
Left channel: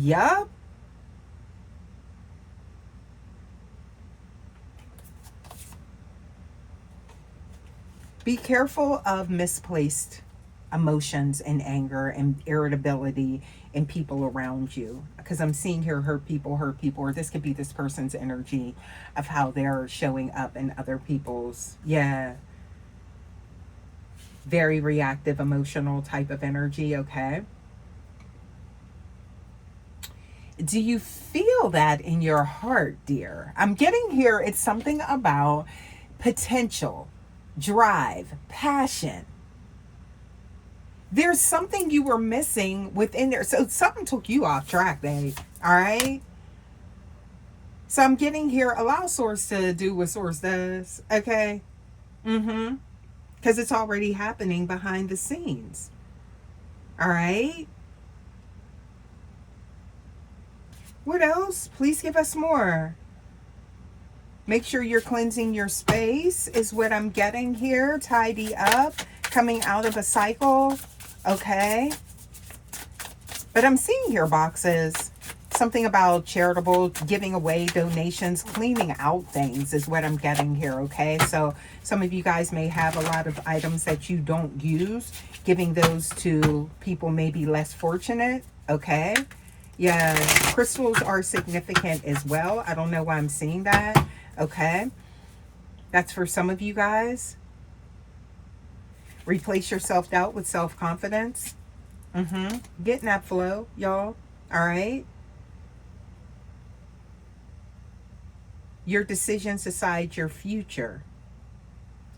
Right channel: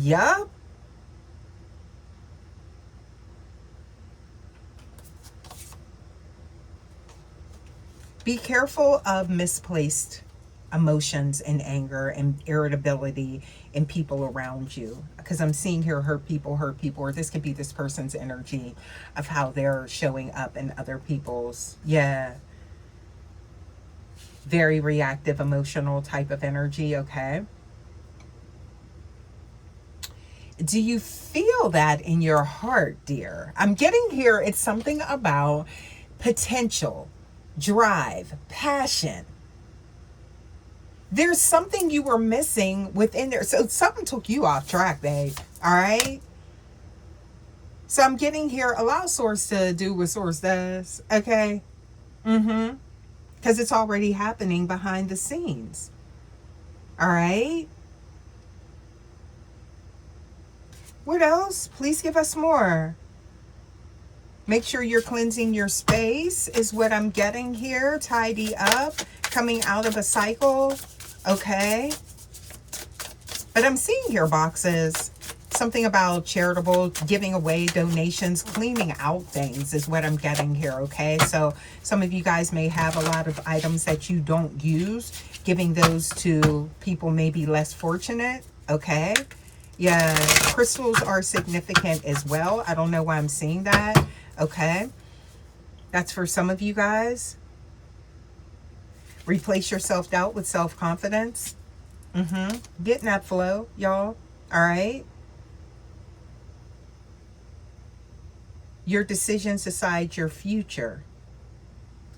Yup. Be careful of misplaced emotions and anger and irritability in people around you, because I'm seeing here hurt people, or this could be this person's energy of how they're showing up in other people's, yeah, very reactive, emotional type of energy. Okay. Do you feel that in your heart, dear? I'm getting here, it's something about potential, drive, passion. There's something you were missing within there. So something took you off track, babe. All right. So I'm getting here, allow source to do what source does. Okay. Because it's already happening behind the scenes. All right. What else? Please give us more. Make sure you're cleansing your space is what I'm getting here. Tidy up. Coming out of a cycle. Okay. But I'm seeing here boxes. Something about charitable, giving away donations, cleaning out things is what I'm getting here. Okay. So some of you guys may have a lot of items that you don't use. Giving those to people maybe less fortunate. Okay. Yeah. Crystals are significant as well. I don't know why I'm seeing that. Okay. That's for some of you guys. Replace your self-doubt with self-confidence. Getting that flow, y'all. All right. Your decisions decide your future.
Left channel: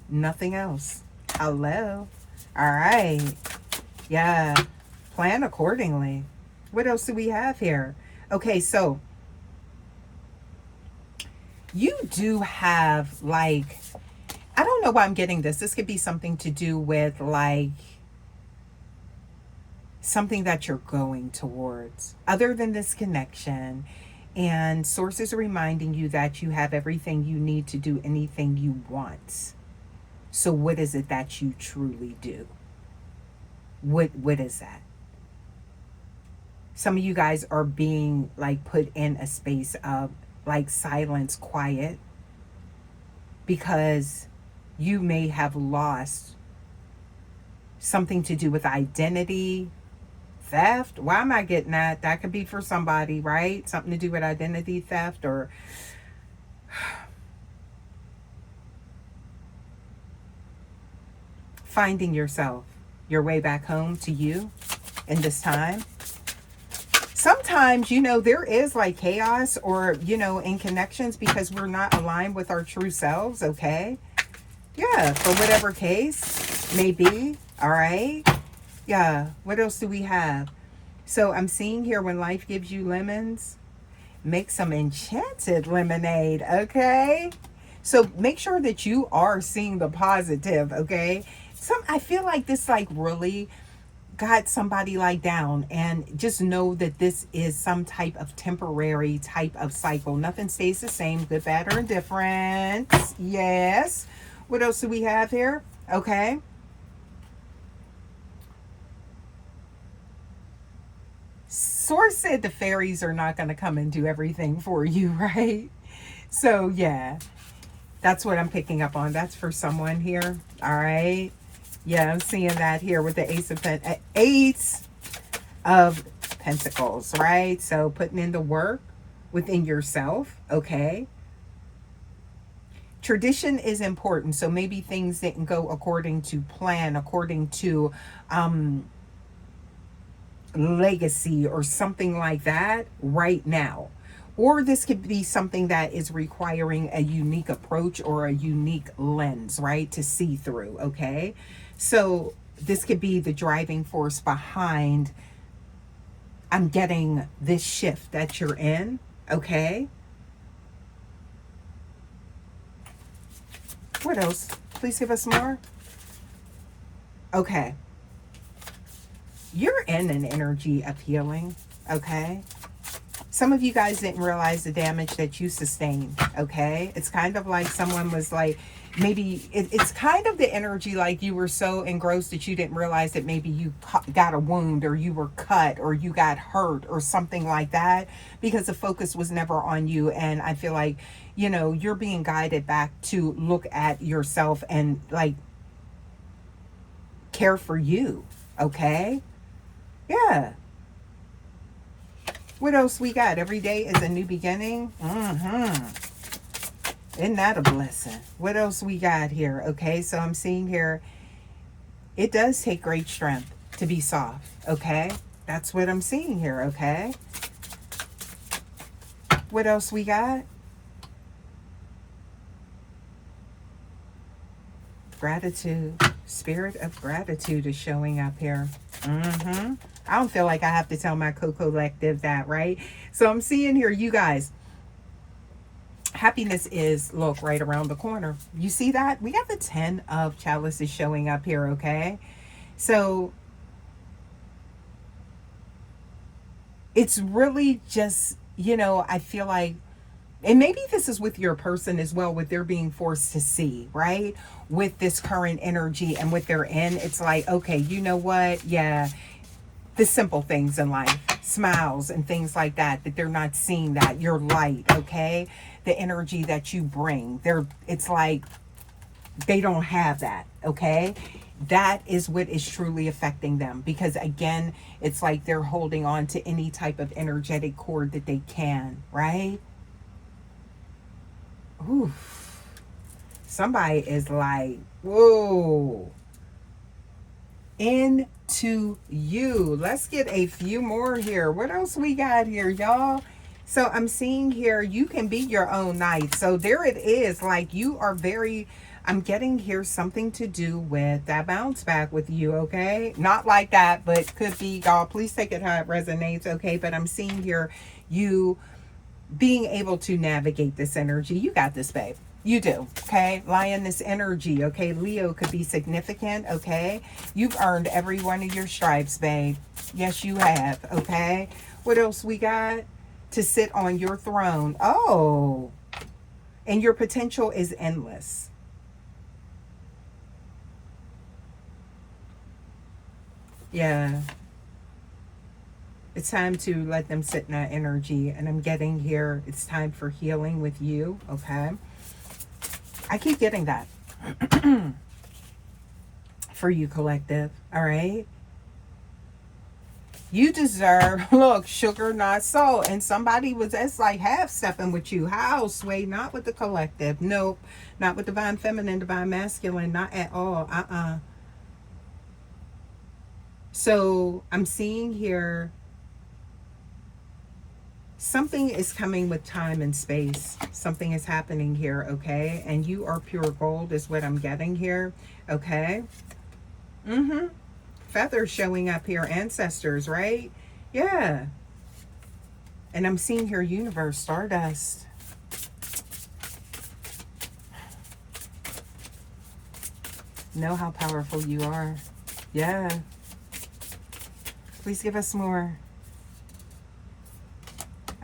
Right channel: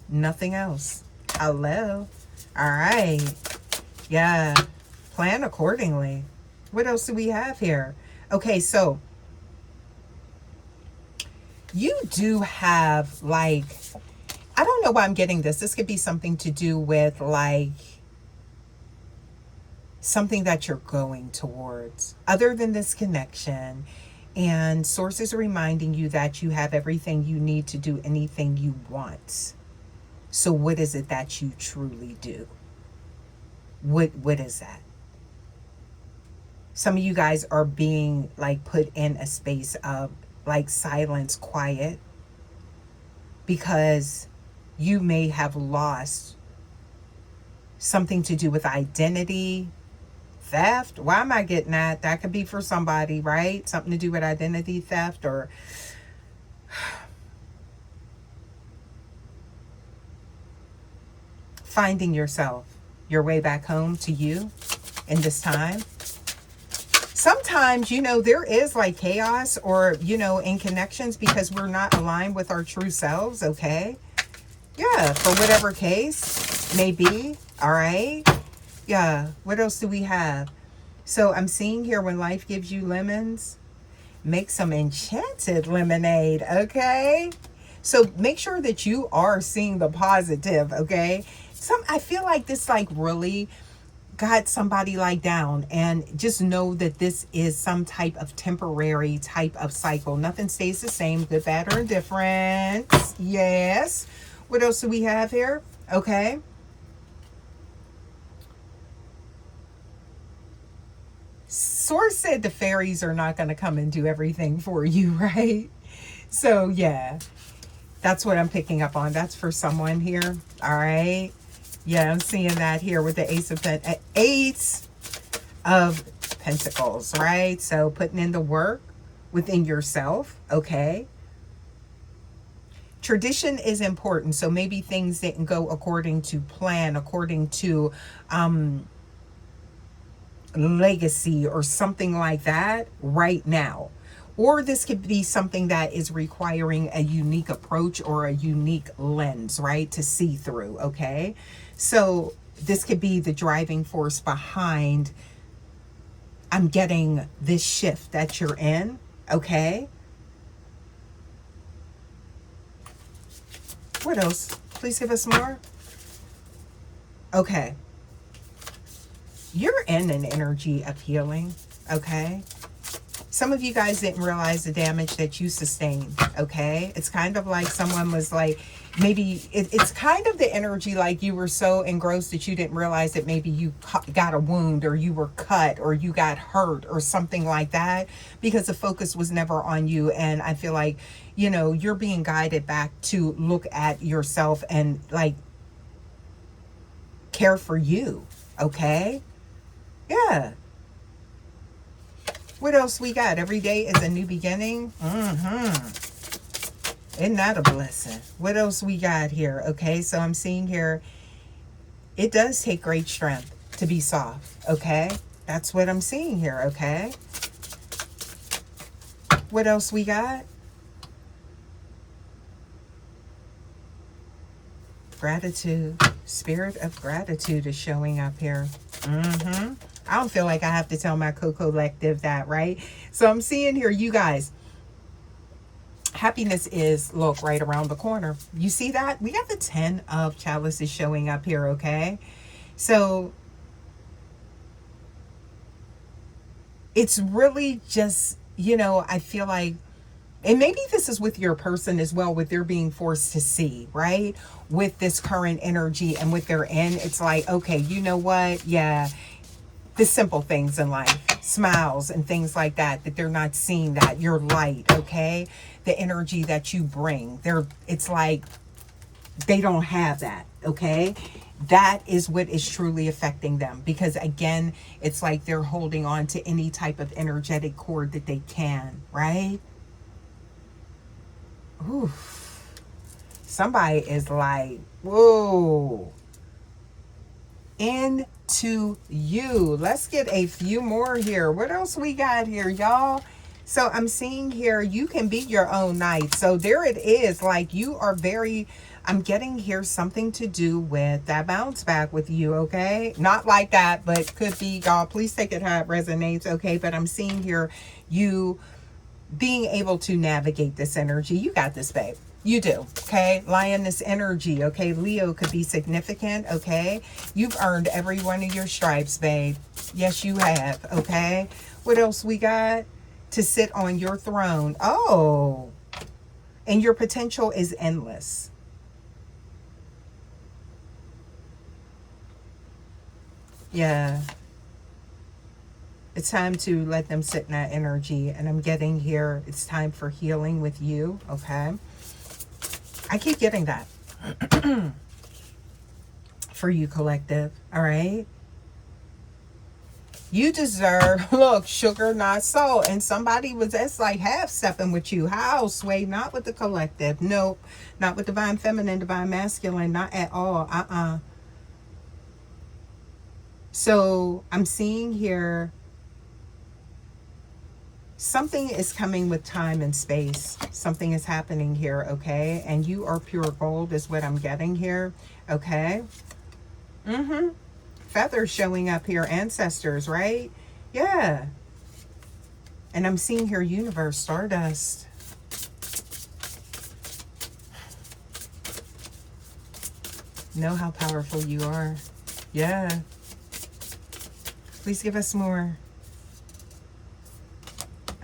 Nothing else. Hello. All right. Yeah. Plan accordingly. What else do we have here? Okay, so you do have, like, I don't know why I'm getting this. This could be something to do with, like, something that you're going towards other than this connection. And sources are reminding you that you have everything you need to do anything you want. So what is it that you truly do? What is that? Some of you guys are being, like, put in a space of, like, silence, quiet, because you may have lost something to do with identity theft. Why am I getting that? That could be for somebody, right? Something to do with identity theft, or finding yourself, your way back home to you in this time. Sometimes, you know, there is, like, chaos, or, you know, in connections, because we're not aligned with our true selves. Okay. Yeah. For whatever case may be. All right. Yeah. What else do we have? So I'm seeing here, when life gives you lemons, make some enchanted lemonade. Okay. So make sure that you are seeing the positive. Okay. I feel like this, like, really got somebody, like, down, and just know that this is some type of temporary type of cycle. Nothing stays the same, good, bad, or indifferent. Yes. What else do we have here? Okay. Source said the fairies are not going to come and do everything for you, right? So yeah, that's what I'm picking up on. That's for someone here. All right. Yeah, I'm seeing that here with the Ace of Pentacles, right? So putting in the work within yourself, okay? Tradition is important. So maybe things didn't go according to plan, according to legacy or something like that right now. Or this could be something that is requiring a unique approach or a unique lens, right, to see through, okay? So this could be the driving force behind, I'm getting this shift that you're in, okay? What else? Please give us more. Okay. You're in an energy of healing, okay? Some of you guys didn't realize the damage that you sustained, okay? It's kind of like someone was, like, maybe it's kind of the energy like you were so engrossed that you didn't realize that maybe you got a wound, or you were cut, or you got hurt, or something like that, because the focus was never on you. And I feel like, you know, you're being guided back to look at yourself and like care for you. Okay. Yeah. What else we got? Every day is a new beginning. Isn't that a blessing? What else we got here? Okay, so I'm seeing here, it does take great strength to be soft. Okay, that's what I'm seeing here. Okay, what else we got? Gratitude. Spirit of gratitude is showing up here. I don't feel like I have to tell my co-collective that, right? So I'm seeing here, you guys, happiness is, look, right around the corner. You see that? We got the 10 of chalices showing up here, okay? So it's really just, you know, I feel like, and maybe this is with your person as well, with their being forced to see, right? With this current energy and what they're in, it's like, okay, you know what? Yeah, the simple things in life, smiles and things like that, that they're not seeing that. Your light, okay? The energy that you bring. It's like they don't have that, okay? That is what is truly affecting them. Because again, it's like they're holding on to any type of energetic cord that they can, right? Ooh. Somebody is like, whoa. Into you. Let's get a few more here. What else we got here, y'all? So I'm seeing here, you can be your own knight. So there it is. Like, you are very, I'm getting here something to do with that bounce back with you, okay? Not like that, but could be, y'all. Please take it how it resonates, okay? But I'm seeing here you being able to navigate this energy. You got this, babe. You do, okay? Lioness energy, okay? Leo could be significant, okay? You've earned every one of your stripes, babe. Yes, you have, okay? What else we got? To sit on your throne. Oh, and your potential is endless. Yeah. It's time to let them sit in that energy. And I'm getting here, it's time for healing with you, okay? I keep getting that for you, collective. All right. You deserve, look, sugar, not salt. And somebody was, that's like half stepping with you. How, Sway? Not with the collective. Nope. Not with divine feminine, divine masculine. Not at all. So I'm seeing here, something is coming with time and space. Something is happening here, okay? And you are pure gold is what I'm getting here, okay? Feathers showing up here, ancestors, right? Yeah. And I'm seeing here, universe, stardust. Know how powerful you are. Yeah. Please give us more.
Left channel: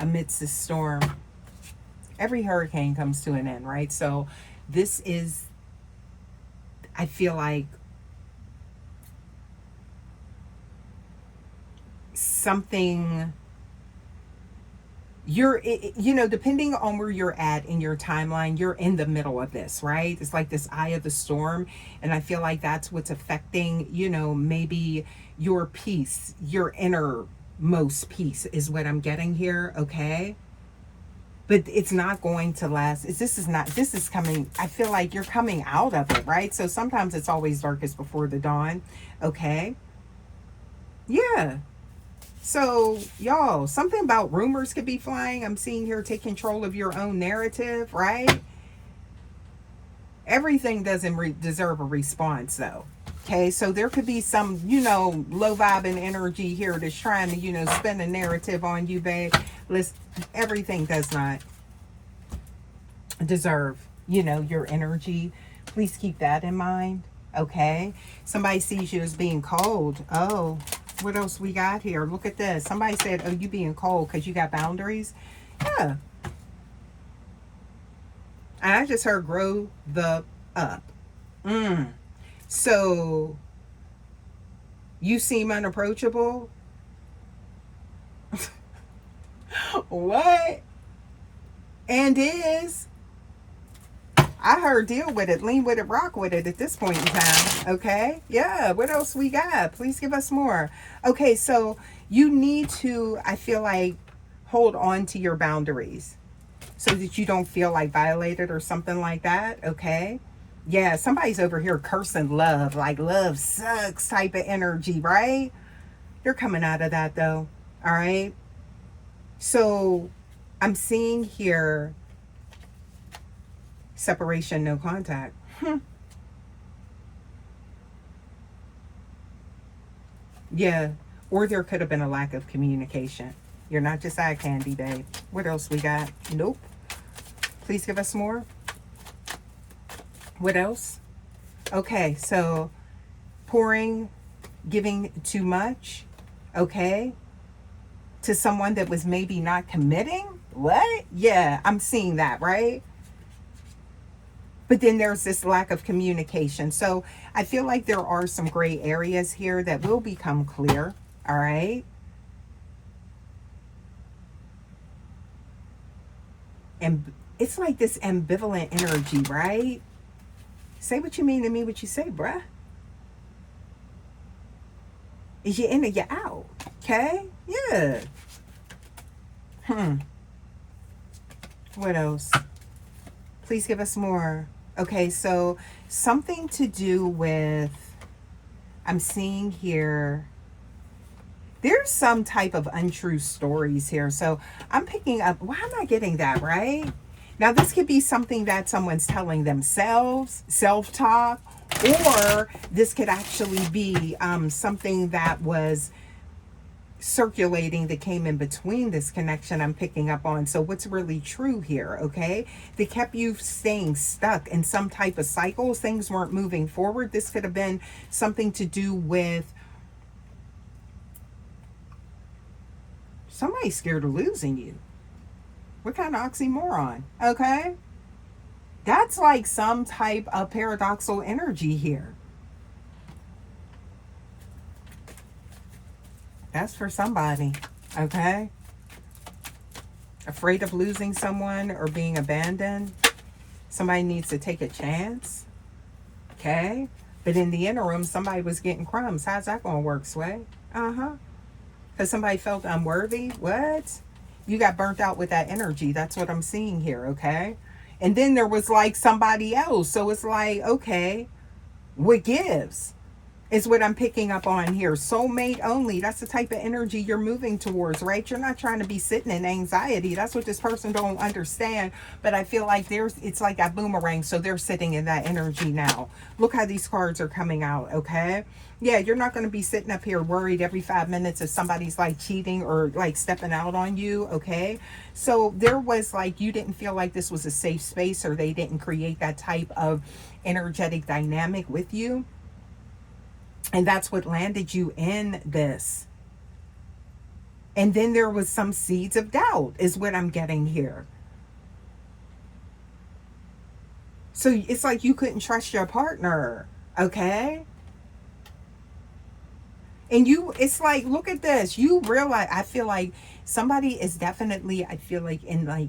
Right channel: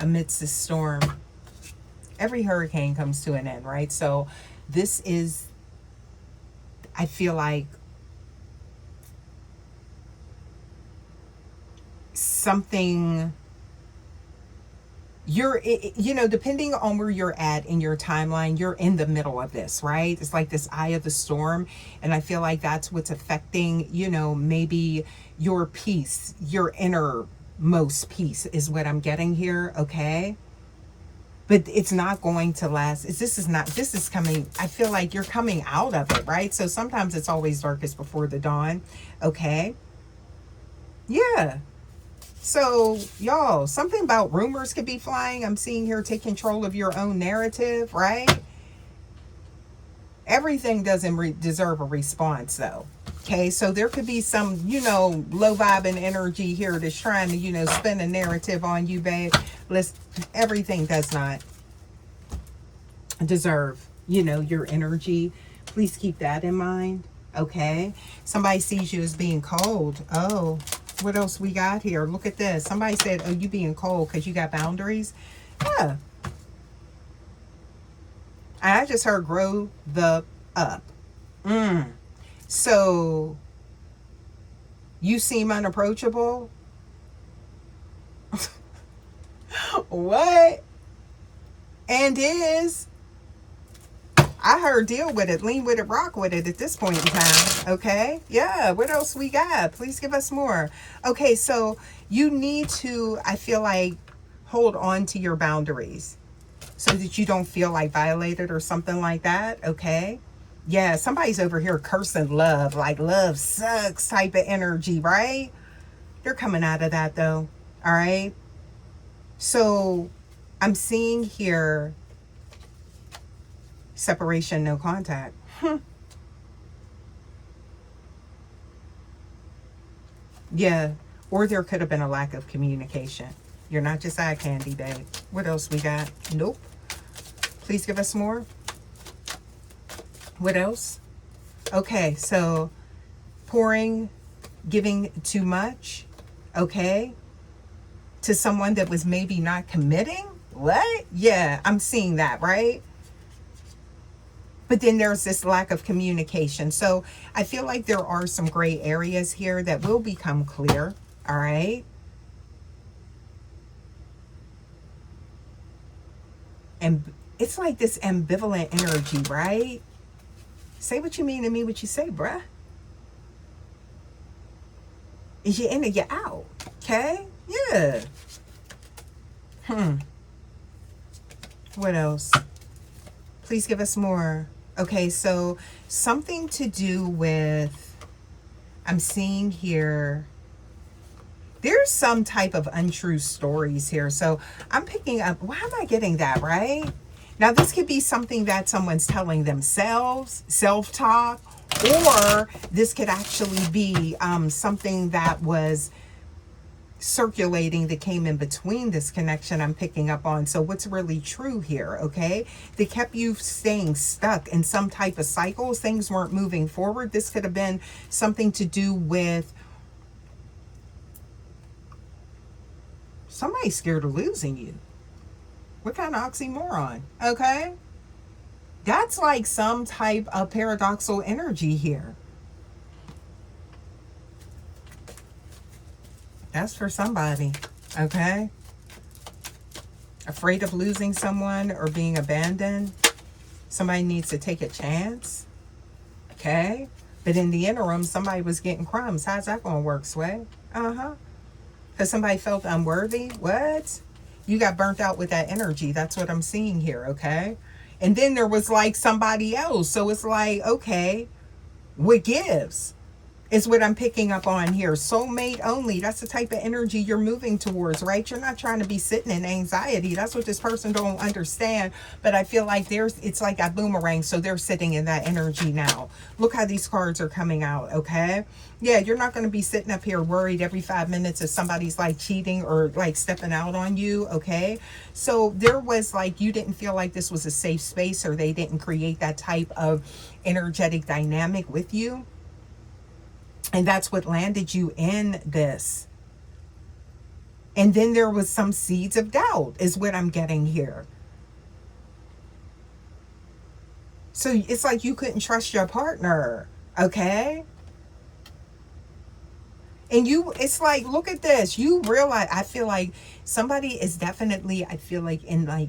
Amidst the storm, every hurricane comes to an end, right? So this is, I feel like, something you're, you know, depending on where you're at in your timeline, you're in the middle of this, right? It's like this eye of the storm. And I feel like that's what's affecting, you know, maybe your peace, your innermost peace is what I'm getting here, okay? But it's not going to last. This is coming, I feel like you're coming out of it, right? So sometimes it's always darkest before the dawn, okay? Yeah. So, y'all, something about rumors could be flying. I'm seeing here, take control of your own narrative, right? Everything doesn't deserve a response, though. Okay, so there could be some, you know, low vibing energy here that's trying to, you know, spin a narrative on you, babe. Listen, everything does not deserve, you know, your energy. Please keep that in mind, okay? Somebody sees you as being cold. Oh, what else we got here? Look at this. Somebody said, oh, you being cold because you got boundaries. Yeah. I just heard grow the up. So you seem unapproachable. What? And is, I heard deal with it, lean with it, rock with it at this point in time. Okay. Yeah. What else we got? Please give us more. Okay. So you need to, I feel like, hold on to your boundaries so that you don't feel like violated or something like that. Okay. Yeah. Somebody's over here cursing love, like love sucks type of energy, right? You're coming out of that though. All right. So I'm seeing here separation, no contact. Yeah. Or there could have been a lack of communication. You're not just eye candy, babe. What else we got? Nope. Please give us more. What else? Okay. So pouring, giving too much. Okay. To someone that was maybe not committing. What? Yeah. I'm seeing that, right? But then there's this lack of communication. So I feel like there are some gray areas here that will become clear. All right. And it's like this ambivalent energy, right? Say what you mean to me, what you say, bruh. Is you in or you out? Okay. Yeah. What else? Please give us more. Okay, so something to do with, I'm seeing here, there's some type of untrue stories here. So I'm picking up, why am I getting that, right? Now this could be something that someone's telling themselves, self-talk, or this could actually be something that was circulating that came in between this connection I'm picking up on. So what's really true here? Okay, they kept you staying stuck in some type of cycles. Things weren't moving forward. This could have been something to do with somebody scared of losing you. What kind of oxymoron? Okay, that's like some type of paradoxical energy here. That's for somebody, okay? Afraid of losing someone or being abandoned. Somebody needs to take a chance, okay? But in the interim, somebody was getting crumbs. How's that going to work, Sway? Because somebody felt unworthy. What? You got burnt out with that energy. That's what I'm seeing here, okay? And then there was like somebody else. So it's like, okay, what gives? Is what I'm picking up on here. Soulmate only. That's the type of energy you're moving towards, right? You're not trying to be sitting in anxiety. That's what this person don't understand. But I feel like it's like that boomerang. So they're sitting in that energy now. Look how these cards are coming out, okay? Yeah, you're not going to be sitting up here worried every 5 minutes if somebody's like cheating or like stepping out on you, okay? So there was like, you didn't feel like this was a safe space, or they didn't create that type of energetic dynamic with you. And that's what landed you in this. And then there was some seeds of doubt is what I'm getting here. So it's like you couldn't trust your partner, okay? And it's like, look at this. You realize, I feel like somebody is definitely, I feel like in like,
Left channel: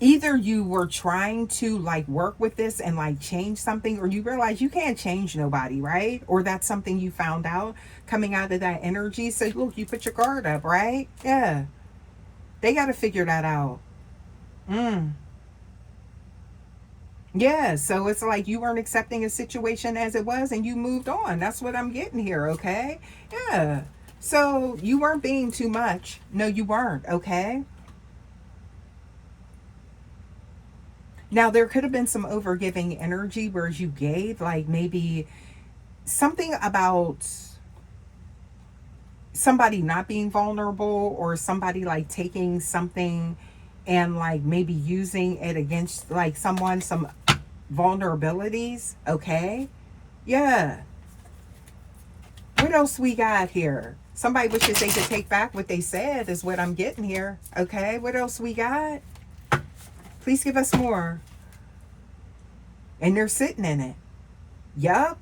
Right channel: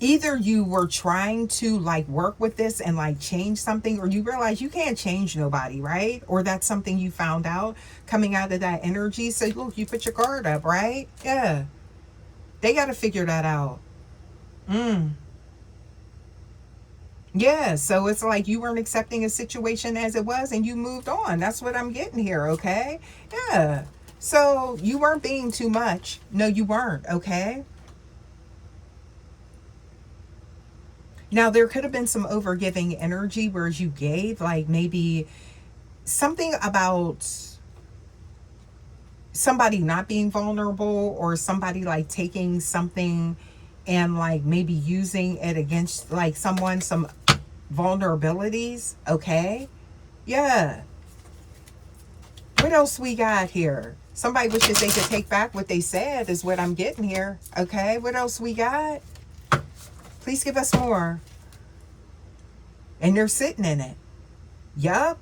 either you were trying to like work with this and like change something, or you realize you can't change nobody, right? Or that's something you found out coming out of that energy. So look, you put your guard up, right? Yeah. They got to figure that out. Yeah. So it's like you weren't accepting a situation as it was and you moved on. That's what I'm getting here. Okay. Yeah. So you weren't being too much. No, you weren't. Okay. Now, there could have been some overgiving energy where you gave, like maybe something about somebody not being vulnerable, or somebody like taking something and like maybe using it against like someone, some vulnerabilities. Okay. Yeah. What else we got here? Somebody wishes they could take back what they said is what I'm getting here. Okay. What else we got? Please give us more. And they're sitting in it. Yup.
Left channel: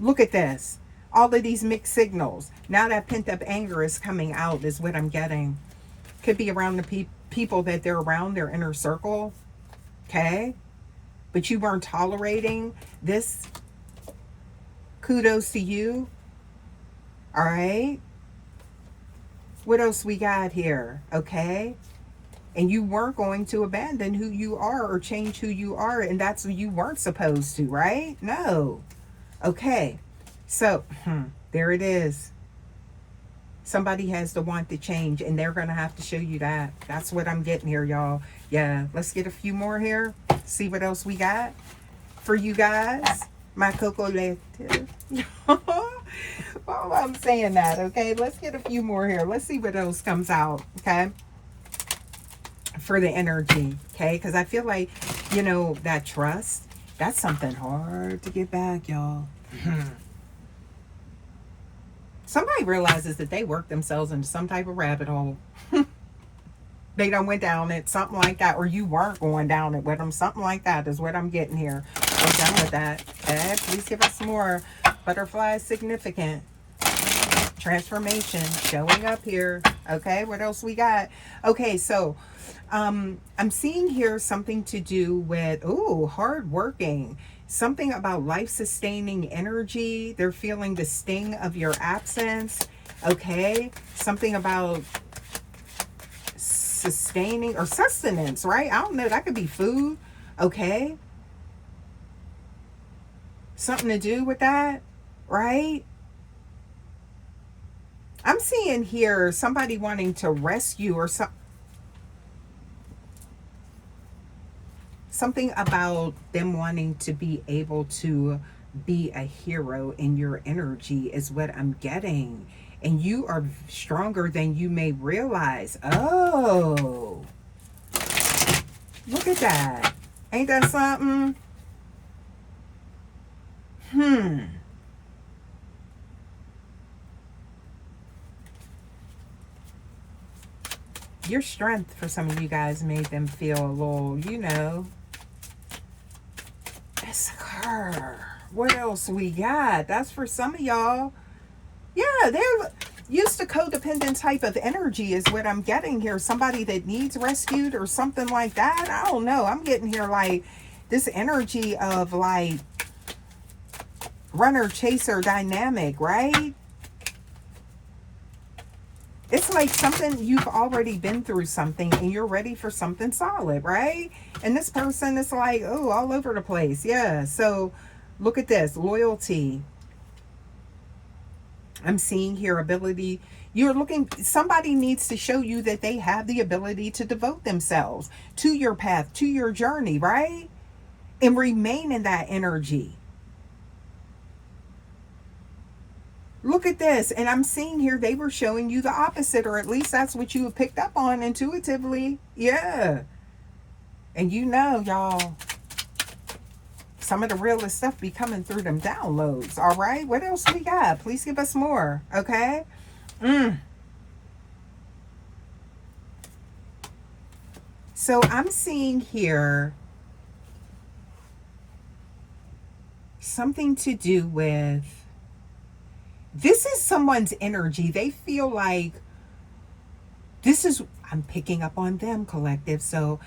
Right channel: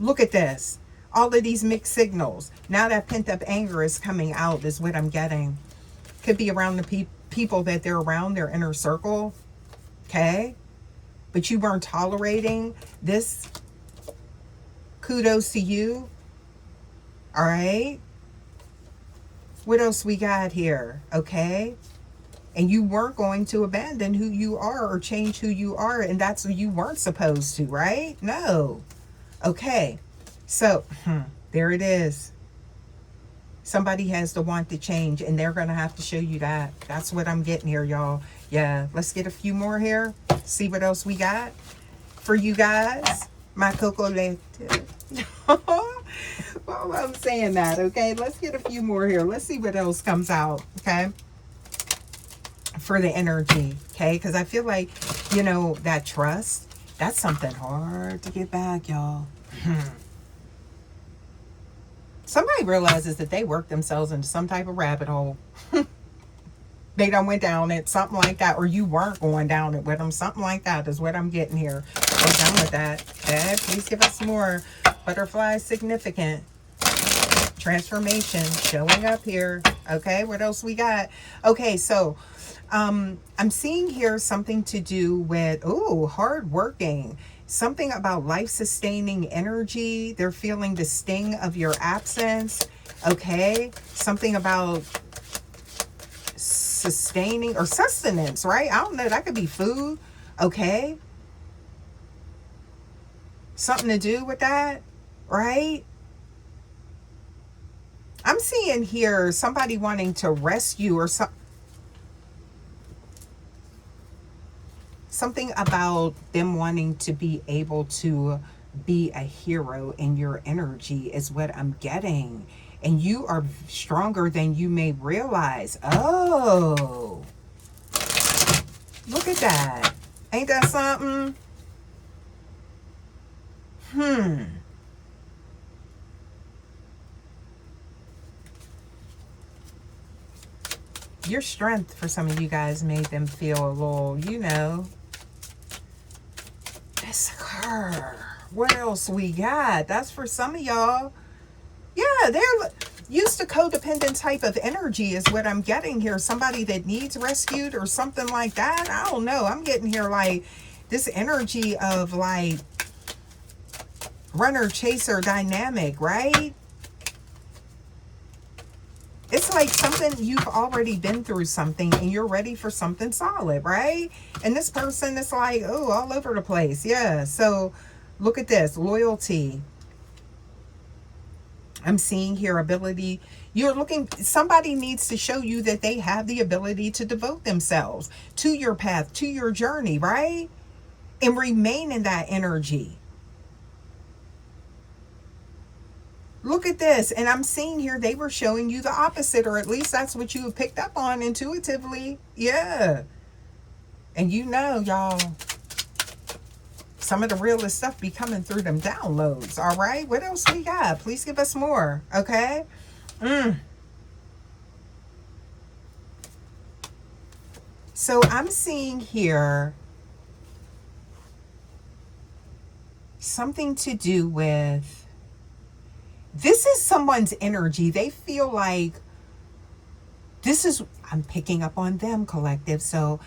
Look at this. All of these mixed signals. Now that pent up anger is coming out is what I'm getting. Could be around the people that they're around, their inner circle. Okay? But you weren't tolerating this. Kudos to you. All right? What else we got here? Okay? And you weren't going to abandon who you are or change who you are. And that's what you weren't supposed to, right? No. Okay. So, there it is. Somebody has to want to change, and they're going to have to show you that. That's what I'm getting here, y'all. Yeah, let's get a few more here. See what else we got for you guys. My cocolete. Well, I'm saying that, okay? Let's get a few more here. Let's see what else comes out, okay? For the energy, okay? Because I feel like, you know, that trust, that's something hard to get back, y'all. Somebody realizes that they worked themselves into some type of rabbit hole. They done went down it, something like that. Or you weren't going down it with them. Something like that is what I'm getting here. We're done with that. Okay, please give us more. Butterfly significant. Transformation showing up here. Okay, what else we got? Okay, so I'm seeing here something to do with, hard working. Something about life-sustaining energy. They're feeling the sting of your absence. Okay. Something about sustaining or sustenance, right? I don't know. That could be food. Okay. Something to do with that, right? I'm seeing here somebody wanting to rescue or something about them wanting to be able to be a hero in your energy is what I'm getting. And you are stronger than you may realize. Oh, look at that. Ain't that something? Your strength for some of you guys made them feel a little, you know. It's her. What else we got? That's for some of y'all. Yeah, they're used to codependent type of energy is what I'm getting here. Somebody that needs rescued or something like that. I don't know. I'm getting here like this energy of like runner chaser dynamic, right? It's like something you've already been through something and you're ready for something solid, right? And this person is like, oh, all over the place. Yeah. So look at this. Loyalty. I'm seeing here ability. You're looking, somebody needs to show you that they have the ability to devote themselves to your path, to your journey, right? And remain in that energy. Look at this. And I'm seeing here they were showing you the opposite, or at least that's what you picked up on intuitively. Yeah. And you know, y'all, some of the realest stuff be coming through them downloads. All right. What else we got? Please give us more. Okay. So I'm seeing here something to do with, this is someone's energy. They feel like this is, I'm picking up on them, collective. So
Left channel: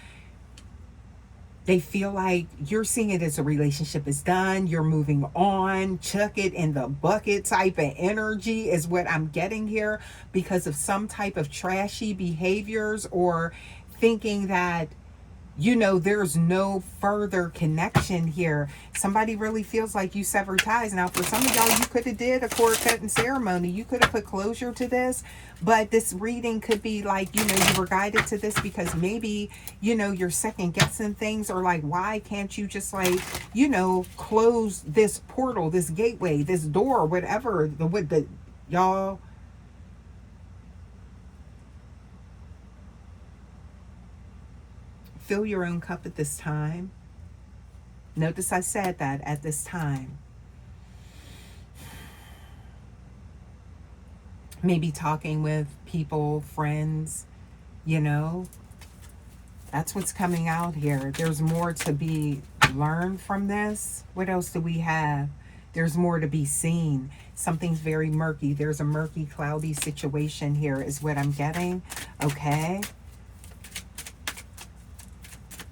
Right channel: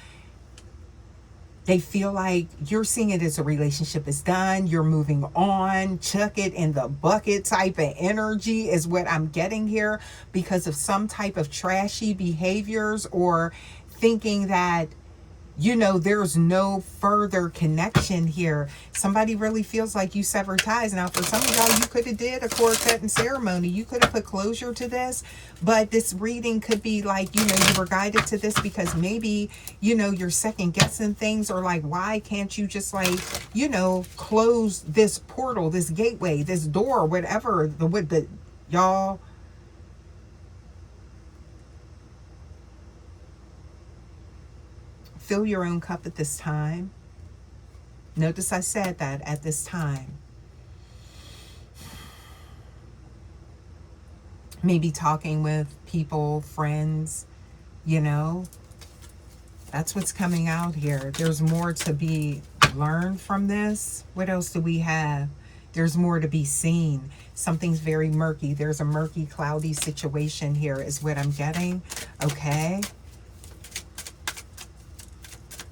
they feel like you're seeing it as a relationship is done. You're moving on. Chuck it in the bucket type of energy is what I'm getting here because of some type of trashy behaviors or thinking that, you know, there's no further connection here. Somebody really feels like you severed ties. Now, for some of y'all, you could have did a cord cutting ceremony. You could have put closure to this. But this reading could be like, you know, you were guided to this because maybe, you know, you're second guessing things or like, why can't you just like, you know, close this portal, this gateway, this door, whatever, the y'all. Fill your own cup at this time. Notice I said that at this time. Maybe talking with people, friends, you know. That's what's coming out here. There's more to be learn from this. What else do we have? There's more to be seen. Something's very murky. There's a murky, cloudy situation here is what I'm getting. Okay.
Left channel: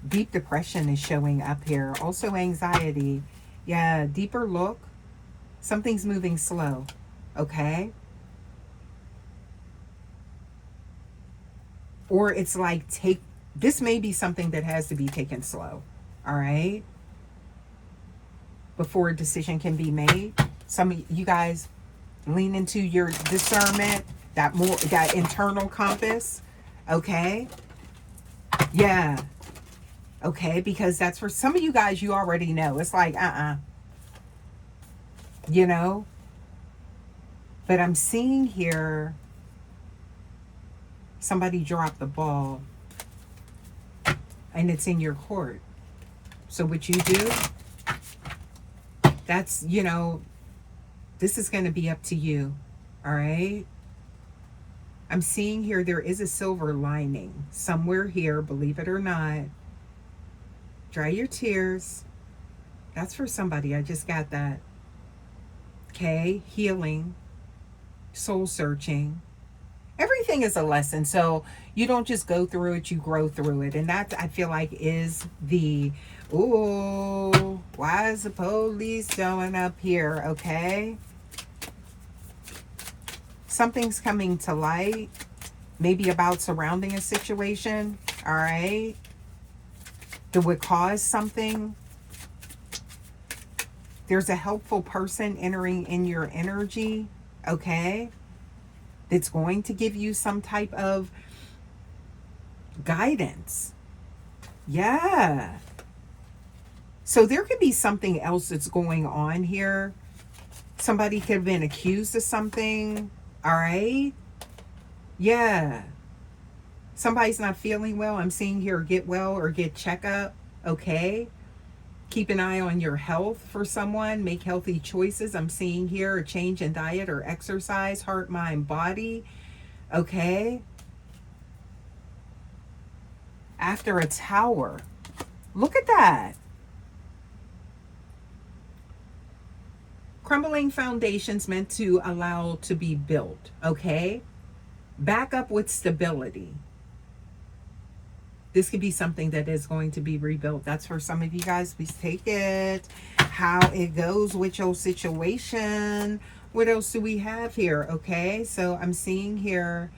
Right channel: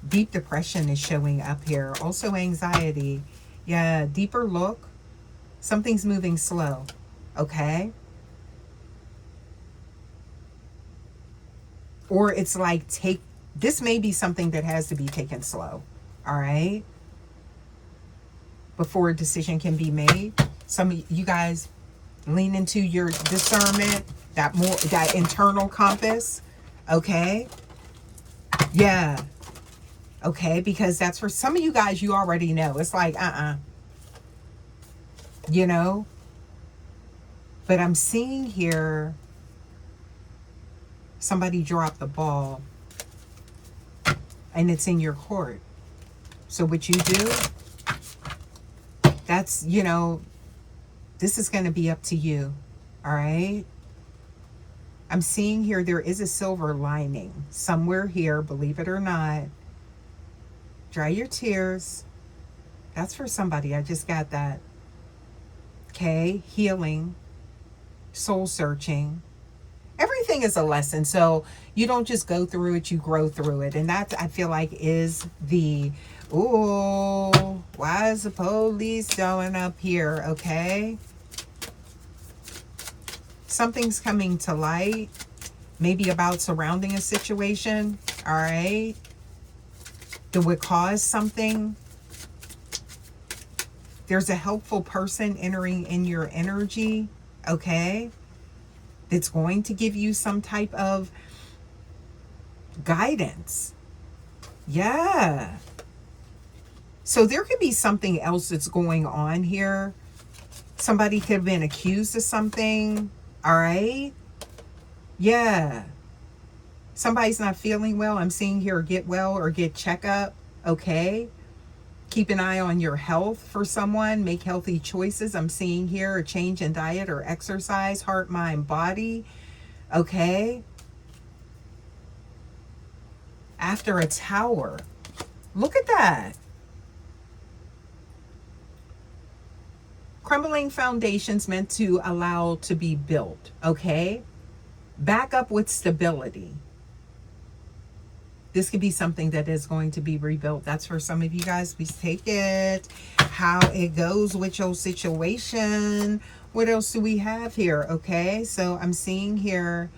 Deep depression is showing up here. Also anxiety. Yeah, deeper look. Something's moving slow. Okay. Or it's like this may be something that has to be taken slow. All right. Before a decision can be made. Some of you guys lean into your discernment, that internal compass. Okay. Yeah. Okay, because that's for some of you guys, you already know. It's like, you know. But I'm seeing here somebody drop the ball and it's in your court. So what you do, that's, you know, this is going to be up to you. All right. I'm seeing here there is a silver lining somewhere here, believe it or not. Dry your tears. That's for somebody. I just got that. Okay. Healing. Soul searching. Everything is a lesson. So you don't just go through it, you grow through it. And that, I feel like, is the, ooh, why is the police showing up here? Okay. Something's coming to light. Maybe about surrounding a situation. All right. That would cause something. There's a helpful person entering in your energy. Okay. That's going to give you some type of guidance. Yeah. So there could be something else that's going on here. Somebody could have been accused of something. All right. Yeah. Somebody's not feeling well. I'm seeing here get well or get checkup. Okay. Keep an eye on your health for someone. Make healthy choices. I'm seeing here a change in diet or exercise, heart, mind, body. Okay. After a tower. Look at that. Crumbling foundations meant to allow to be built. Okay. Back up with stability. This could be something that is going to be rebuilt. That's for some of you guys. Please take it. How it goes with your situation. What else do we have here? Okay, so I'm seeing here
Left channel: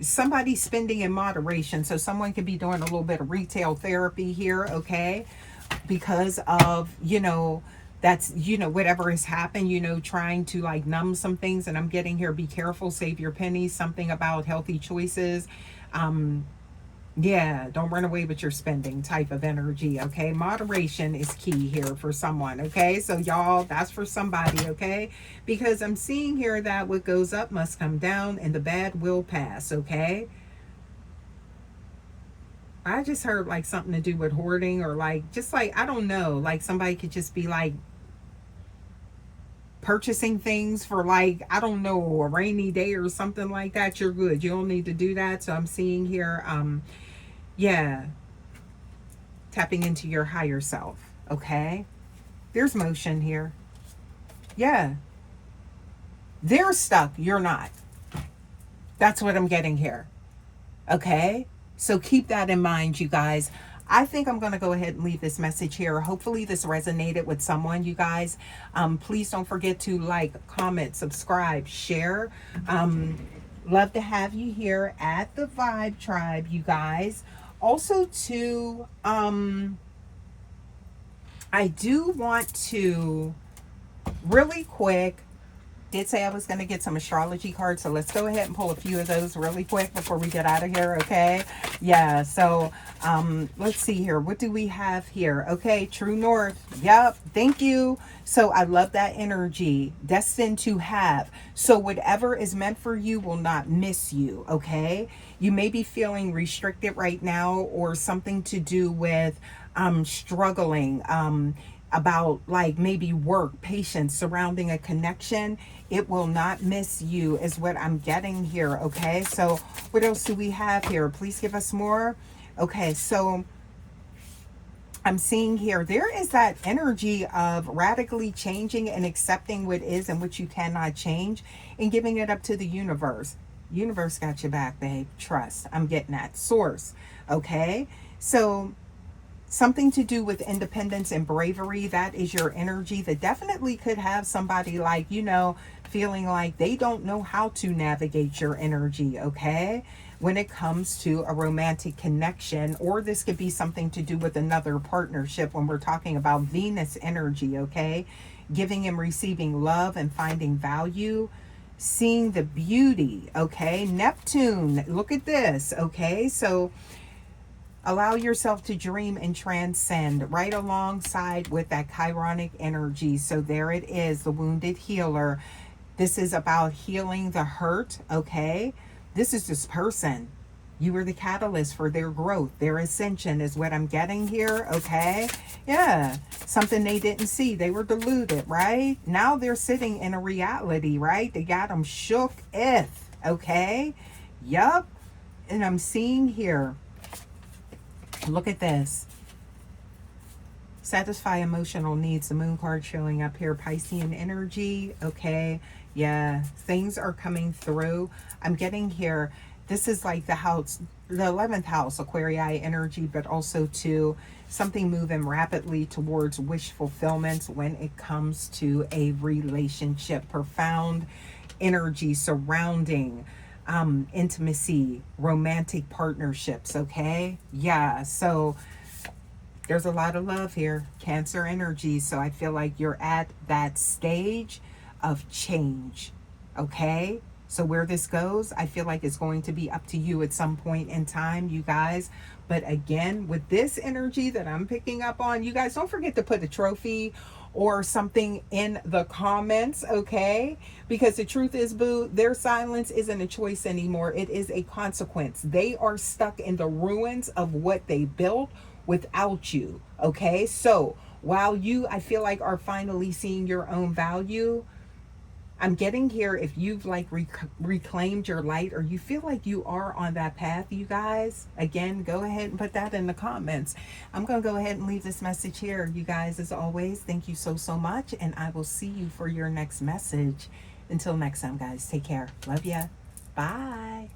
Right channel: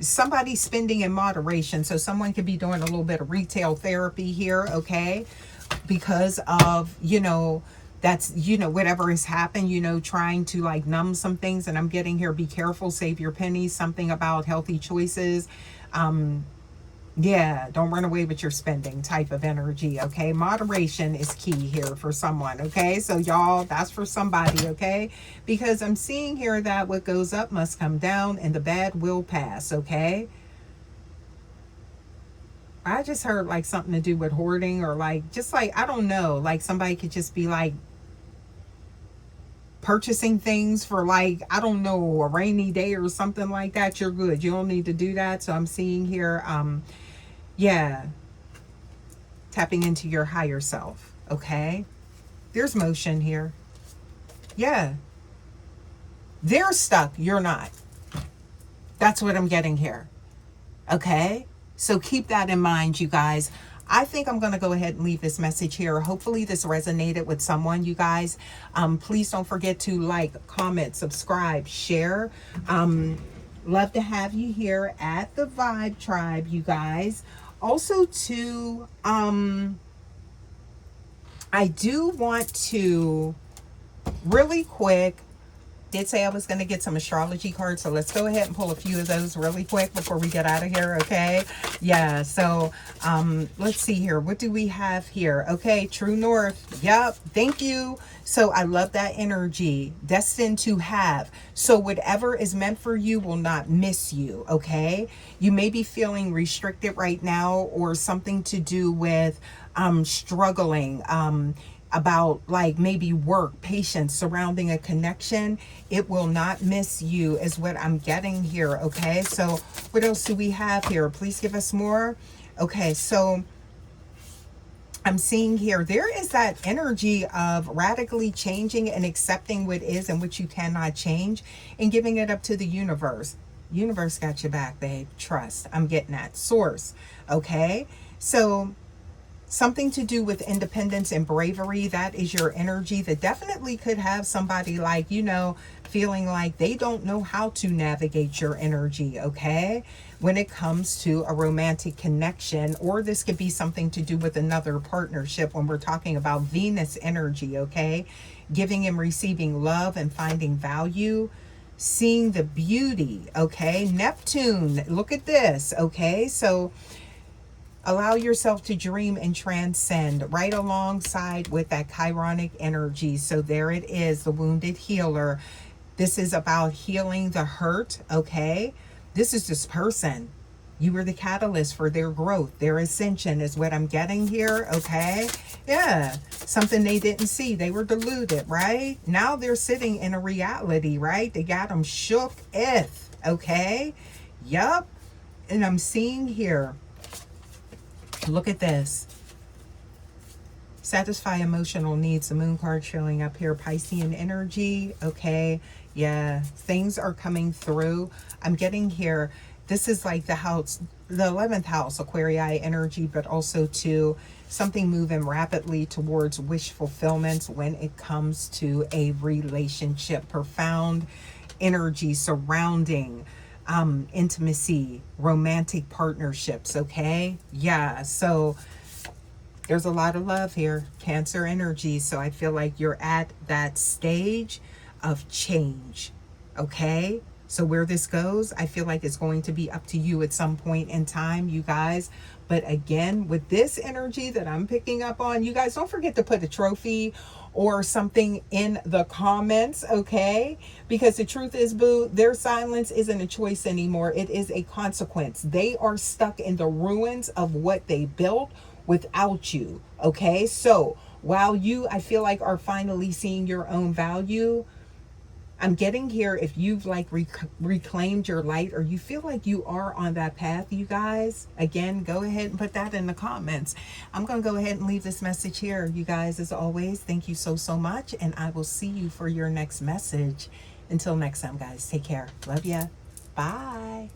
somebody spending in moderation. So someone could be doing a little bit of retail therapy here, okay? Because of, you know, that's, you know, whatever has happened, you know, trying to like numb some things. And I'm getting here, be careful, save your pennies, something about healthy choices. Yeah, don't run away with your spending type of energy, okay? Moderation is key here for someone, okay? So y'all, that's for somebody, okay? Because I'm seeing here that what goes up must come down and the bad will pass, okay? I just heard like something to do with hoarding or like, just like, I don't know, like somebody could just be like purchasing things for like, I don't know, a rainy day or something like that. You're good. You don't need to do that. So I'm seeing here, yeah, tapping into your higher self. Okay. There's motion here. Yeah. They're stuck. You're not. That's what I'm getting here. Okay. So keep that in mind, you guys. I think I'm going to go ahead and leave this message here. Hopefully this resonated with someone, you guys. Please don't forget to like, comment, subscribe, share. Love to have you here at the Vibe Tribe, you guys. Also, too, I do want to really quick, did say I was going to get some astrology cards, so let's go ahead and pull a few of those really quick before we get out of here. Okay, yeah, so let's see here, what do we have here? Okay, true north. Yep, thank you. So I love that energy. Destined to have. So whatever is meant for you will not miss you. Okay, you may be feeling restricted right now or something to do with struggling, about like maybe work, patience surrounding a connection. It will not miss you is what I'm getting here. Okay, so what else do we have here? Please give us more. Okay, so I'm seeing here, there is that energy of radically changing and accepting what is and what you cannot change and giving it up to the universe. Universe got your back, babe. Trust. I'm getting that. Source. Okay. So something to do with independence and bravery. That is your energy that definitely could have somebody like, you know, feeling like they don't know how to navigate your energy. Okay, when it comes to a romantic connection, or this could be something to do with another partnership when we're talking about Venus energy. Okay, giving and receiving love and finding value, seeing the beauty. Okay, Neptune, look at this. Okay, so allow yourself to dream and transcend right alongside with that chironic energy. So there it is, the wounded healer. This is about healing the hurt. Okay, this is this person. You were the catalyst for their growth, their ascension is what I'm getting here. Okay, yeah, something they didn't see. They were deluded, right? Now they're sitting in a reality, right? They got them shook if. Okay, yup. And I'm seeing here, look at this. Satisfy emotional needs. The moon card showing up here. Piscean energy. Okay. Yeah. Things are coming through. I'm getting here. This is like the house, the 11th house, Aquarii energy, but also to something moving rapidly towards wish fulfillment when it comes to a relationship. Profound energy surrounding intimacy, romantic partnerships. Okay, yeah, so there's a lot of love here, Cancer energy. So I feel like you're at that stage of change. Okay, so where this goes, I feel like it's going to be up to you at some point in time, you guys. But again, with this energy that I'm picking up on, you guys don't forget to put a trophy or something in the comments, okay? Because the truth is, boo, their silence isn't a choice anymore. It is a consequence. They are stuck in the ruins of what they built without you, okay? So while you, I feel like, are finally seeing your own value, I'm getting here, if you've like reclaimed your light, or you feel like you are on that path, you guys, again, go ahead and put that in the comments. I'm going to go ahead and leave this message here. You guys, as always, thank you so, so much. And I will see you for your next message. Until next time, guys, take care. Love ya. Bye.